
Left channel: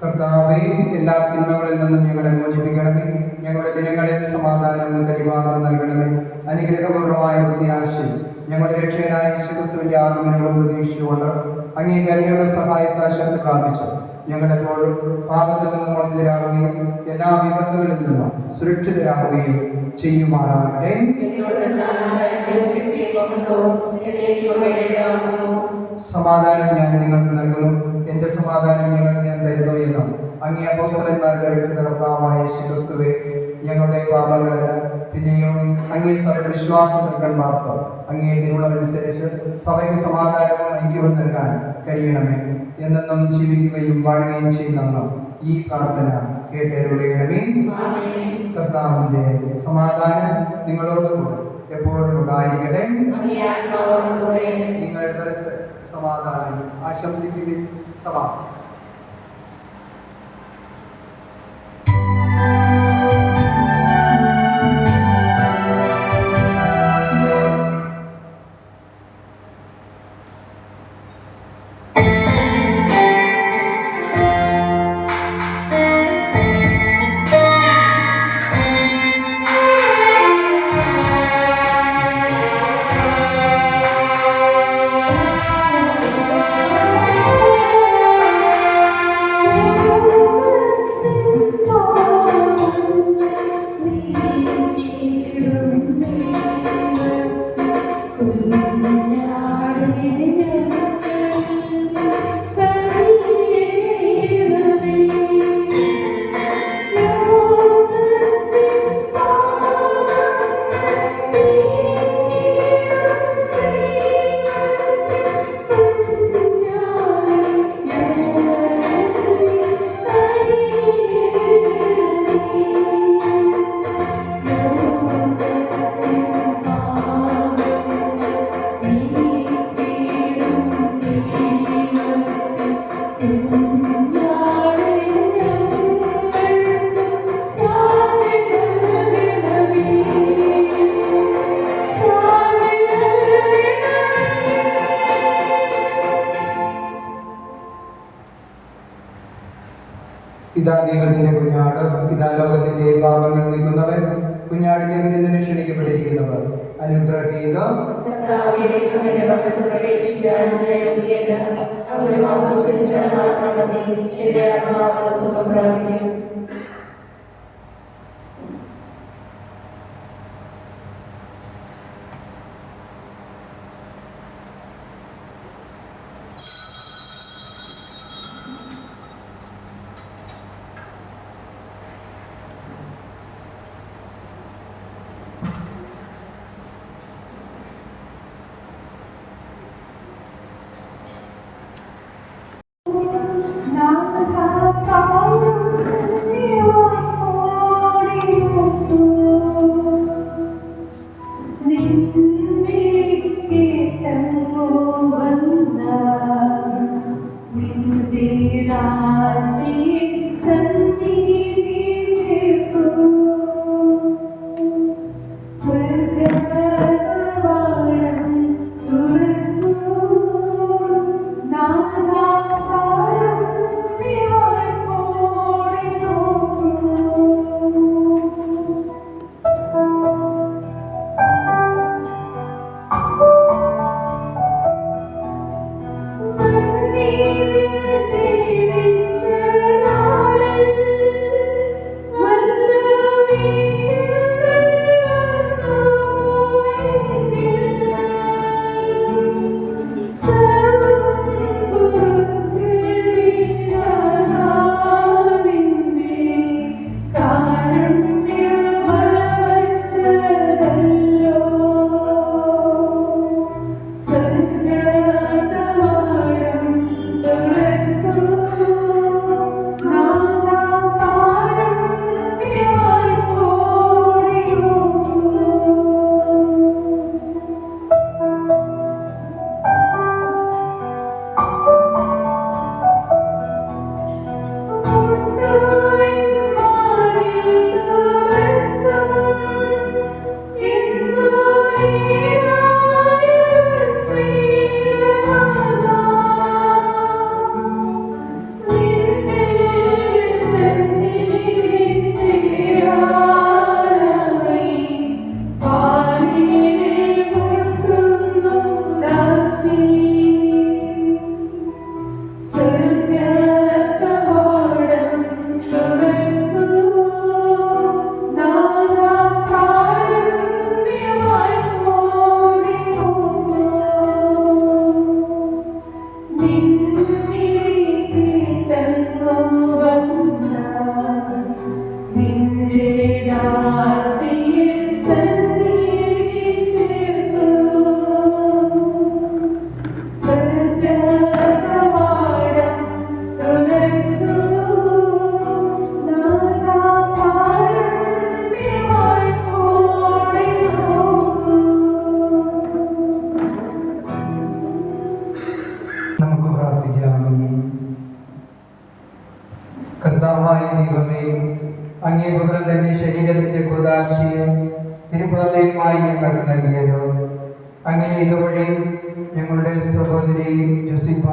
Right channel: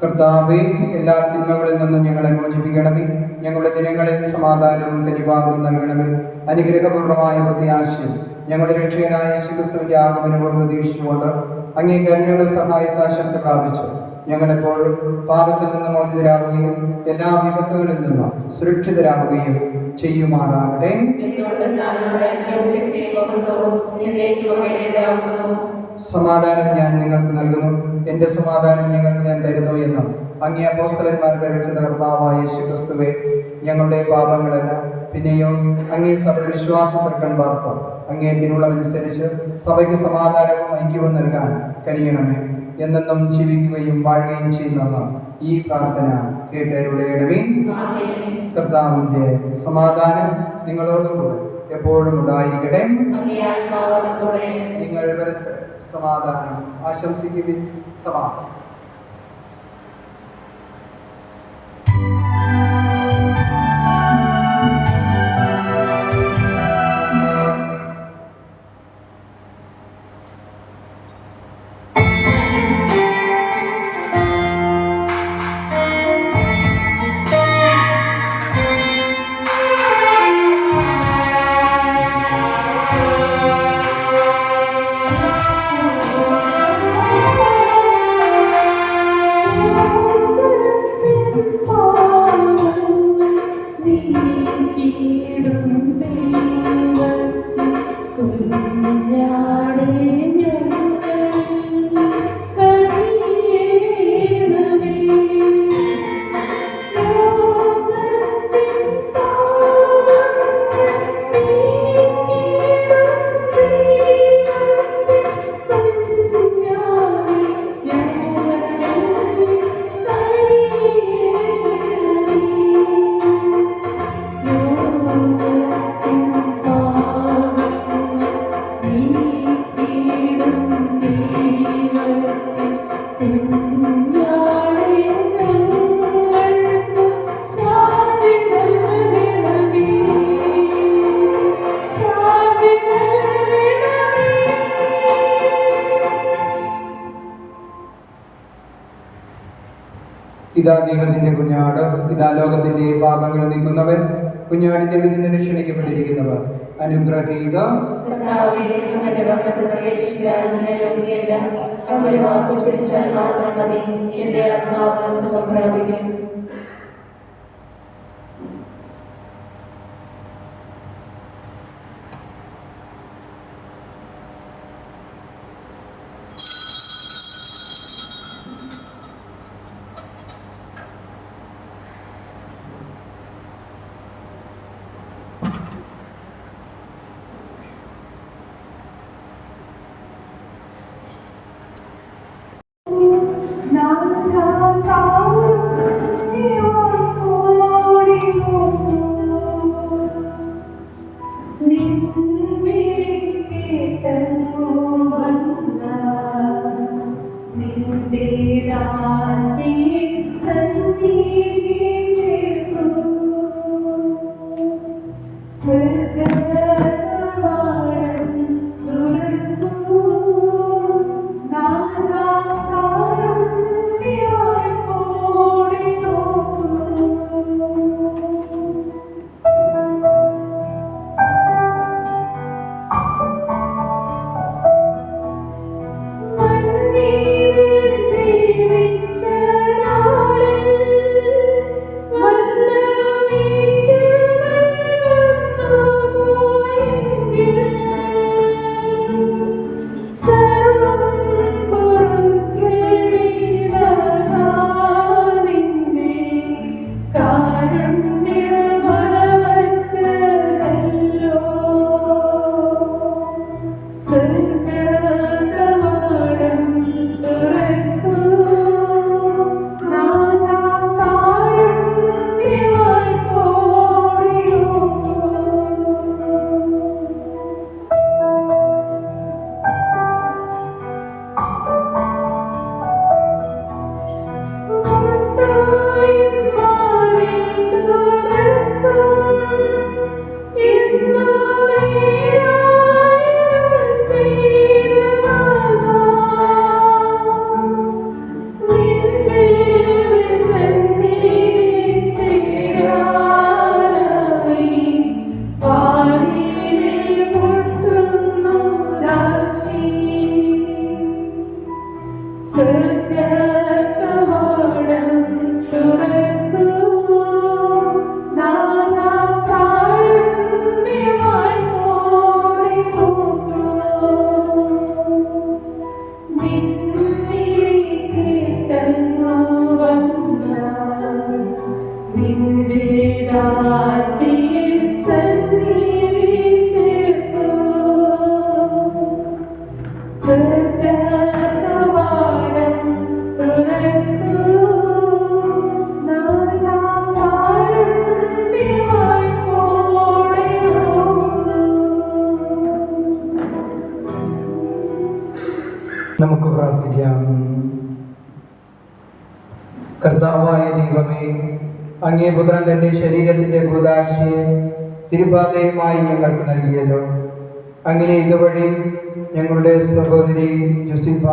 കർത്താവേ, എല്ലാ തിന്മകളിൽ നിന്നും ഞങ്ങളെ മോചിപ്പിക്കണമേ. ഞങ്ങളുടെ ദിനങ്ങളിൽ സമാധാനവും കരിവാർന്നും നൽകണമേ. അനുഗ്രഹപൂർണമായ പ്രത്യാശയും ഞങ്ങളുടെ രക്ഷകനായ യേശുക്രിസ്തുവിന്റെ ആഗമനവും പ്രതീക്ഷിച്ചുകൊണ്ട് അങ്ങേ കരുണയുടെ സഹായത്താൽ ശക്തി പ്രാപിച്ചു ഞങ്ങളെപ്പോഴും പാപത്തിൽ നിന്ന് മോചിതരാകുകയും എല്ലാ വിപത്തുകളിൽ നിന്നും സുരക്ഷിതരാകുകയും ചെയ്യുമാറാകട്ടെ. സമാധാനം ഞാൻ നിങ്ങൾക്ക് നൽകുന്നു, എൻ്റെ സമാധാനം ഞങ്ങൾക്ക് ഞാൻ തരുന്നു എന്ന് അങ്ങേ അപ്പോസ്തലന്മാരുടെ രക്ഷിത കർത്താവായ യേശുക്രിസ്തുവേ, ഞങ്ങളുടെ പാപങ്ങളെല്ലാം പിന്നെയോ അങ്ങേ സഭയുടെ വിശ്വാസം നൽകാൻ വാർത്ത അങ്ങേ തിരുവുള്ളമനുസരിച്ച് സഭയ്ക്ക് സമാധാനവും ഐക്യവും നൽകാൻ കഴിയണമേ. എന്നെന്നും ജീവിക്കുകയും വാഴുകയും ചെയ്യുന്ന ഈ പ്രാർത്ഥന കേട്ടരുളയണമേ. കർത്താവിന്റെ സമാധാനം നിങ്ങളോടുകൂടെ എപ്പോഴും ഉണ്ടായിരിക്കട്ടെ. നിങ്ങൾ പരസ്പരം സമാധാനം ആശംസിക്കുകയും സഭ ഇതാ ദൈവത്തിന്റെ കുഞ്ഞാട്, ഇതാ ലോകത്തിന്റെ പാപങ്ങൾ നീക്കുന്നവൻ, കുഞ്ഞാടിന്റെ വിരുന്നിന് ക്ഷണിക്കപ്പെട്ടിരിക്കുന്നവർ. അനുഗ്രഹീതം സ്വർഗ നമുക്ക് പ്രാർത്ഥിക്കാം. കർത്താവായ ദൈവമേ, അങ്ങേ പുത്രൻ തന്റെ ശരീരത്തിന്റെ കൂദാശയെ തിരുപാതയുമായി ഞങ്ങൾക്ക് നൽകിയല്ലോ. അങ്ങനെ ഇതുവഴി ഞങ്ങളുടെ സഹോദരി ജോസിഫ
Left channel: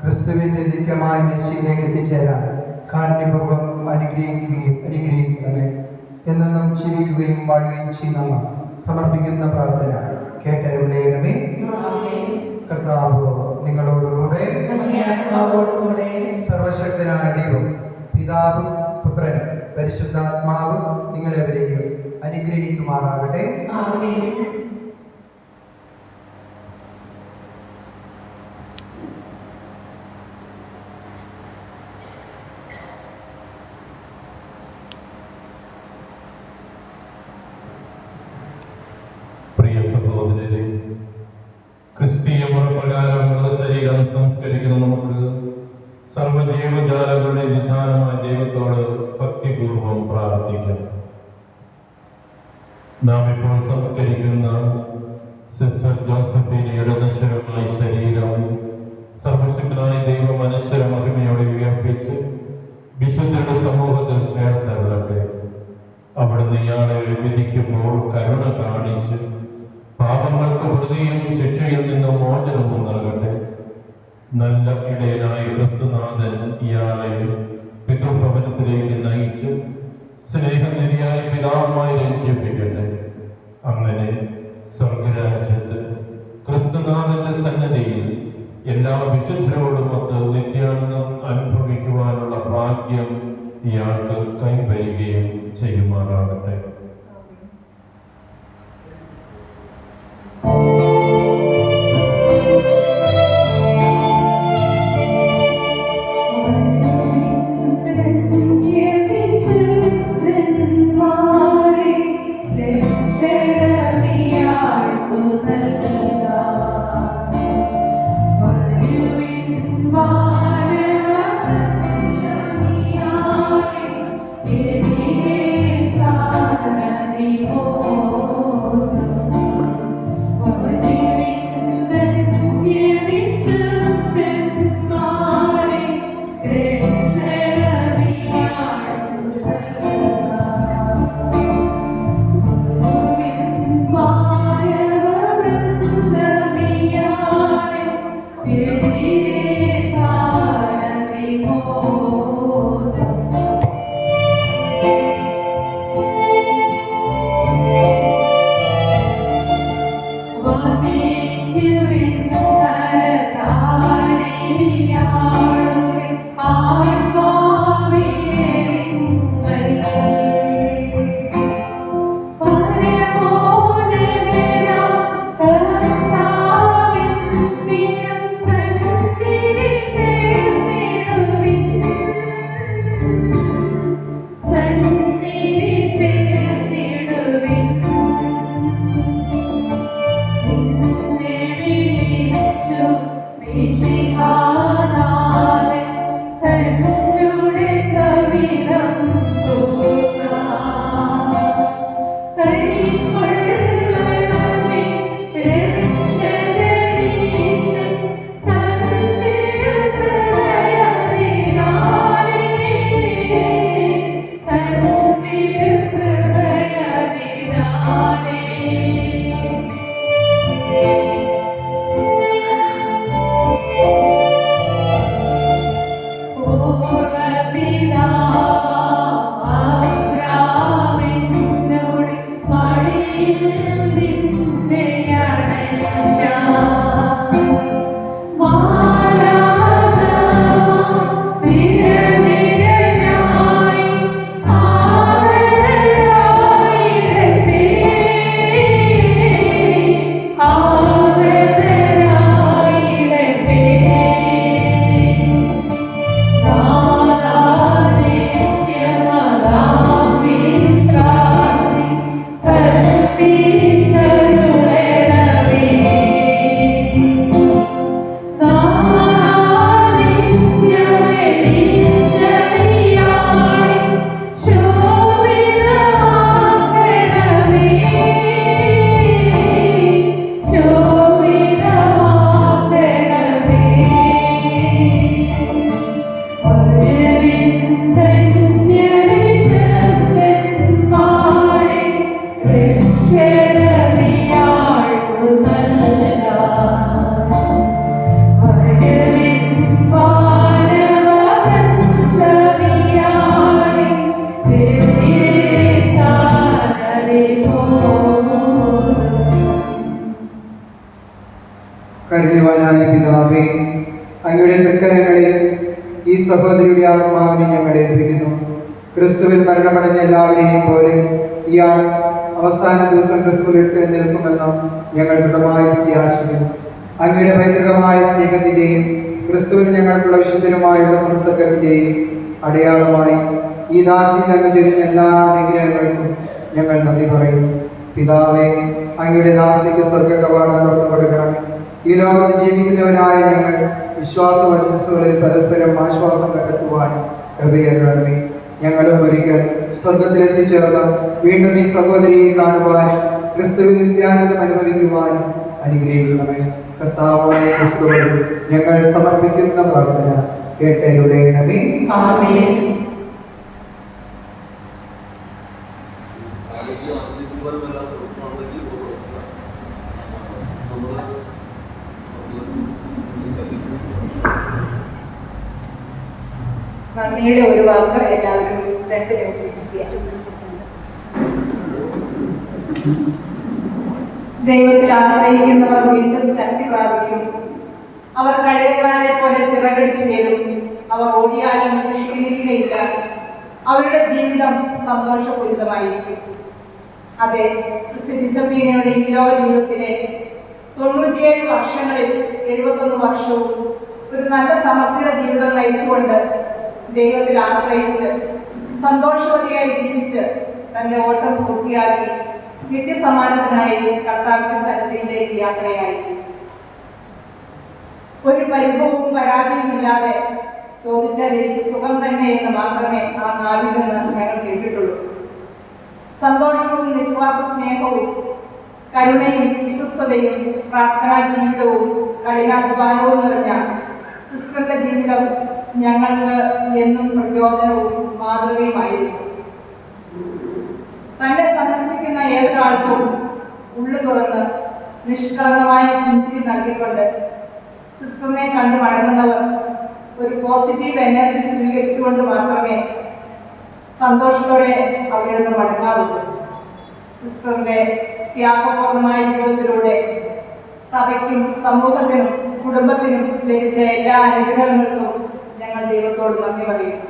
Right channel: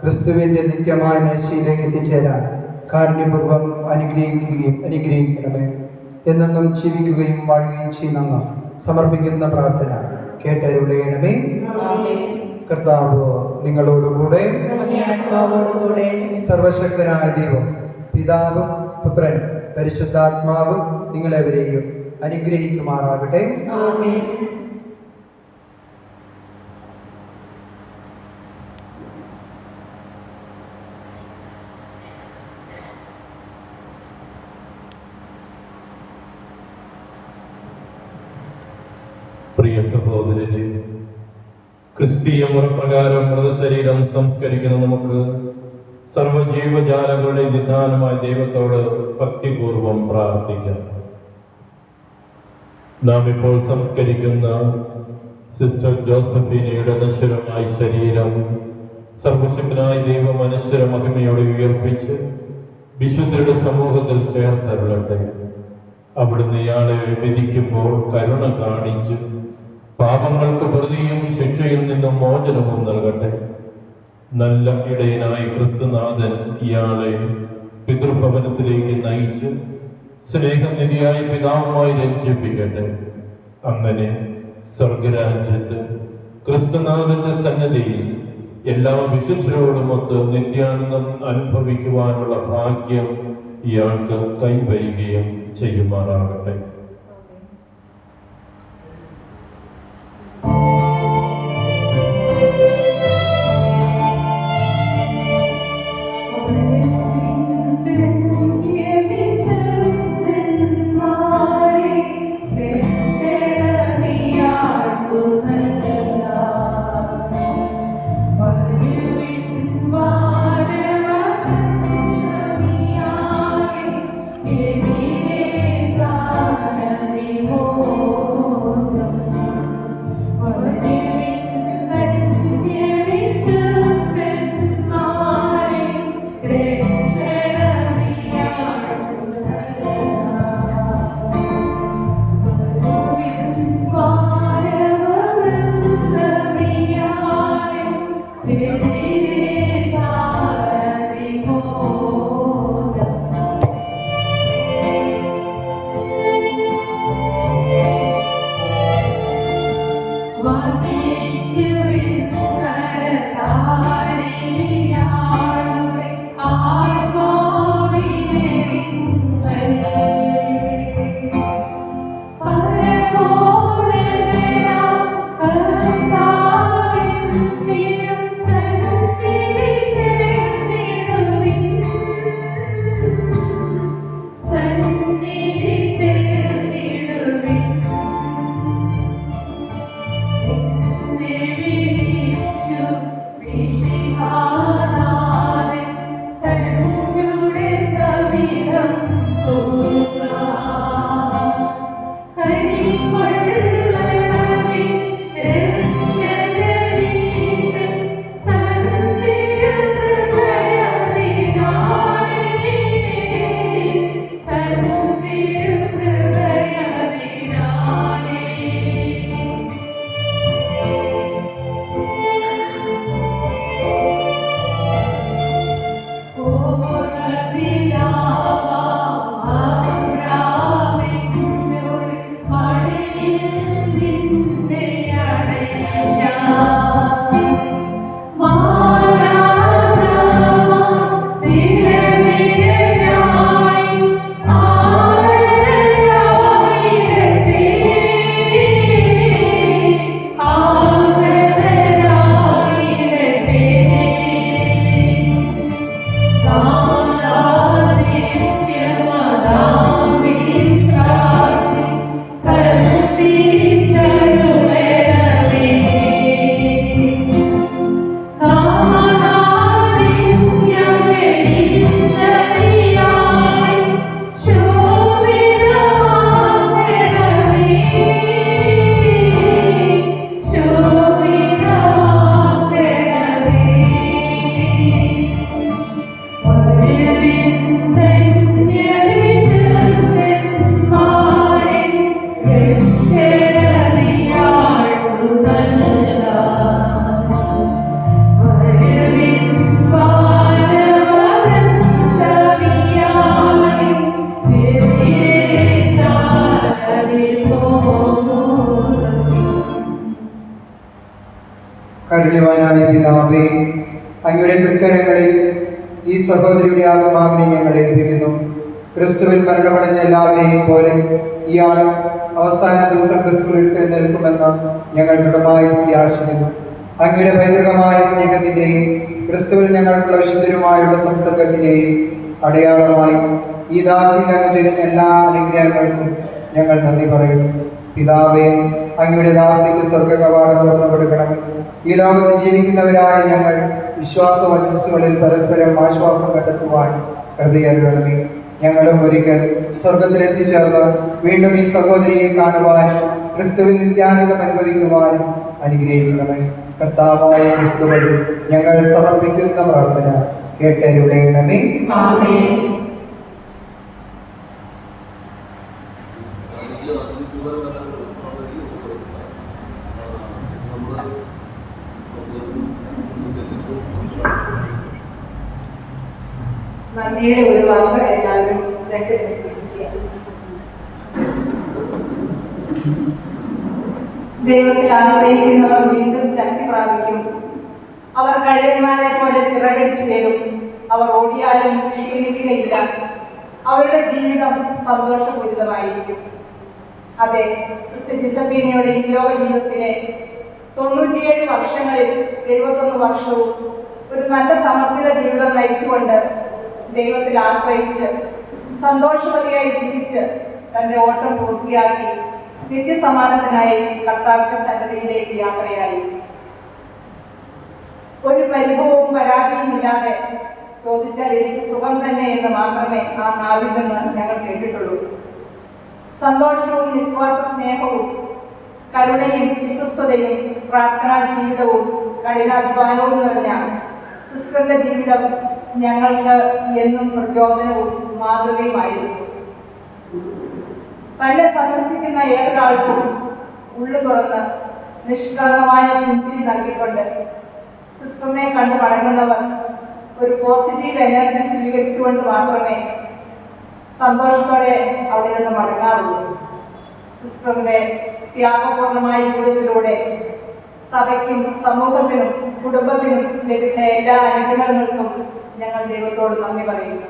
ക്രിസ്തുവിന്റെ നിത്യമായ മേശയിലേക്ക് എത്തിച്ചേരാൻ കാരുണ്യപൂർവ്വം അനുഗ്രഹിക്കണമേ. എന്നെന്നും ജീവിക്കുകയും വാഴുകയും ചെയ്യുന്ന സമർപ്പിക്കുന്ന പ്രാർത്ഥന കേട്ടരുളയണമേ. കർത്താവ് നിങ്ങളോടുകൂടെ. സർവശക്തനായ ദൈവം പിതാവും പുത്രനും പരിശുദ്ധാത്മാവും നിങ്ങളെവരെയും അനുഗ്രഹിക്കുമാറാകട്ടെ. പ്രിയ സഹോദരരെ, ക്രിസ്തീയ മുറപ്രകാരം മൃതശരീരം സംസ്കരിക്കുന്ന നമുക്ക് സർവജീവജാലങ്ങളുടെ വിധാനമായ ദൈവത്തോട് ഭക്തിപൂർവം പ്രാർത്ഥിക്കാം. നാം ഇപ്പോൾ സംസ്കരിക്കുന്ന സിസ്റ്റർ ജോസഫീനയുടെ നശ്വരമായ ശരീരം സർവശക്തനായ ദൈവം അനശ്വര മഹിമയോടെ ഉയർപ്പിച്ച് വിശുദ്ധരുടെ സമൂഹത്തിൽ ചേർത്തരുളട്ടെ. അവിടുന്ന് ഇയാളെ വിധിക്കുമ്പോൾ കരുണ കാണിച്ച് പാപങ്ങൾക്ക് പ്രതിയും ശിക്ഷയിൽ നിന്നും മോചനവും നൽകട്ടെ. നല്ല ഇടയനായ ക്രിസ്തുനാഥൻ ഇയാളെ പിതൃഭവനത്തിലേക്ക് നയിച്ച് സ്നേഹനിധിയായ പിതാവുമായി രഞ്ജിപ്പിക്കട്ടെ. അങ്ങനെ സ്വർഗരാജ്യത്ത് ക്രിസ്തുനാഥന്റെ സന്നദ്ധിയിൽ എല്ലാ വിശുദ്ധരോടുമൊത്ത് നിത്യാനന്ദം അനുഭവിക്കുവാനുള്ള ഭാഗ്യം ഇയാൾക്ക് കൈവരികയും ചെയ്യുമാറാകട്ടെ. Should കരുണവാനായ പിതാവേ, അങ്ങയുടെ തൃക്കരങ്ങളിൽ ഈ സഹോദരിയുടെ ആത്മാവിനെ ഞങ്ങൾ ഏൽപ്പിക്കുന്നു. ക്രിസ്തുവിൽ മരണമടഞ്ഞ എല്ലാവരെയും പോലെ ഇയാൾ അവസാന ദിവസം ക്രിസ്തുവിൽ നിൽക്കുമെന്ന് ഞങ്ങൾ ദൃഢമായി പ്രത്യാശിക്കുന്നു. അങ്ങയുടെ പൈതൃകമായ സ്നേഹത്തിന്റെയും ക്രിസ്തുവിൽ ഞങ്ങൾക്കുള്ള വിശുദ്ധരുമായുള്ള സംസർഗത്തിന്റെയും അടയാളമായി ഈ ദാസി അങ്ങ് ചൊരിഞ്ഞ എല്ലാ അനുഗ്രഹങ്ങൾക്കും ഞങ്ങൾ നന്ദി പറയും. പിതാവേ, അങ്ങയുടെ ദാസിക്ക് സ്വർഗ കവാടം തുറന്നു കൊടുക്കണം. ഈ ലോകത്ത് ജീവിക്കുന്നവരായ ഞങ്ങൾ വിശ്വാസ വചസ്സുകളിൽ പരസ്പരം ആശ്വാസം കണ്ടെത്തുവാൻ കൃപയരുളണമേ. ഞങ്ങളും ഒരിക്കൽ സ്വർഗത്തിലെത്തിച്ചേർന്ന് വീണ്ടും ഈ സഹോദരിയെ കാണുവാനും ക്രിസ്തുവിൽ നിത്യാനന്ദം അനുഭവിക്കുവാനും അനുഗ്രഹിക്കണമേ. കർത്താവായ ക്രിസ്തുവിൽ ഞങ്ങൾ സമർപ്പിക്കുന്ന പ്രാർത്ഥന കേട്ടരുളേണമേ. ആമേൻ. നന്ദിയുടെ ഒരു വാക്ക് എല്ലാവരും 2 മിനിറ്റ്. ദൈവത്തിൽ ആശ്രയിക്കുന്നവർ വീണ്ടും ശക്തി പ്രാപിക്കും. അവർ കഴുകന്മാരെ പോലെ ചിറകടിച്ചു വീഴും. അവർ ഓടിയാലും ക്ഷീണിക്കുകയില്ല. അവരുടെ ജീവിതം സന്തോഷപൂരിതമായിരിക്കും. അതെ, സിസ്റ്റർ ജിസഫീനയുടെ ഈ ലോക ജീവിതത്തിലെ 97 വർഷങ്ങളിൽ 71 വർഷവും ഒരു നല്ല സമർപ്പിത ജീവിതം നയിച്ചുകൊണ്ട് ദൈവത്തിൽ ആശ്രയിച്ച് സന്തോഷവതിയായി ജീവിച്ച് തന്റെ ഓട്ടം പൂർത്തിയാക്കി നിത്യസമ്മാനത്തിനായി കർത്താവിന്റെ സന്നിധിയിലേക്ക് യാത്രയായി. ഒരു പരിഭവവും പരാതിയും ഇല്ലാതെ ചോദിച്ചാൽ എനിക്ക് സുഖം തന്നെ എന്ന് മാത്രമേ ആ നാവിൽ നിന്ന് ഞങ്ങൾ കേട്ടിട്ടുള്ളൂ. സന്തോഷവും നിസ്വാർത്ഥ സ്നേഹവും കരുണയും വിശ്വസ്തതയും പ്രാർത്ഥനാ ജീവിതവും കഠിനാധ്വാനവും നിറഞ്ഞ സിസ്റ്ററുടെ ജീവിതം ഞങ്ങൾക്ക് എന്നും പ്രചോദനവും മാതൃകയുമായിരുന്നു. തന്നെ സന്ദർശിക്കുന്ന ഏതൊരാൾക്കും ഉള്ളു തുറന്ന് നിഷ്കളങ്കമായ പുഞ്ചിരി നൽകിക്കൊണ്ട് സിസ്റ്ററിനെ കണ്ടു മടങ്ങുന്നവർ ഒരു പോസിറ്റീവ് എനർജി സ്വീകരിച്ചുകൊണ്ട് മാത്രമേ സന്തോഷത്തോടെ അവിടെ നിന്ന് മടങ്ങാറുള്ളൂ. സിസ്റ്ററിന്റെ ത്യാഗപൂർണമായ ജീവിതത്തിലൂടെ സഭയ്ക്കും സമൂഹത്തിനും കുടുംബത്തിനും ലഭിച്ച എല്ലാ അനുഗ്രഹങ്ങൾക്കും ഞങ്ങൾ ദൈവത്തോട് നന്ദി പറയുന്നു.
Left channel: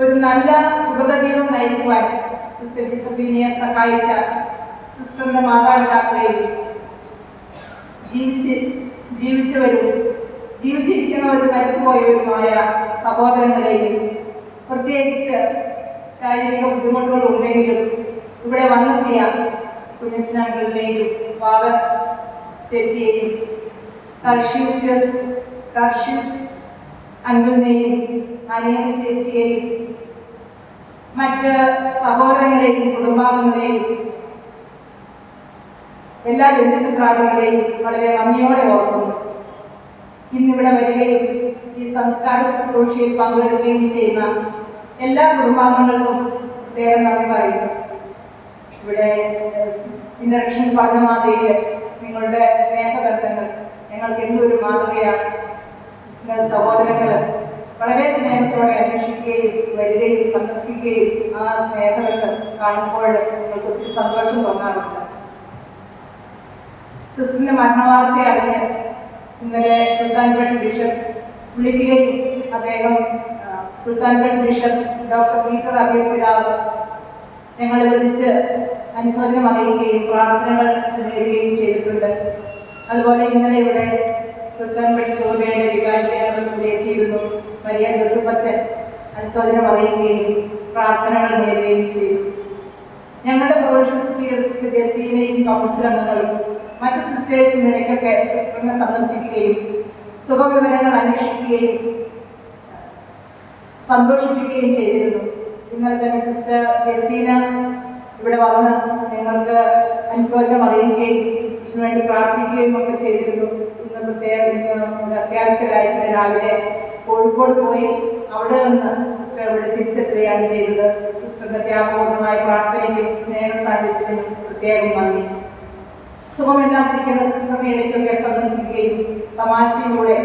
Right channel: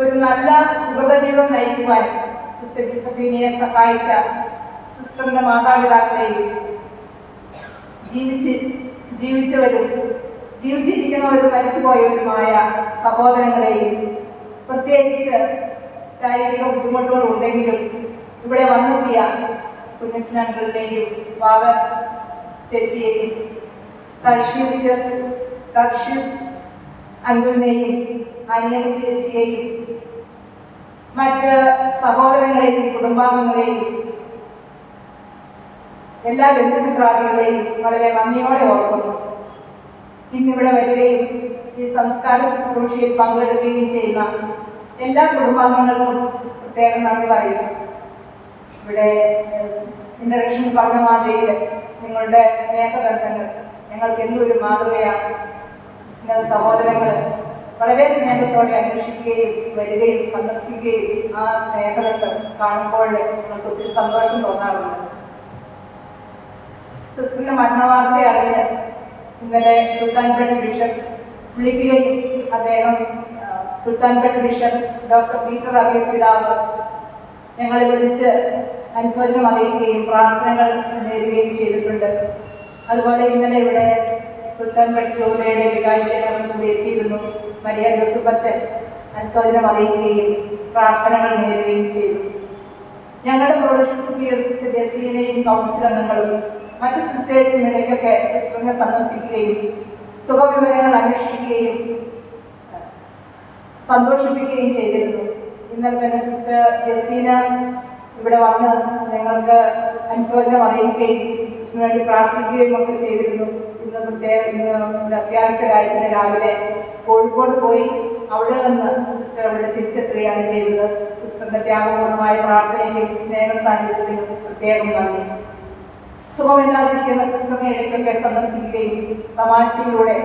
ഒരു നല്ല സുഖത ജീവിതം നയിക്കുവാൻ സിസ്റ്റർ ജിസഫീനയെ സഹായിച്ച സിസ്റ്ററിന്റെ മാതാപിതാക്കളെയും ജീവിച്ചവരും ജീവിച്ചിരിക്കുന്നവരും മരിച്ചുപോയവരുമായ സഹോദരങ്ങളെയും പ്രത്യേകിച്ച് ശാരീരിക ബുദ്ധിമുട്ടുകൾ ഉണ്ടെങ്കിലും ഇവിടെ വന്നെത്തിയ കുഞ്ഞസ്നാക്കളുടെയും ബാബ ചേച്ചിയെയും ടർഷ്യസ് അങ്കിളിനെയും അനിയന ചേച്ചിയെയും മറ്റ് സഹോദരങ്ങളെയും കുടുംബാംഗങ്ങളെയും എല്ലാ ബന്ധുമിത്രാദികളെയും വളരെ നന്ദിയോടെ ഓർക്കുന്നു. ഇന്നിവിടെ വരികയും ഈ സംസ്കാര ശുശ്രൂഷയിൽ പങ്കെടുക്കുകയും ചെയ്യുന്ന എല്ലാ കുടുംബാംഗങ്ങൾക്കും പ്രത്യേകം നന്ദി പറയുന്നു. ഇവിടെ ഇൻട്രഡക്ഷൻ പറഞ്ഞ മാതിരിയിൽ നിങ്ങളുടെ സ്നേഹബന്ധങ്ങൾ ഞങ്ങൾക്ക് എന്തൊരു മാതൃകയാണ്. സഹോദരങ്ങൾ വളരെ സ്നേഹത്തോടെ അന്വേഷിക്കുകയും വരികയും സന്ദർശിക്കുകയും ആ സ്നേഹബന്ധം കാണുമ്പോൾ ഞങ്ങൾക്ക് ഒത്തിരി സന്തോഷം തോന്നാറുണ്ട്. സിസ്റ്ററിന്റെ മരണവാർത്ത അറിഞ്ഞ് ഇന്നലെ സുൽത്താൻപേട്ട് ബിഷപ്പ് വിളിക്കുകയും അദ്ദേഹം Sultanpet bishop doctor Peter Abir പിതാവ് ഞങ്ങളെ വിളിച്ച് അനുശോചനം അറിയിക്കുകയും പ്രാർത്ഥനകൾ നേരുകയും ചെയ്തിട്ടുണ്ട്. അതുപോലെ ഇന്നലെ ഇവിടെ സുൽത്താൻപേട്ട് രൂപയുടെ വികാരിക്കാൻ കൂടി എത്തിയിരുന്നു. മരിയ ജോസഫച്ചൻ അനുശോചനം അറിയിക്കുകയും പ്രാർത്ഥനകൾ നേരുകയും ചെയ്തു. ഞങ്ങളുടെ പ്രൊവിൻഷ്യൽ സുപ്പീരിയർ സിസ്റ്റർ ജസീനയും കൗൺസിൽ അംഗങ്ങളും മറ്റ് സിസ്റ്റേഴ്സിനിടയ്ക്കൊക്കെ സിസ്റ്ററിനെ സന്ദർശിക്കുകയും സുഖവിവരങ്ങൾ അന്വേഷിക്കുകയും സന്തോഷിപ്പിക്കുകയും ചെയ്തിരുന്നു. ഇന്നലെ തന്നെ സിസ്റ്റർ ജസീന ഇവിടെ വന്ന് ഞങ്ങൾക്ക് അനുശോചനം അറിയിക്കുകയും ഇതിനു വേണ്ടി പ്രാർത്ഥിക്കുകയും ഒക്കെ ചെയ്തിരുന്നു. ഇന്ന് അത്യാവശ്യ കാര്യത്തിന് രാവിലെ കോഴിക്കോട് പോയി അവിടെ നിന്ന് സിസ്റ്റർ ഇവിടെ തിരിച്ചെത്തുകയാണ് ചെയ്തത്. സിസ്റ്ററിന്റെ ത്യാഗപൂർണമായ പ്രാർത്ഥനയ്ക്കും സ്നേഹ സാന്നിധ്യത്തിനും പ്രത്യേകം നന്ദി. സുഖമില്ലാതിരിക്കുന്ന സിസ്റ്ററിനെ ഇടയ്ക്കൊക്കെ സന്ദർശിക്കുകയും തമാശയിലൂടെ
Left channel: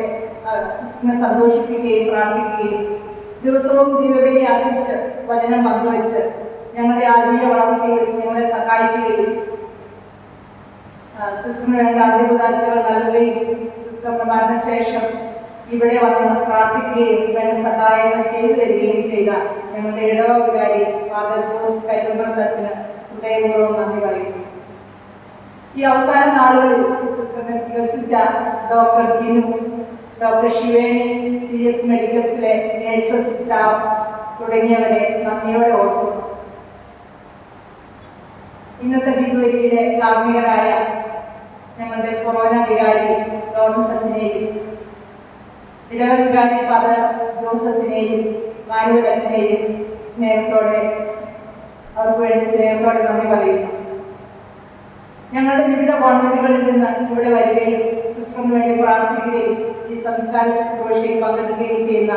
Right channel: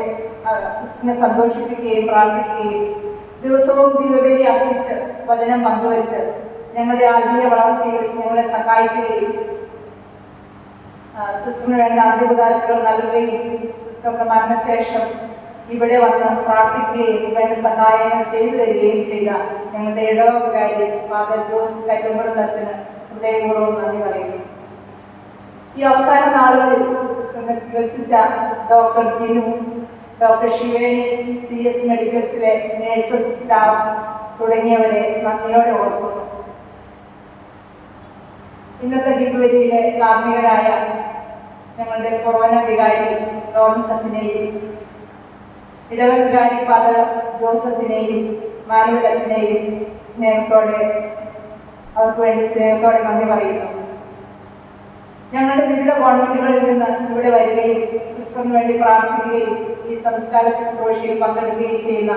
സിസ്റ്ററിനെ സന്തോഷിപ്പിക്കുകയും പ്രാർത്ഥിക്കുകയും ദിവസവും ദിവ്യബലി അർപ്പിച്ച് വചനം പങ്കുവെച്ച് ഞങ്ങളുടെ ആത്മീയ വളർച്ചയിൽ ഞങ്ങളെ സഹായിക്കുകയും സിസ്റ്ററിന് വേണ്ട അന്ത്യകുദാശകൾ നൽകുകയും സിസ്റ്ററിന്റെ മരണശേഷം ഇവിടെ വന്ന് പ്രാർത്ഥിക്കുകയും വേണ്ട സഹായങ്ങൾ ചെയ്തു തരികയും ചെയ്ത ഞങ്ങളുടെ ഇടവ വികാരി ഫാദർ ജോസ് കരുമ്പുറത്തച്ഛന് ഹൃദയപൂർവ്വം നന്ദി പറയുന്നു. ഈ അവസാന നാളുകളിൽ സിസ്റ്ററിനെ ചികിത്സിച്ച doctor Jinu, doctor Shiveni, PS മെഡിക്കൽസിലെ നേഴ്സസ് സ്റ്റാഫ് തുടങ്ങിയവരെ നന്ദിയോടെ ഓർക്കുന്നു. ഇന്നത്തെ ദിനവരിയിലെ കാർമ്മികരായ ഞങ്ങളുടെ കൊറോണ വികാരി ലോറൻസ് അച്ഛനെയും ഇടവ വികാരി ഫാദർ ജോസഫിനെയും മാനുവൽ അച്ഛനെയും അവർക്ക് വേണ്ടി സ്നേഹത്തോടെ നന്ദി പറയുന്നു. ഞങ്ങളുടെ വിവിധ ഗവൺമെന്റുകളിൽ നിന്ന് ഇവിടെ വരികയും സിസ്റ്ററിന് വേണ്ടി പ്രാർത്ഥിക്കുകയും ഈ സംസ്കാര ശുശ്രൂഷയിൽ പങ്കെടുക്കുകയും ചെയ്യുന്ന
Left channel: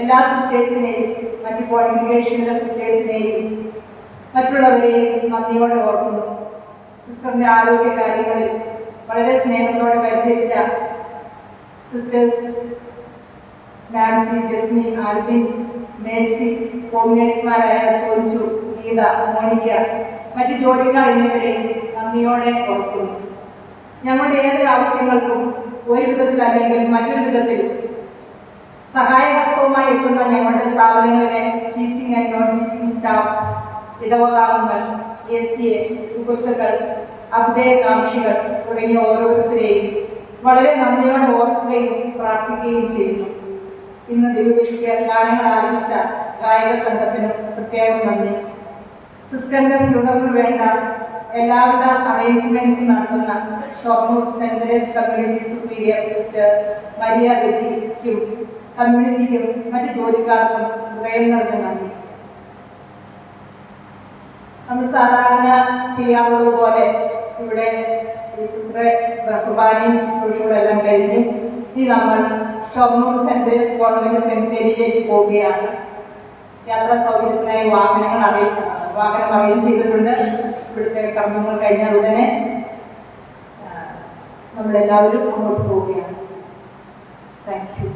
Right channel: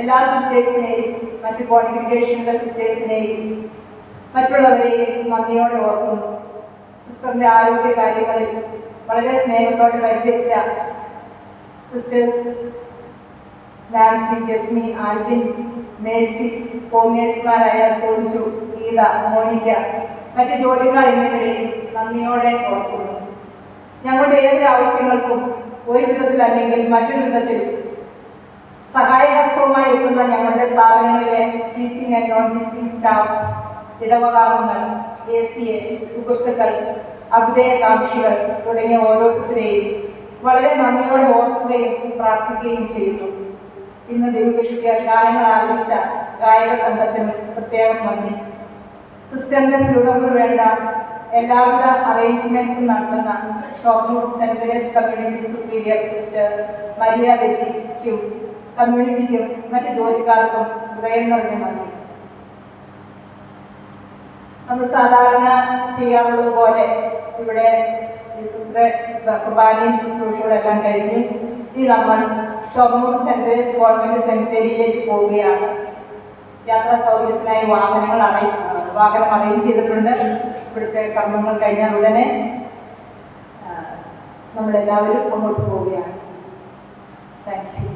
എല്ലാ സിസ്റ്റേഴ്സിനെയും മറ്റ് കോൺഗ്രിഗേഷനിലെ സിസ്റ്റേഴ്സിനെയും മറ്റുള്ളവരെയും നന്ദിയോടെ ഓർക്കുന്നു. സിസ്റ്ററിൻ്റെ ആരോഗ്യ കാര്യങ്ങളിൽ വളരെ സ്നേഹത്തോടെ പരിഹരിച്ച sisters Nancy, Jasmi, Alvin, Mercy, കോമിനേഴ്സ്മാരായ സോഞ്ചു, ഗീത, മോനിക്ക, മറ്റ് ജോലിക്കാർ എന്നിവരെയും നന്ദിയോടെ ഓർക്കുന്നു. ഞങ്ങളുടെ ഏതൊരു ആവശ്യങ്ങൾക്കും ഒരു വിധത്തിൽ അല്ലെങ്കിൽ മറ്റൊരു വിധത്തിൽ സഹായഹസ്തവുമായി എത്തുന്ന ഞങ്ങളുടെ സ്ഥാപനങ്ങളിലെ teaching and non teaching staff, ഇടവകാംഗങ്ങൾ, ACA, സുഹൃത്തുക്കൾ, അഭ്യുദയകാംക്ഷികൾ തുടങ്ങിയ ഓരോരുത്തരെയും വളരെ നന്ദിയോടെ ഓർക്കുകയും പ്രാർത്ഥിക്കുകയും ചെയ്യുന്നു. ഇന്ന് ദിവ്യബലിക്ക് ഗാനങ്ങൾ ആരംഭിച്ച ഗായക സംഘത്തിനും പ്രത്യേകം നന്ദി. സിസ്റ്ററിന്റെ തുടർന്ന് വേണ്ട എല്ലാവിധ അറേഞ്ച്മെന്റ്സും നടത്തുന്ന Shoranur saint Therese community superior sister Maria ബെറ്റിക്കും കമ്മ്യൂണിറ്റിക്കും മറ്റ് ജോലിക്കാർക്കും ഹൃദയം നിറഞ്ഞ നന്ദി. നമ്മൾ സാധാരണ ചെയ്യാറുള്ളത് പോലെ ഇവിടെ ഈ കുർബാനയും ശുശ്രൂഷകളെല്ലാം കഴിഞ്ഞ് ഇനി നമ്മൾ ഷൊർണൂർ സെന്റ് തെരേസ് ഗവൺമെന്റ് സെമിത്തേരിയിലേക്ക് പോവുകയാണ്. യാത്രാ സൗകര്യത്തിനായി വാഹനം അറേഞ്ച് ചെയ്തിട്ടുണ്ട്. ഇവിടുത്തെ കർമ്മങ്ങൾ കഴിഞ്ഞാൽ ഉടനെ നമ്മളെല്ലാവരും മുന്നോട്ട് പോവുകയാണ്. Thank you.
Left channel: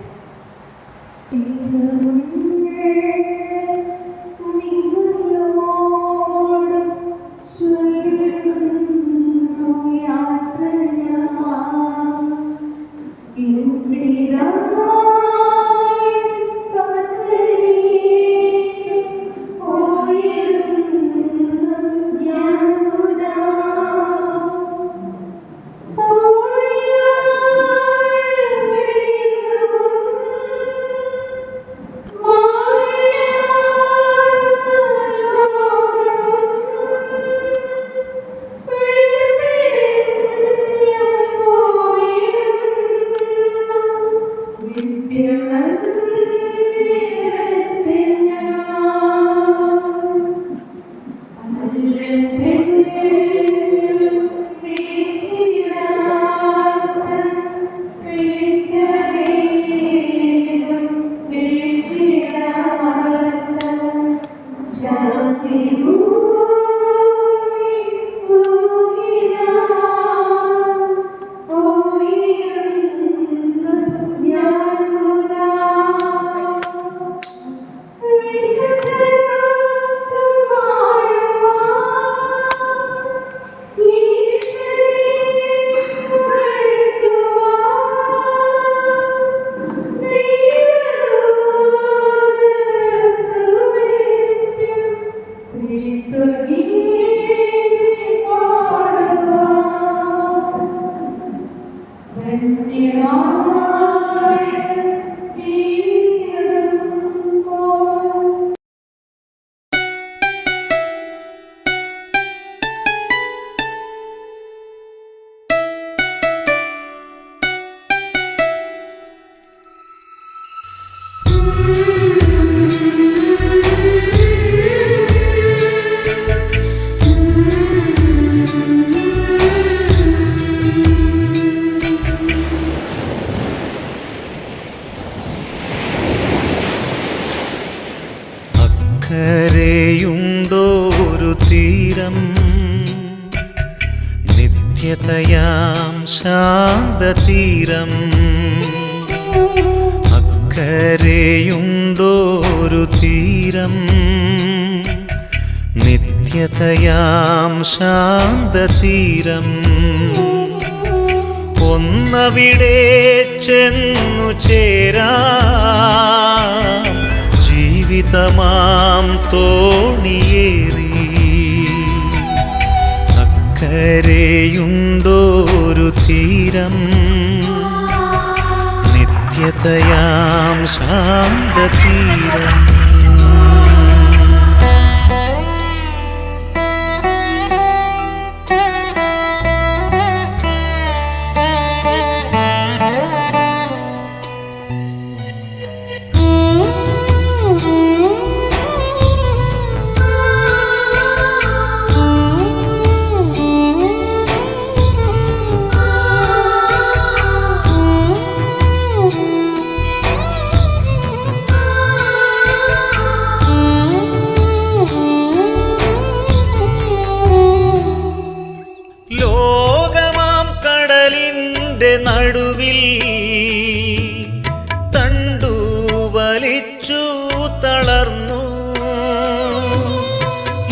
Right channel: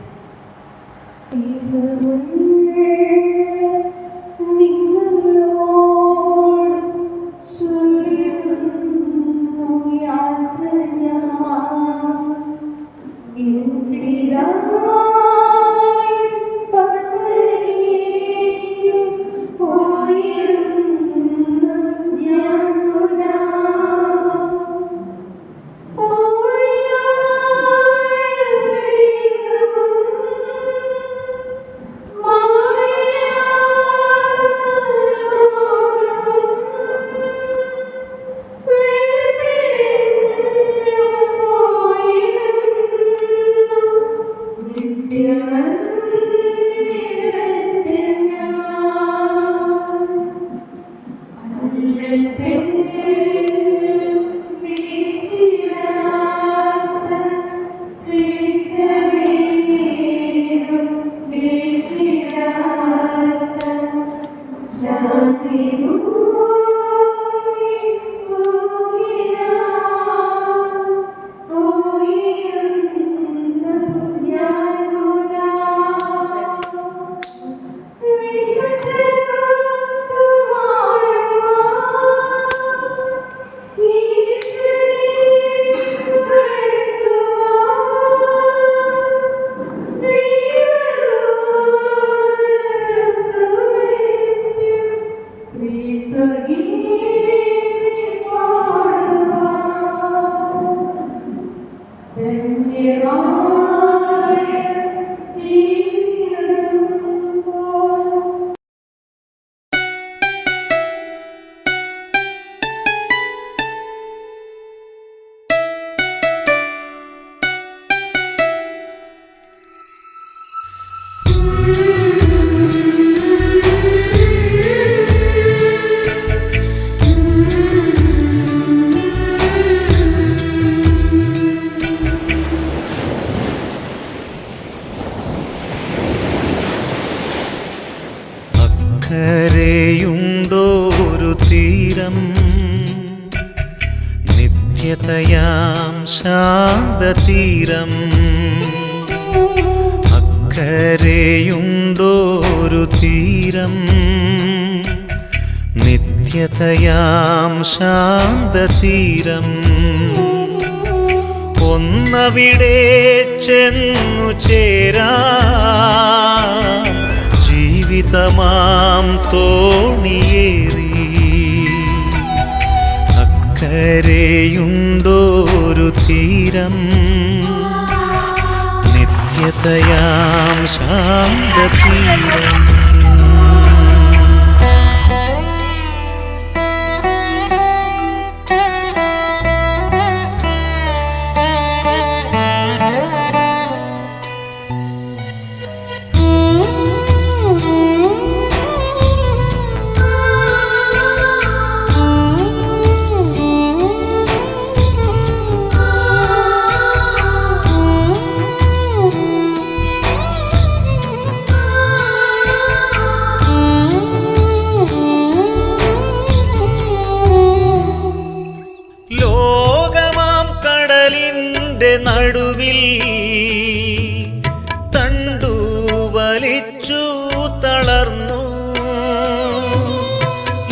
അക്കരെയുണ്ടോരു തീരം, നിത്യതയാം ശാന്തതീരം. അക്കരെയുണ്ടോരു തീരം, നിത്യ നിത്യതയാം ശാന്തതീരം ഒന്നവിടെ ചെന്നു ചേരാം ജീവിതമാം തോണിയേറി അക്കരെയുണ്ടോരു തീരം നിത്യതയാം ശാന്തതീരം നടുവിൽ തണ്ടു വലിച്ചു തളർന്നു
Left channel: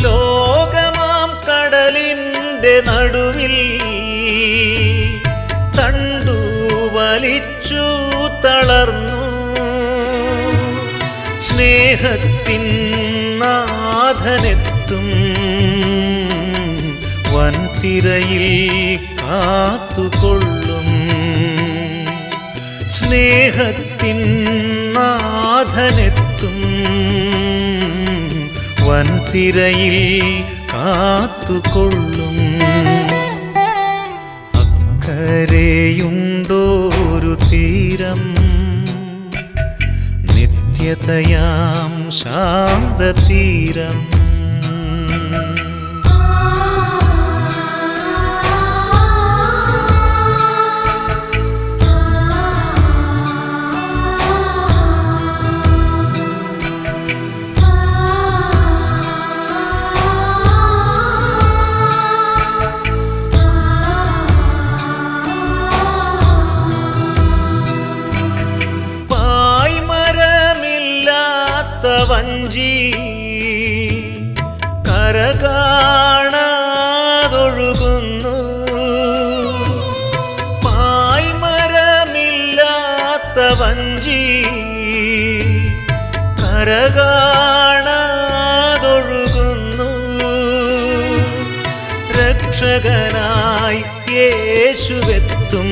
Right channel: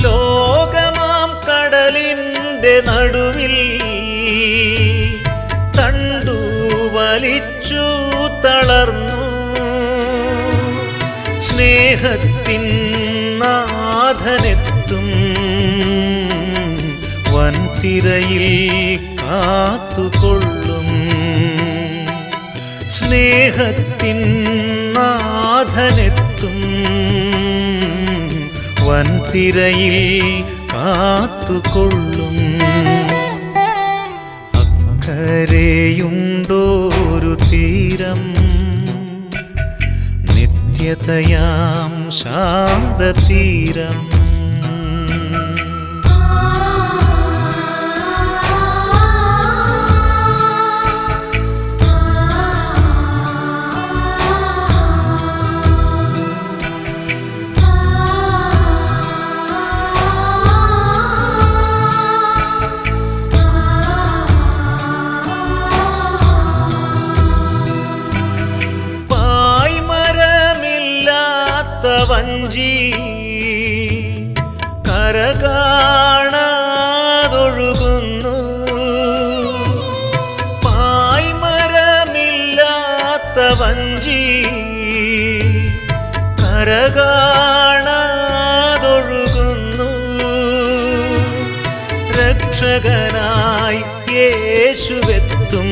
ലോകമാം കടലിൻ്റെ നടുവിൽ തണ്ടു വലിച്ചു തളർന്നു സ്നേഹത്തിൻ നാഥനെത്തും വൻതിരയിൽ കാത്തുകൊള്ളും സ്നേഹത്തിൻ നാഥനെത്തും വൻതിരയിൽ കാത്തുകൊള്ളും അക്കരെയുണ്ടോരു തീരം നിത്യതയാം ശാന്തതീരം വഞ്ചി കരകാണാതൊഴുകുന്നു പായ്മരമില്ലാത്ത വഞ്ചി കരകാണാതൊഴുകുന്നു രക്ഷകനായി യേശുവെത്തും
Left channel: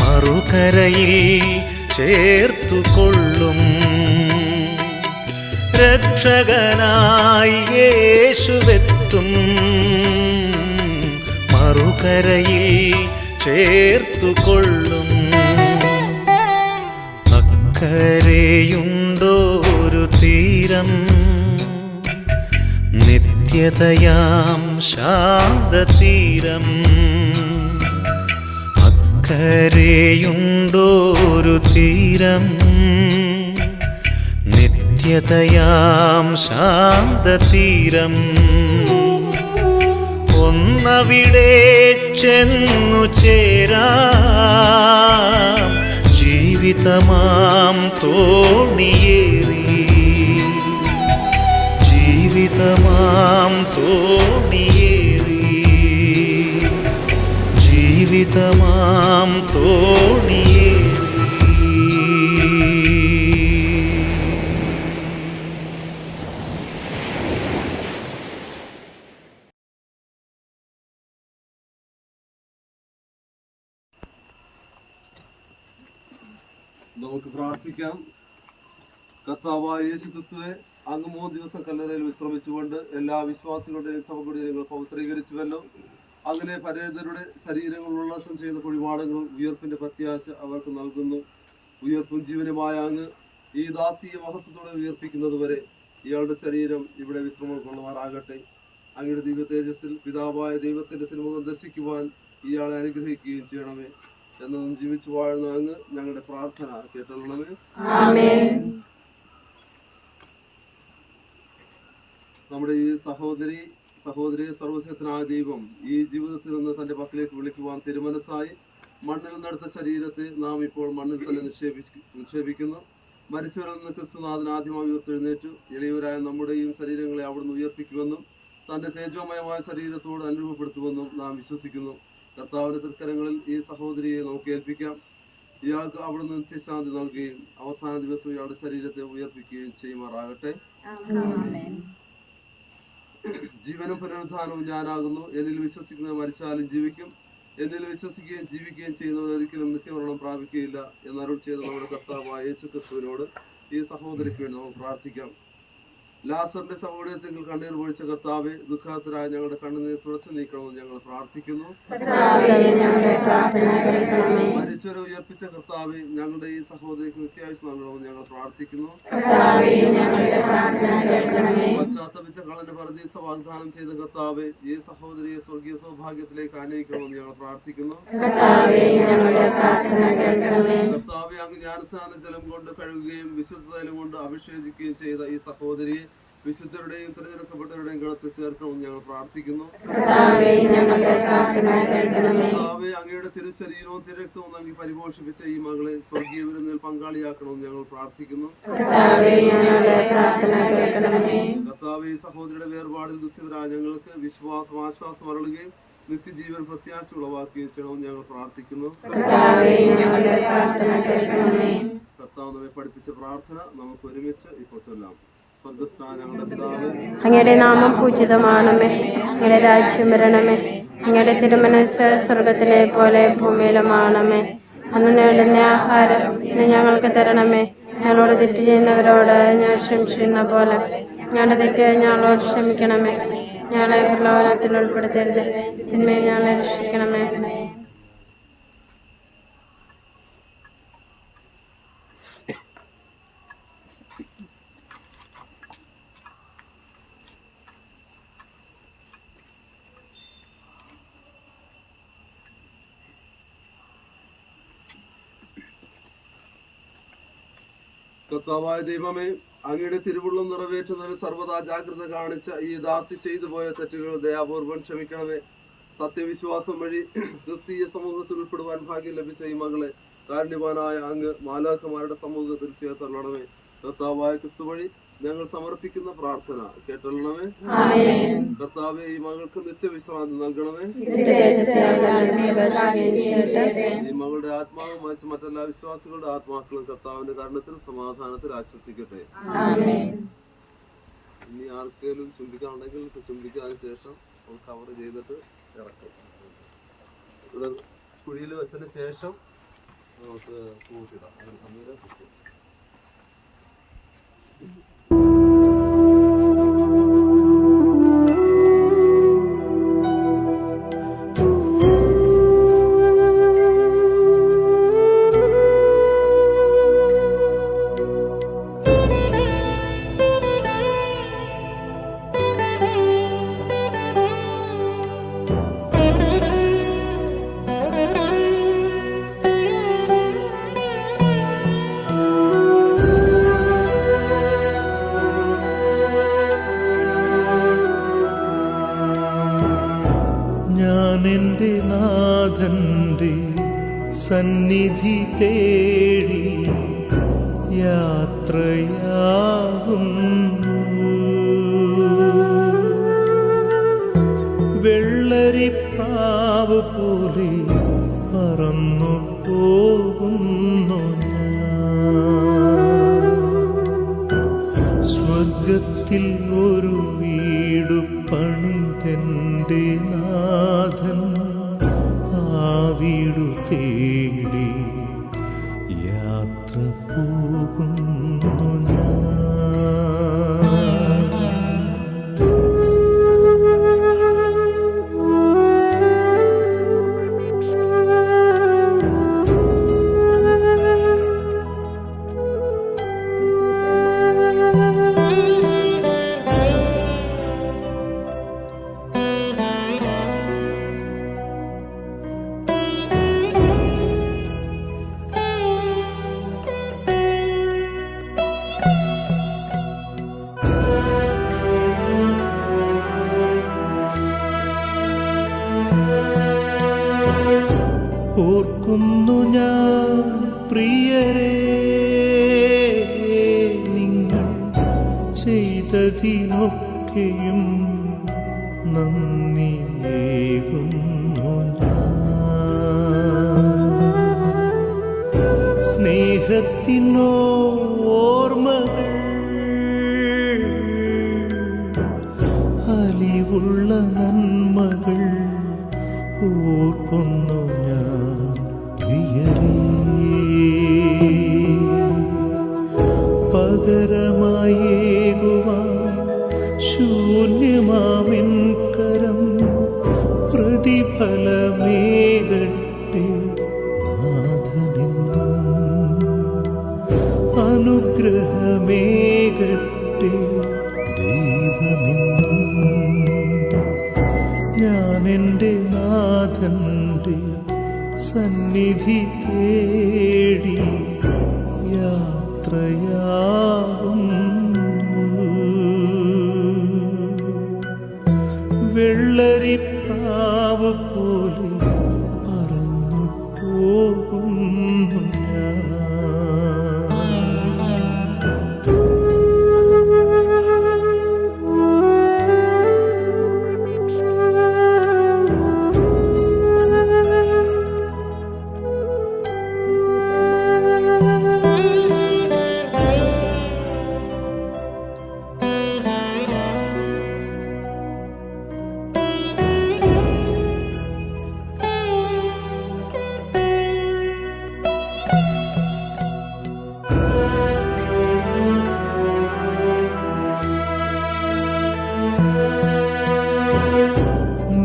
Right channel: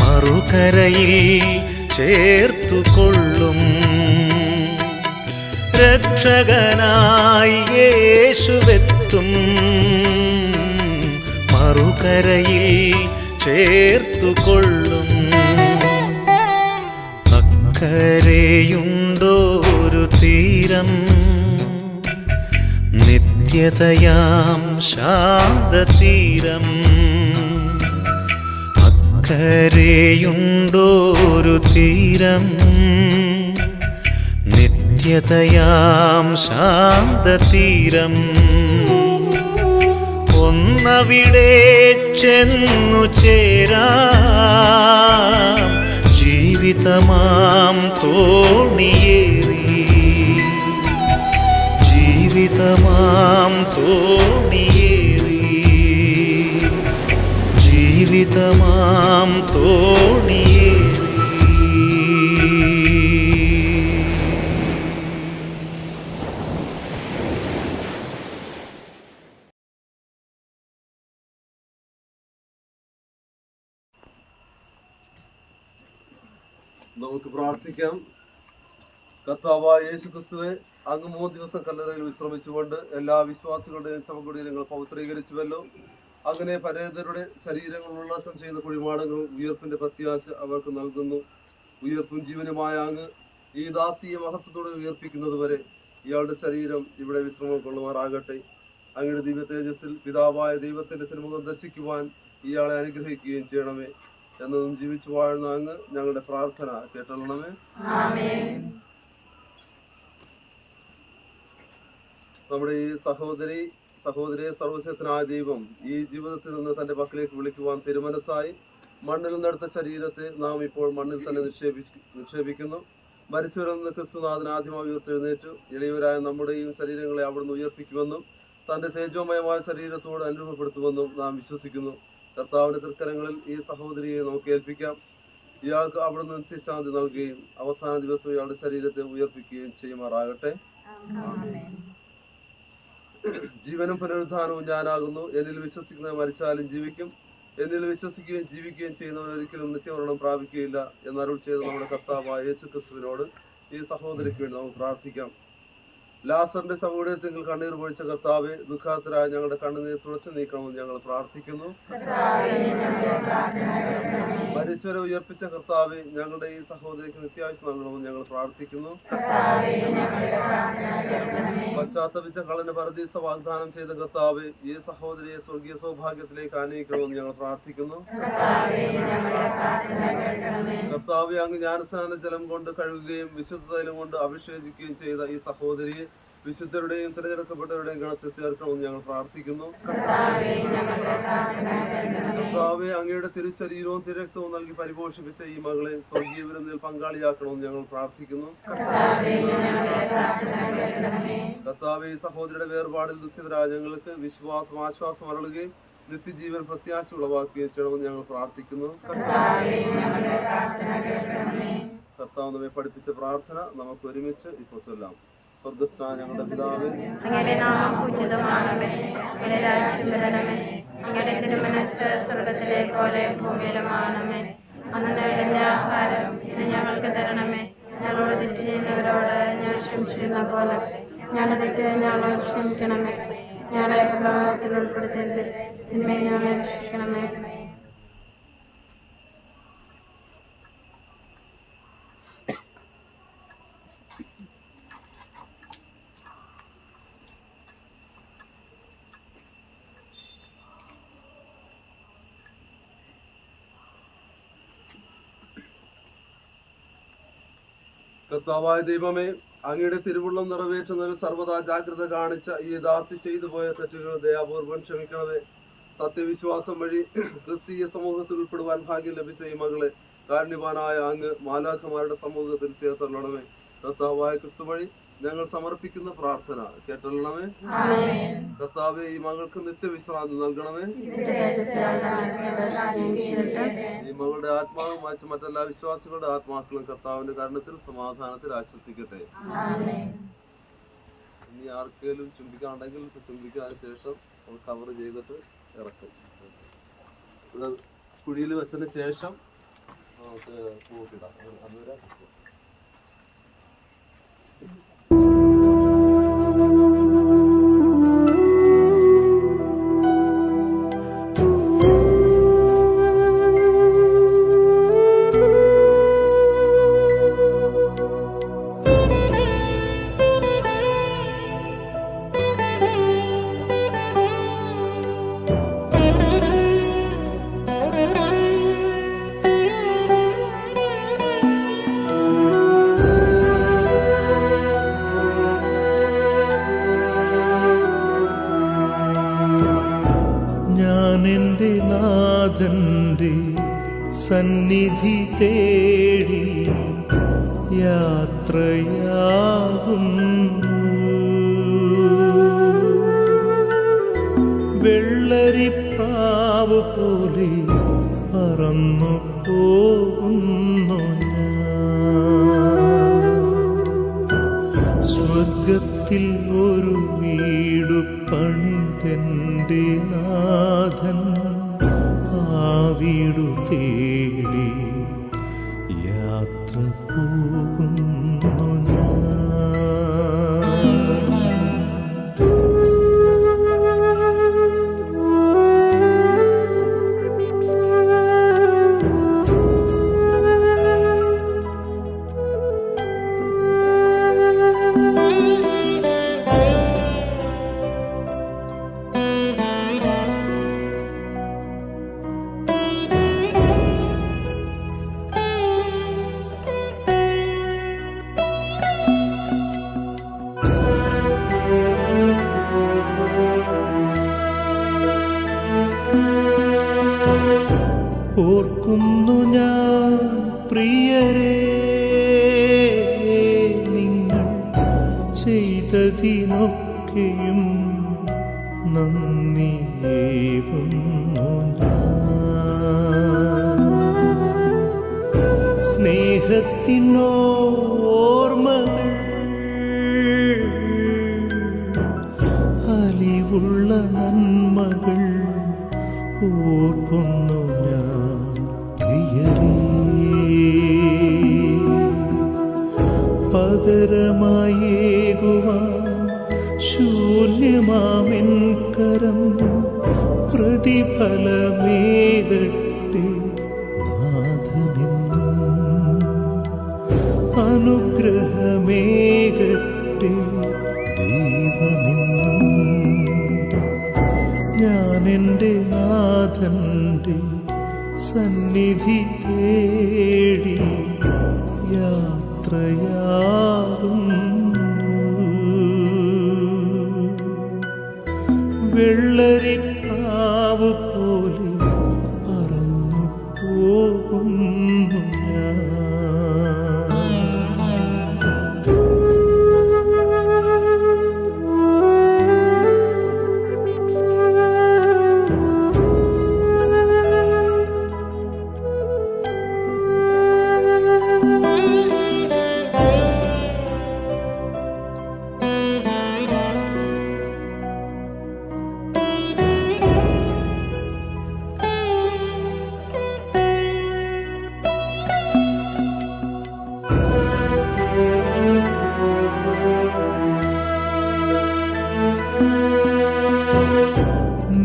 മറുകരയിൽ ചേർത്തുകൊള്ളും രക്ഷകനായി യേശുവെത്തും മറുകരയിൽ ചേർത്തുകൊള്ളും അക്കരെയുണ്ടോരു തീരം നിത്യതയാം ശാന്തതീരം അക്കരെയുണ്ടോരു തീരം നിത്യതയാം ശാന്തതീരം ഒന്നവിടെ ചെന്നു ചേരാം ജീവിതമാം തോണിയേറി ജീവിതമാം തോണിയേറി ജീവിതമാം തോണിയേറി നമുക്ക് പ്രാർത്ഥിക്കാം. കർത്താവായ യേശു ക്രിസ്തുവേ, അങ്ങ് 3 ദിവസം കല്ലറയിൽ വിശ്രമിച്ചുകൊണ്ട് എല്ലാ വിശ്വാസികളുടെയും സമകുടീരങ്ങൾ പവിത്രീകരിച്ചുവല്ലോ. അങ്ങനെ പരേതരുടെ ശരീരങ്ങൾ ഉല്ലാസം ചെയ്യുന്ന കുഴിമാടങ്ങളും ഉയർപ്പിന്റെ പ്രത്യാശ അവർക്ക് നൽകുന്നു. ഉയർപ്പും ജീവനുമായ അങ്ങ് ഈ ദാസീയ മഹത്വത്തോടെ ഉയർപ്പിക്കുന്നത് വരെ ഇയാളുടെ ശരീരം ഇവിടെ വിശ്രമം കൊള്ളുമാറാകട്ടെ. അങ്ങയുടെ ദിവ്യ തേജസ്സിൽ പിതാവായ ദൈവത്തിന്റെ സിനിമകൾ ദർശിക്കുവാൻ ഇയാളെ അനുഗ്രഹിക്കുകയും ചെയ്യണമേ. എന്നതും ജീവിച്ചു വാഴുന്ന അങ്ങ് ഞങ്ങളുടെ പ്രാർത്ഥന കേട്ടണമേ. നമ്മുടെ ഈ സഹോദരിയെ സർവശക്തനായ ദൈവം ഈ ജീവിതത്തിൽ നിന്ന് തന്റെ പക്കലേക്ക് വിളിക്കുവാൻ തിരുമനസ്സായി മണ്ണിൽ നിന്നെടുത്ത ശരീരത്തെ നാം ഇപ്പോൾ മണ്ണിൽ തന്നെ നിക്ഷേപിക്കുന്നു. മരിച്ചവരിൽ നിന്ന് ക്രിസ്തുനാഥൻ ആദ്യമായി ഉയർത്തെഴുന്നേറ്റു. എളിയവരായ നമ്മുടെയും ശരീരങ്ങളെ അവിടുന്ന് ഉയർപ്പിക്കുമെന്നും തൻ്റെ തേജോമയമായ ശരീരത്തോട് അനുരൂപപ്പെടുത്തുമെന്നും നാം വിശ്വസിക്കുന്നു. കർത്താവിൻ്റെ തൃക്കരങ്ങളിൽ ഈ സഹോദരിയെ നമുക്ക് ഏൽപ്പിക്കാം. ഇയാൾക്ക് അവിടുന്ന് നിത്യശാന്തി നൽകുകയും അവസാന ദിവസം ഇയാളുടെ ശരീരത്തെ ഉയർപ്പിക്കുകയും ചെയ്യുമാറാകട്ടെ. ജീവനും പുനരുദ്ധാനവും ഞാനാകുന്നു. എന്നിൽ വിശ്വസിക്കുന്നവർ മരിച്ചാലും ജീവിക്കും. എന്നിൽ വിശ്വസിക്കുകയും ജീവിക്കുകയും ചെയ്യുന്നവർ ഒരിക്കലും നിത്യമരണം പ്രാപിക്കുകയില്ല എന്നരുൾ ചെയ്ത നമ്മുടെ കർത്താവായ യേശു ക്രിസ്തുവിനോട് ഈ സഹോദരിക്ക് വേണ്ടി നമുക്ക് പ്രാർത്ഥിക്കാം. ലാസറിന്റെ ശവകുടീരത്തിൽ കണ്ണീർ പൊഴിച്ച കർത്താവെ, ദുഃഖാത്തരായ ഞങ്ങളുടെ കണ്ണുനീർ തുടച്ചു നീക്കണമെന്ന് ഞങ്ങൾ പ്രാർത്ഥിക്കുന്നു. മരിച്ചവരെ ഉയർപ്പിച്ച കർത്താവെ, ഞങ്ങളുടെ ഈ സഹോദരിക്ക് നിത്യായുസ് നൽകണമെന്ന് ഞങ്ങൾ പ്രാർത്ഥിക്കുന്നു. പശ്ചാത്തപിച്ച കള്ളന് പരദീസ വാഗ്ദാനം ചെയ്ത കർത്താവെ, ഈ സഹോദരിയെ സ്വർഗീയ സൗഭാഗ്യത്തിലേക്ക് ആനയിക്കണമെന്ന് ഞങ്ങൾ പ്രാർത്ഥിക്കുന്നു. കർത്താവെ, അങ്ങ് ജ്ഞാനസ്നാന ജലം കൊണ്ട് കഴുകുകയും വിശുദ്ധ തൈലം കൊണ്ട് അഭിഷേകിക്കുകയും ചെയ്ത ഈ സഹോദരിയെ വിശുദ്ധരുടെയും തിരഞ്ഞെടുക്കപ്പെട്ടവരുടെയും ഗണത്തിൽ ചേർക്കണമെന്ന് ഞങ്ങൾ പ്രാർത്ഥിക്കുന്നു. കർത്താവേ, അങ്ങയുടെ തിരുശരീരവും തിരക്തവും നൽകി പരിപോഷിപ്പിച്ച ഈ മകളെ സ്വർഗീയ വിരുന്നിൽ പങ്കാളിയാക്കണമെന്ന് ഞങ്ങൾ പ്രാർത്ഥിക്കുന്നു. കർത്താവേ, ഈ സഹോദരിയുടെ വേർപാടിൽ ദുഃഖിതരായ ഞങ്ങൾക്ക് വിശ്വാസം ആശ്വാസം അരുളുകയും നിത്യജീവൻ പ്രത്യാശ ഉളവാക്കുകയും ചെയ്യണമെന്ന് ഞങ്ങൾ പ്രാർത്ഥിക്കുന്നു. കർത്താവ് നമ്മെ പഠിപ്പിച്ച പ്രാർത്ഥന നമുക്ക് ഒരുമിച്ച് ഇപ്പോൾ ചൊല്ലാം. അങ്ങയുടെ നാമം പൂജിതമാണമേ, അങ്ങയുടെ രാജ്യം വരണമേ, അങ്ങയുടെ തിരുമനസ്സ് സ്വർഗത്തിലെ പോലെ ഭൂമിയിലുമാണമേ. അന്ന് നേടുന്ന ആഹാരം ഞങ്ങൾക്ക് തരണമേ. ഞങ്ങളോട് തെറ്റ് ചെയ്യുന്നവരോട് ഞാൻ ക്ഷമിച്ചിരുന്ന പോലെ ഞങ്ങളുടെ തെറ്റ് ഞങ്ങളോട് ക്ഷമിക്കണമേ. ഞങ്ങളെ പ്രലോഭനത്തിൽ ഉൾപ്പെടുത്തരുത്, തിന്മയെ ഞങ്ങളെ രക്ഷിക്കണമേ. കർത്താവായ ദൈവമേ, അങ്ങയുടെ തിരുവുള്ളം നിറവേറ്റുന്നതിൽ സർവ്വതാ ജാഗ്രത കാണിച്ച ഈ ദാസി ചെയ്തു പോയ തെറ്റുകൾ ദയാപൂർവം ക്ഷമിക്കണമേ. സത്യവിശ്വാസം വഴി ക്രിസ്തീയ സമൂഹത്തിൽ ഉൾപ്പെടുവാൻ ഭാഗ്യം ലഭിച്ച ഈ മകളെ കാരുണ്യവാനായ അങ്ങ് മാലാഖമാരുടെ സമൂഹത്തിൽ ചേർത്തണമേ. കർത്താവായ ക്രിസ്തു വഴി ഞങ്ങൾ സമർപ്പിക്കുന്ന പ്രാർത്ഥന കേട്ടണമേ. കർത്താവെ, ഈ മകൾക്ക് നിത്യവിശ്രാന്തി നൽകണമേ. ഈ മകളുടെ ആത്മാവും മറ്റെല്ലാ വിശ്വാസികളുടെ ആത്മാക്കളും കർത്താവിന്റെ കാരണത്തിൽ സമാധാനത്തിൽ ആശ്വസിക്കട്ടെ. ഇനി ആർക്കെങ്കിലും ചുംബിക്കാനുണ്ടെങ്കിൽ ചുംബിക്കുക. അതിനുശേഷം കവർ ചെയ്തിട്ട് ഇറക്കും. ഇവിടെ കുഴിയിൽ വെച്ചതിന് ശേഷം നമുക്ക് പൂക്കിടാം. അതുവരെ എൻ്റെ നാഥൻ്റെ സന്നിധി തേടി യാത്രയാകുന്നു. വെള്ളരിപ്രാവ് പോലെ പറന്നു പോകുന്നു ഞാൻ. സ്വർഗത്തിൽ ഒരു വീടു പണിതെൻ്റെ നാഥൻ ആ വീടു തേടി യാത്ര പോകുന്നു ഞാൻ. ഓർക്കുന്നു ഞാൻ പ്രിയരേ ചെയ്തതിനൊക്കെയും നന്ദിയേകുന്നു ഞാൻ. സ്നേഹത്തിനോർമ്മകൾ അലിവുള്ള നന്മകൾ ഓർക്കുന്നു ഞാൻ പ്രിയരേ. പകരമായേകുവാൻ ശൂന്യമാമെൻ കരം പ്രതിഫലമേകട്ടെ നാഥനെന്നും. അനുഗ്രഹമേകട്ടെ ദൈവമെന്നും. ഞാൻ എൻ്റെ നാഥൻ്റെ സന്നിധി തേടി യാത്രയാകുന്നു. വെള്ളരിപ്രാവ് പോലെ പറന്നു പോകുന്നു ഞാൻ.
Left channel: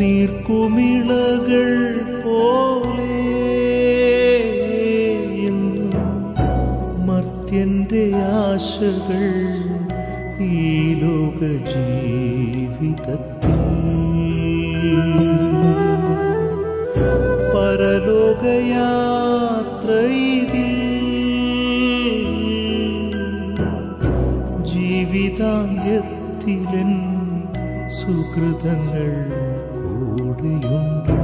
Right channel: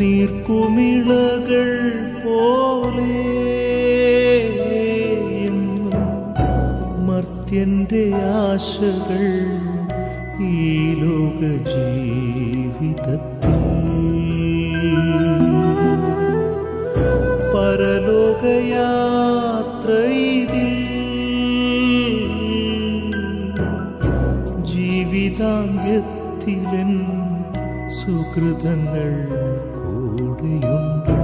നീർക്കുമിളകൾ പോലെ എന്നും മർത്യന്റെ ആശകൾ ഈ ലോക ജീവിതത്തിൽ. പരലോകയാത്ര ഇതിൽ ജീവിതാന്ത്യത്തിലെൻ സുകൃതങ്ങൾ കൂടെയുണ്ട്.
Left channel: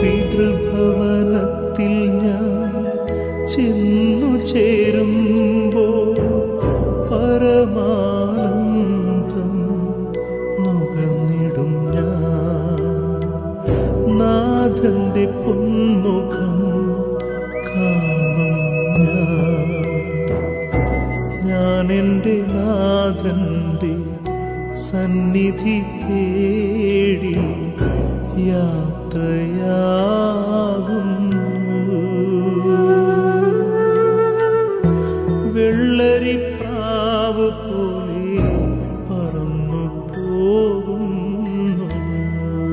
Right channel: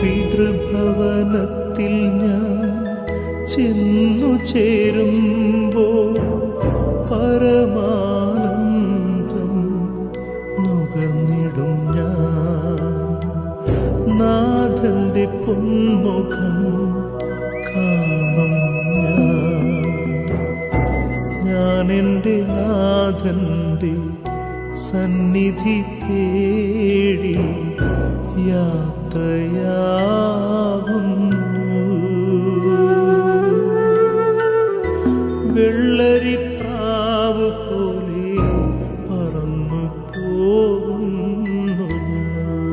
പിതൃഭവനത്തിൽ ഞാൻ ചെന്നു ചേരുമ്പോൾ പരമാനന്ദം നുകർന്നിടും ഞാൻ. നാഥന്റെ പൊന്മുഖം കാണും ഞാൻ. എൻ്റെ നാഥന്റെ സന്നിധി തേടി യാത്രയാകുന്നു. വെള്ളരിപ്രാവ് പോലെ പറന്നു പോകുന്നു ഞാൻ.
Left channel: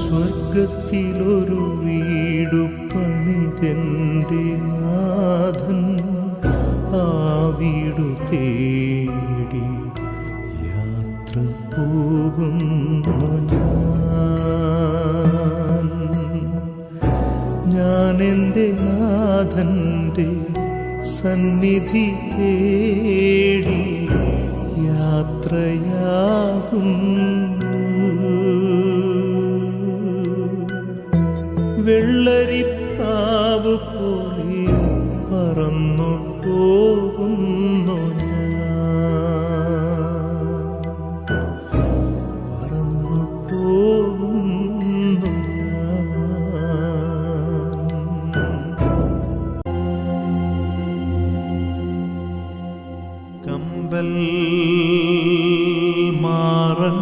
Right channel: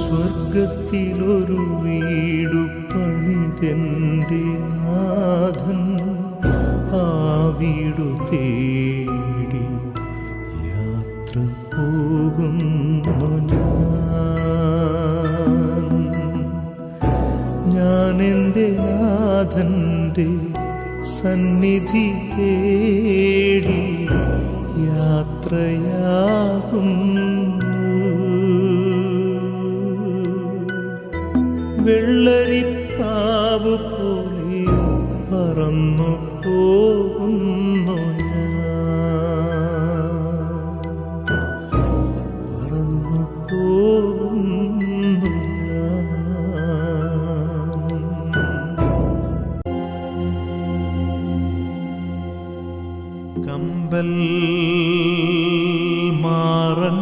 സ്വർഗത്തിലൊരു വീടു പണിതെൻ്റെ നാഥൻ ആ വീടു തേടി യാത്ര പോകുന്നു ഞാൻ. ഞാൻ എൻ്റെ നാഥൻ്റെ സന്നിധി തേടി യാത്രയാകുന്നു. വെള്ളരിപ്രാവ് പോലെ പറന്നു പോകുന്നു ഞാൻ. പറന്നു പോകുന്നു ഞാൻ. കമ്പൽ മാറൻ